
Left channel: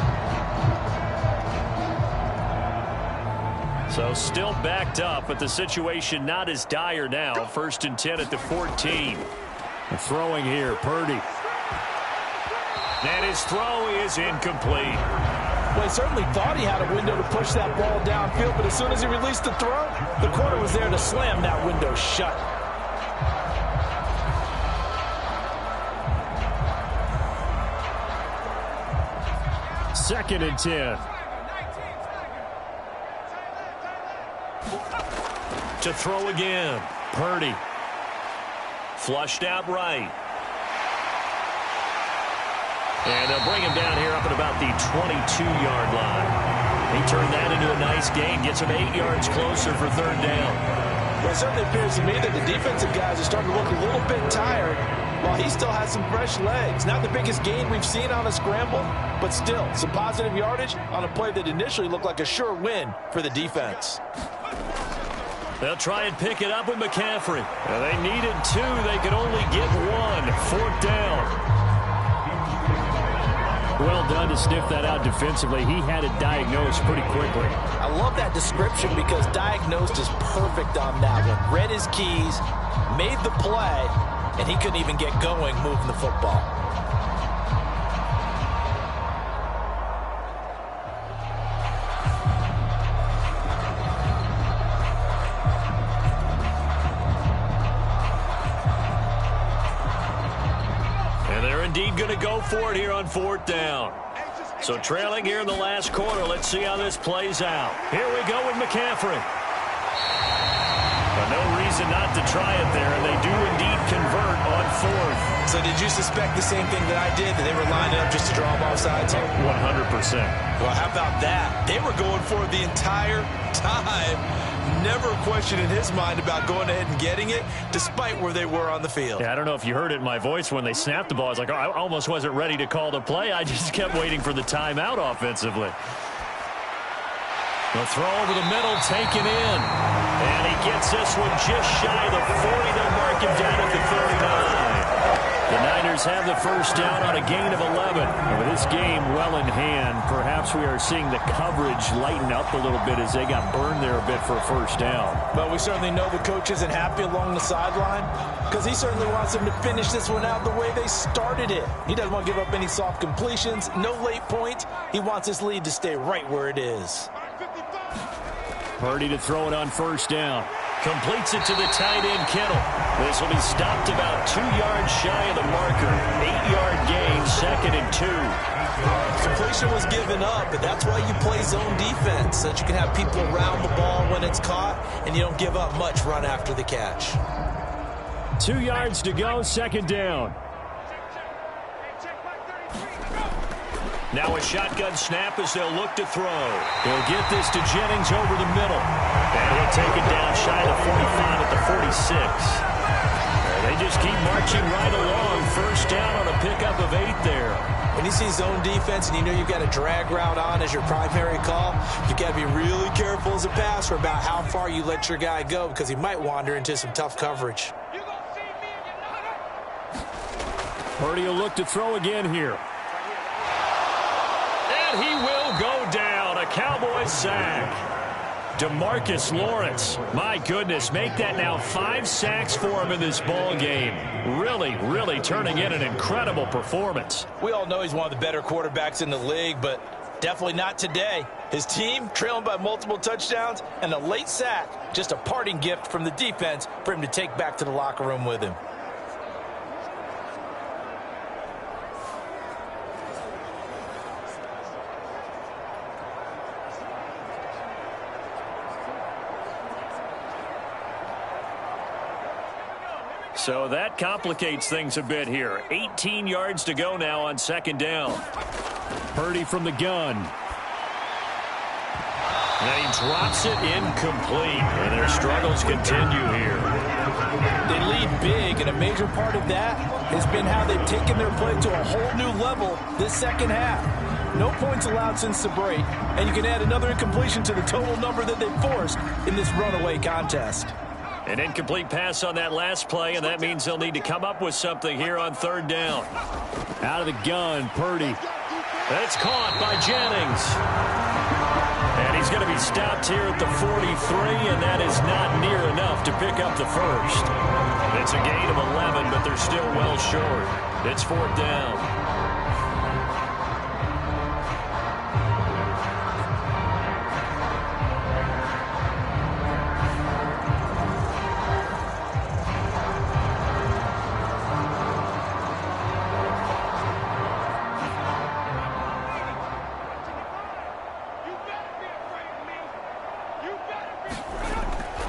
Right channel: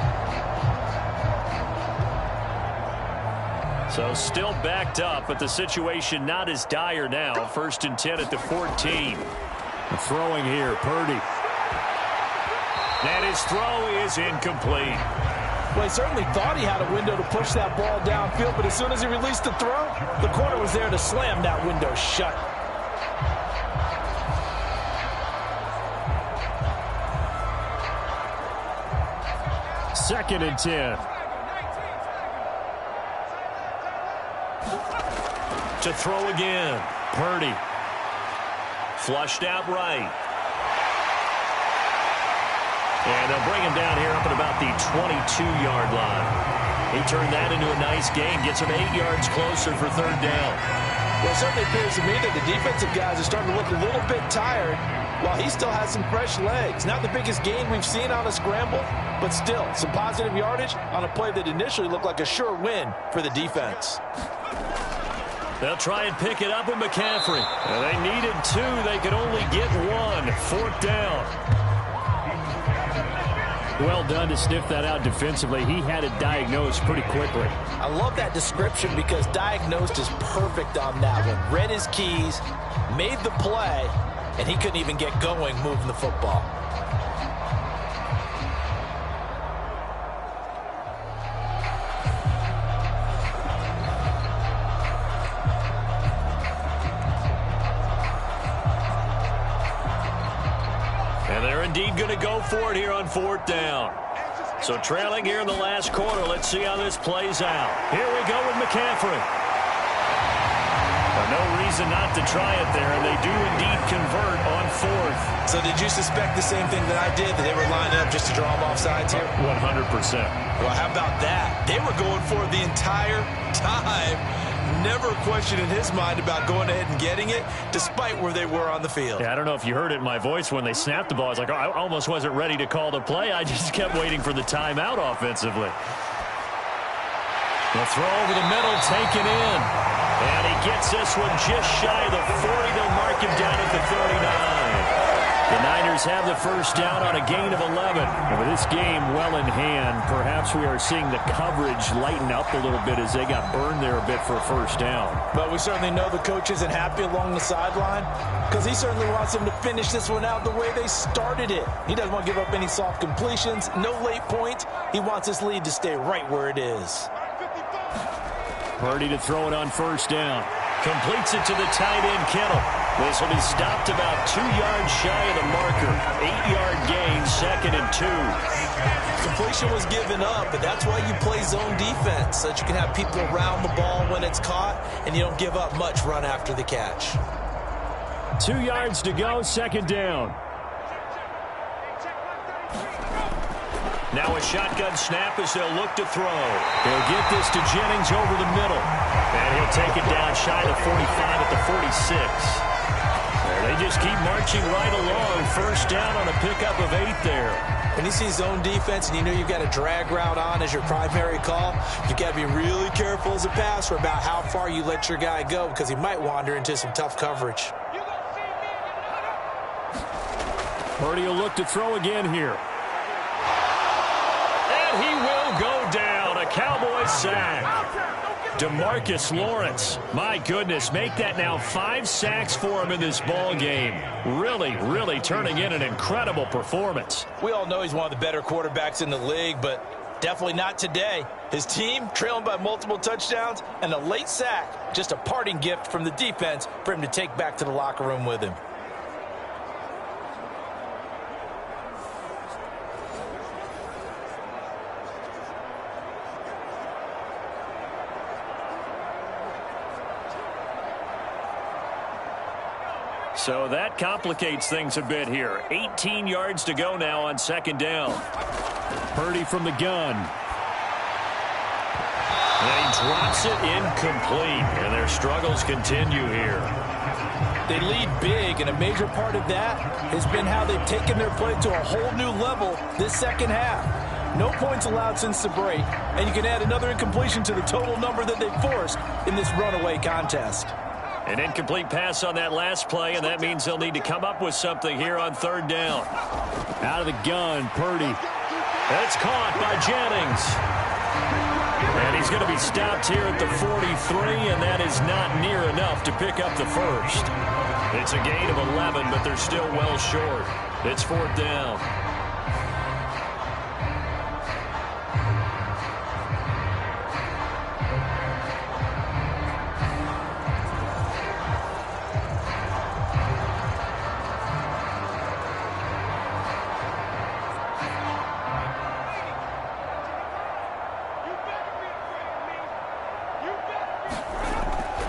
So still backed up, but the situation not as dire now. 1st and 10 at the 14. Throwing here, Purdy. And his throw is incomplete. Well, he certainly thought he had a window to push that ball downfield, but as soon as he released the throw, the corner was there to slam that window shut. Second and 10. To throw again. Purdy. Flushed out right. And they'll bring him down here up at about the 22-yard line. He turned that into a nice gain. Gets him 8 yards closer for 3rd down. Well, it certainly appears to me that the defensive guys are starting to look a little bit tired while he still has some fresh legs. Not the biggest gain we've seen on a scramble, but still some positive yardage on a play that initially looked like a sure win for the defense. They'll try and pick it up with McCaffrey. Now, they needed 2. They could only get 1. 4th down. Well done to sniff that out defensively. He had it diagnosed pretty quickly. I love that description because diagnosed is perfect on that one. Read his keys, made the play, and he couldn't even get going moving the football. And they're indeed going to go for it here on 4th down. So trailing here in the last quarter. Let's see how this plays out. Here we go with McCaffrey. But no reason not to try it there, and they do indeed convert on 4th. So did you suspect the same thing that I did, that they were lining up just to draw them off sides here? 100%. Well, how about that? They were going for it the entire time. Never a question in his mind about going ahead and getting it, despite where they were on the field. Yeah, I don't know if you heard it in my voice when they snapped the ball. I was like, oh, I almost wasn't ready to call the play. I just kept waiting for the timeout offensively. The throw over the middle, taken in. And he gets this one just shy of the 40. They'll mark him down at the 39. The Niners have the first down on a gain of 11. And with this game well in hand, perhaps we are seeing the coverage lighten up a little bit as they got burned there a bit for a first down. But we certainly know the coach isn't happy along the sideline because he certainly wants them to finish this one out the way they started it. He doesn't want to give up any soft completions, no late points. He wants his lead to stay right where it is. Purdy to throw it on first down. Completes it to the tight end, Kittle. This will be stopped about 2 yards shy of the marker. 8-yard gain, 2nd and 2. Completion was given up, but that's why you play zone defense, so that you can have people around the ball when it's caught, and you don't give up much run after the catch. 2 yards to go, 2nd down. Now a shotgun snap as they'll look to throw. He'll get this to Jennings over the middle. And he'll take it down shy of the 45 at the 46. They just keep marching right along. First down on a pickup of 8 there. When you see zone defense and you know you've got a drag route on as your primary call, you've got to be really careful as a passer about how far you let your guy go because he might wander into some tough coverage. Purdy will look to throw again here. And he will go down. A Cowboys sack. DeMarcus Lawrence, my goodness, make that now 5 sacks for him in this ball game. Really turning in an incredible performance. We all know he's one of the better quarterbacks in the league, but definitely not today. His team trailing by multiple touchdowns and a late sack, just a parting gift from the defense for him to take back to the locker room with him. So that complicates things a bit here. 18 yards to go now on 2nd down. Purdy from the gun. And he drops it incomplete. And their struggles continue here. They lead big, and a major part of that has been how they've taken their play to a whole new level this second half. No points allowed since the break, and you can add another incompletion to the total number that they forced in this runaway contest. An incomplete pass on that last play, and that means they'll need to come up with something here on 3rd down. Out of the gun, Purdy. That's caught by Jennings. And he's going to be stopped here at the 43, and that is not near enough to pick up the first. It's a gain of 11, but they're still well short. It's 4th down.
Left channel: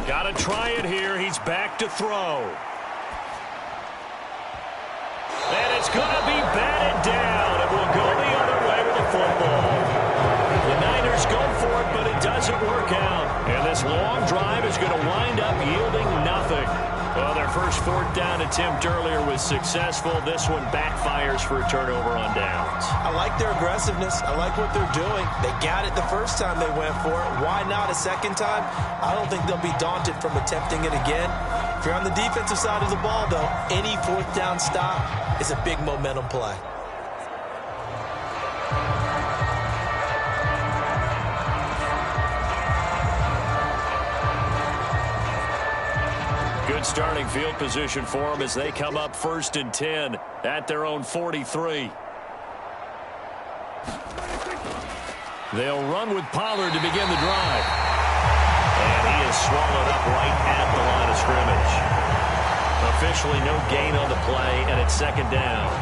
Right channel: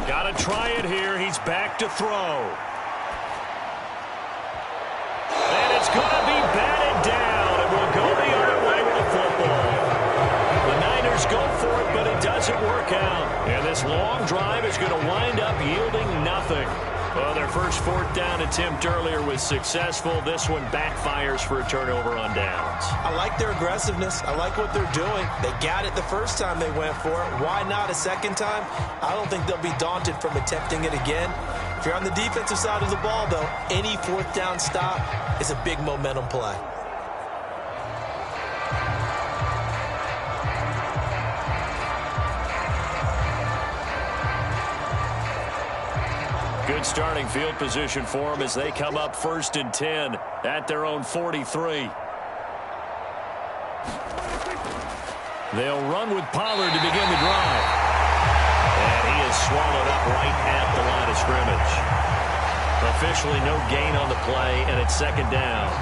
Got to try it here. He's back to throw. And it's going to be batted down. It will go the other way with the football. The Niners go for it, but it doesn't work out. And this long drive is going to wind up yielding nothing. Well, their first fourth down attempt earlier was successful. This one backfires for a turnover on downs. I like their aggressiveness. I like what they're doing. They got it the first time they went for it. Why not a second time? I don't think they'll be daunted from attempting it again. If you're on the defensive side of the ball, though, any fourth down stop is a big momentum play. Good starting field position for them as they come up 1st and 10 at their own 43. They'll run with Pollard to begin the drive. And he is swallowed up right at the line of scrimmage. Officially no gain on the play, and it's 2nd down.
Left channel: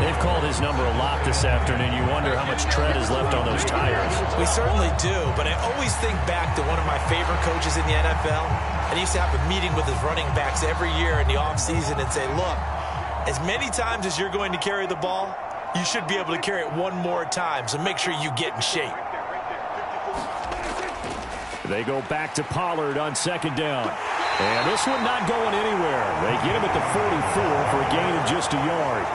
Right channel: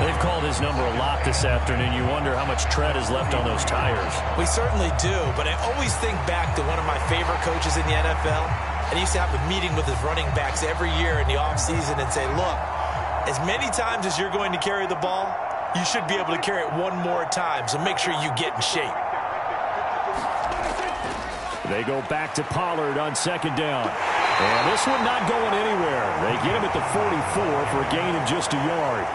They've called his number a lot this afternoon. You wonder how much tread is left on those tires. We certainly do, but I always think back to one of my favorite coaches in the NFL. And he used to have a meeting with his running backs every year in the offseason and say, look, as many times as you're going to carry the ball, you should be able to carry it one more time, so make sure you get in shape. They go back to Pollard on 2nd down. And this one not going anywhere. They get him at the 44 for a gain of just a yard.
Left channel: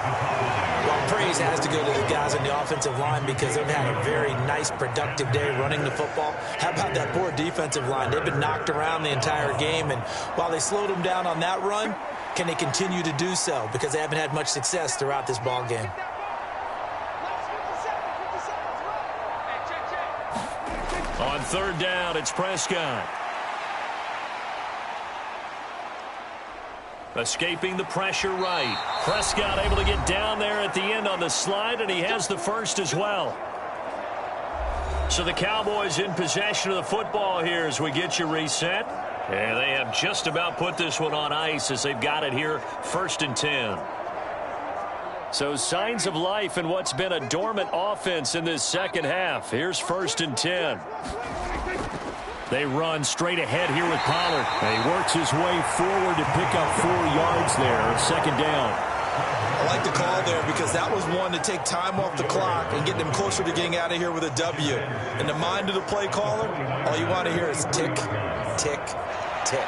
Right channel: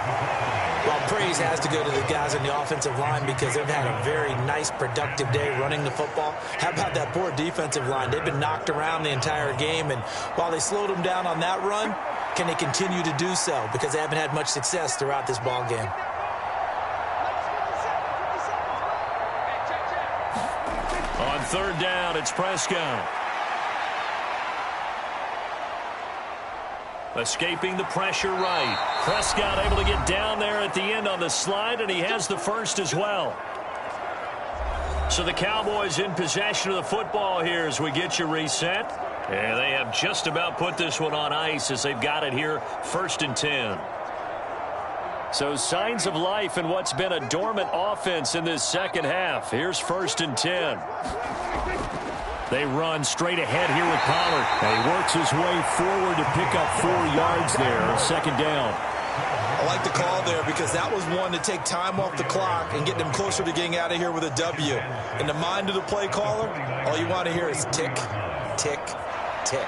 Well, praise has to go to the guys on the offensive line because they've had a very nice, productive day running the football. How about that poor defensive line? They've been knocked around the entire game, and while they slowed them down on that run, can they continue to do so? Because they haven't had much success throughout this ball game. On 3rd down, it's Prescott. Escaping the pressure right. Prescott able to get down there at the end on the slide, and he has the first as well. So the Cowboys in possession of the football here as we get you reset. And they have just about put this one on ice as they've got it here 1st and 10. So signs of life in what's been a dormant offense in this second half. Here's 1st and 10. They run straight ahead here with Pollard. And he works his way forward to pick up 4 yards there. 2nd down. I like the call there because that was one to take time off the clock and get them closer to getting out of here with a W. In the mind of the play caller, all you want to hear is tick, tick, tick.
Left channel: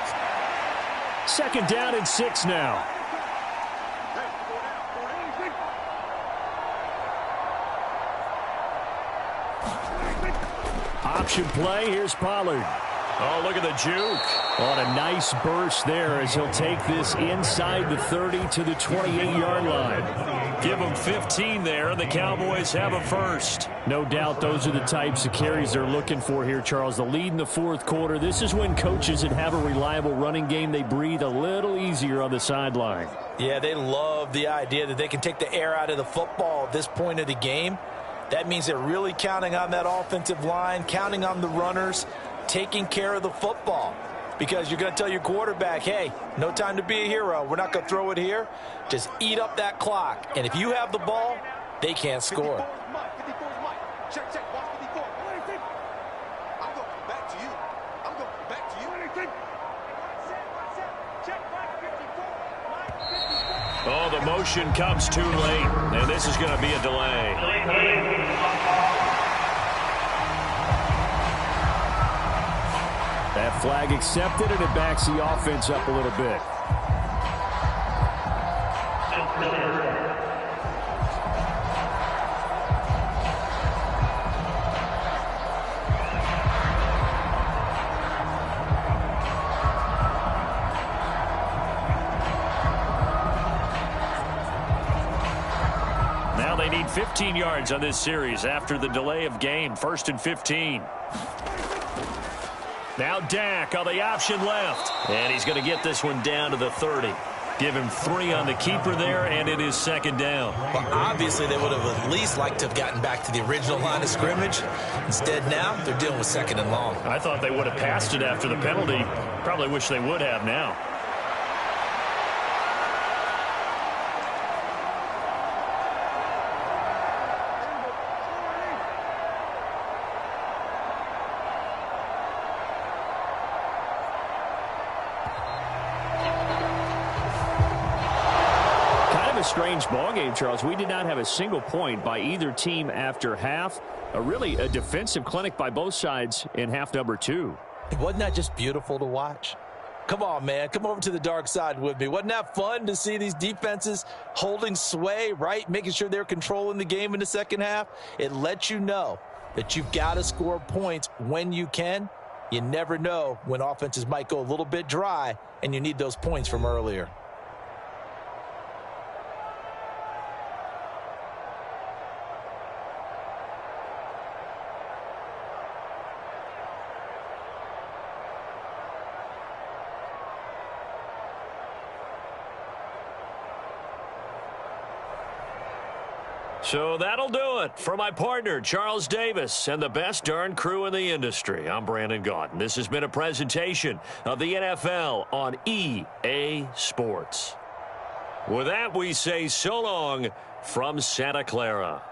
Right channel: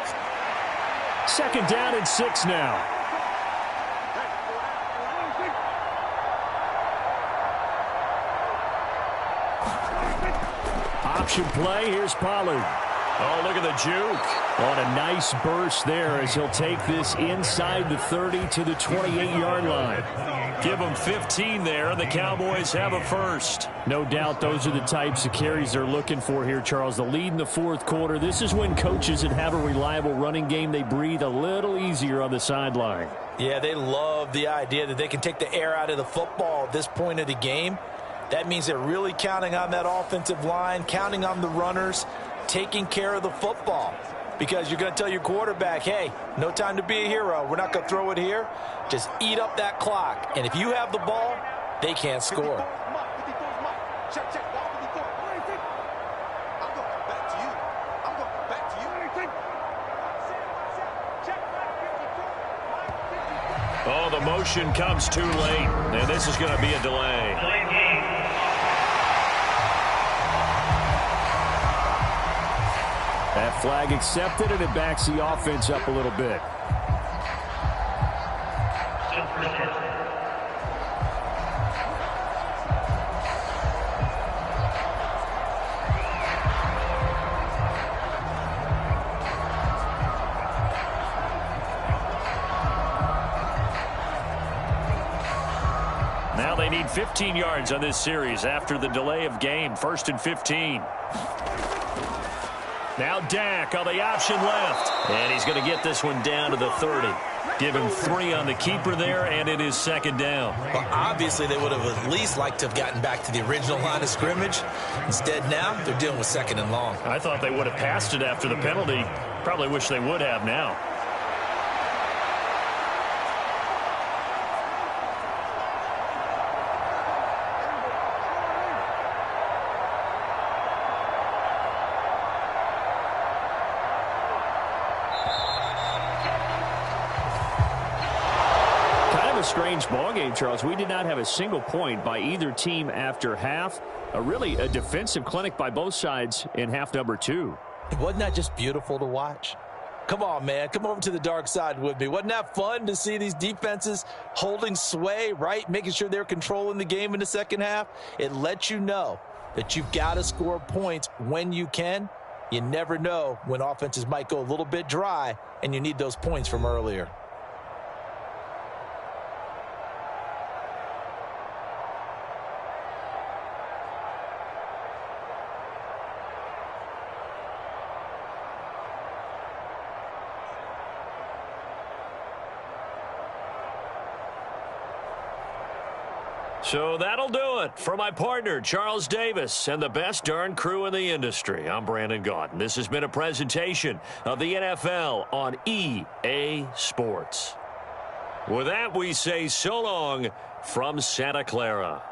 2nd down and 6 now. Option play. Here's Pollard. Oh, look at the juke. On a nice burst there as he'll take this inside the 30 to the 28-yard line. Give them 15 there, and the Cowboys have a first. No doubt those are the types of carries they're looking for here, Charles. The lead in the 4th quarter. This is when coaches that have a reliable running game, they breathe a little easier on the sideline. Yeah, they love the idea that they can take the air out of the football at this point of the game. That means they're really counting on that offensive line, counting on the runners, taking care of the football. Because you're going to tell your quarterback, hey, no time to be a hero. We're not going to throw it here. Just eat up that clock. And if you have the ball, they can't score. 54 is Mike. 54 is Mike. Check, check. Watch 54. I'm going to come back to you. I'm going to come back to you. Check Mike 54. Mike 54. Oh, the motion comes too late. And this is going to be a delay. That flag accepted, and it backs the offense up a little bit. Now they need 15 yards on this series after the delay of game. 1st and 15. Now Dak on the option left. And he's going to get this one down to the 30. Give him 3 on the keeper there, and it is 2nd down. Well, obviously they would have at least liked to have gotten back to the original line of scrimmage. Instead now, they're dealing with 2nd and long. I thought they would have passed it after the penalty. Probably wish they would have now. A strange ball game, Charles. We did not have a single point by either team after half. Really a defensive clinic by both sides in half number 2. Wasn't that just beautiful to watch? Come on, man. Come over to the dark side with me. Wasn't that fun to see these defenses holding sway, right? Making sure they're controlling the game in the second half. It lets you know that you've got to score points when you can. You never know when offenses might go a little bit dry, and you need those points from earlier. So that'll do it for my partner, Charles Davis, and the best darn crew in the industry. I'm Brandon Gaudin. This has been a presentation of the NFL on EA Sports. With that, we say so long from Santa Clara.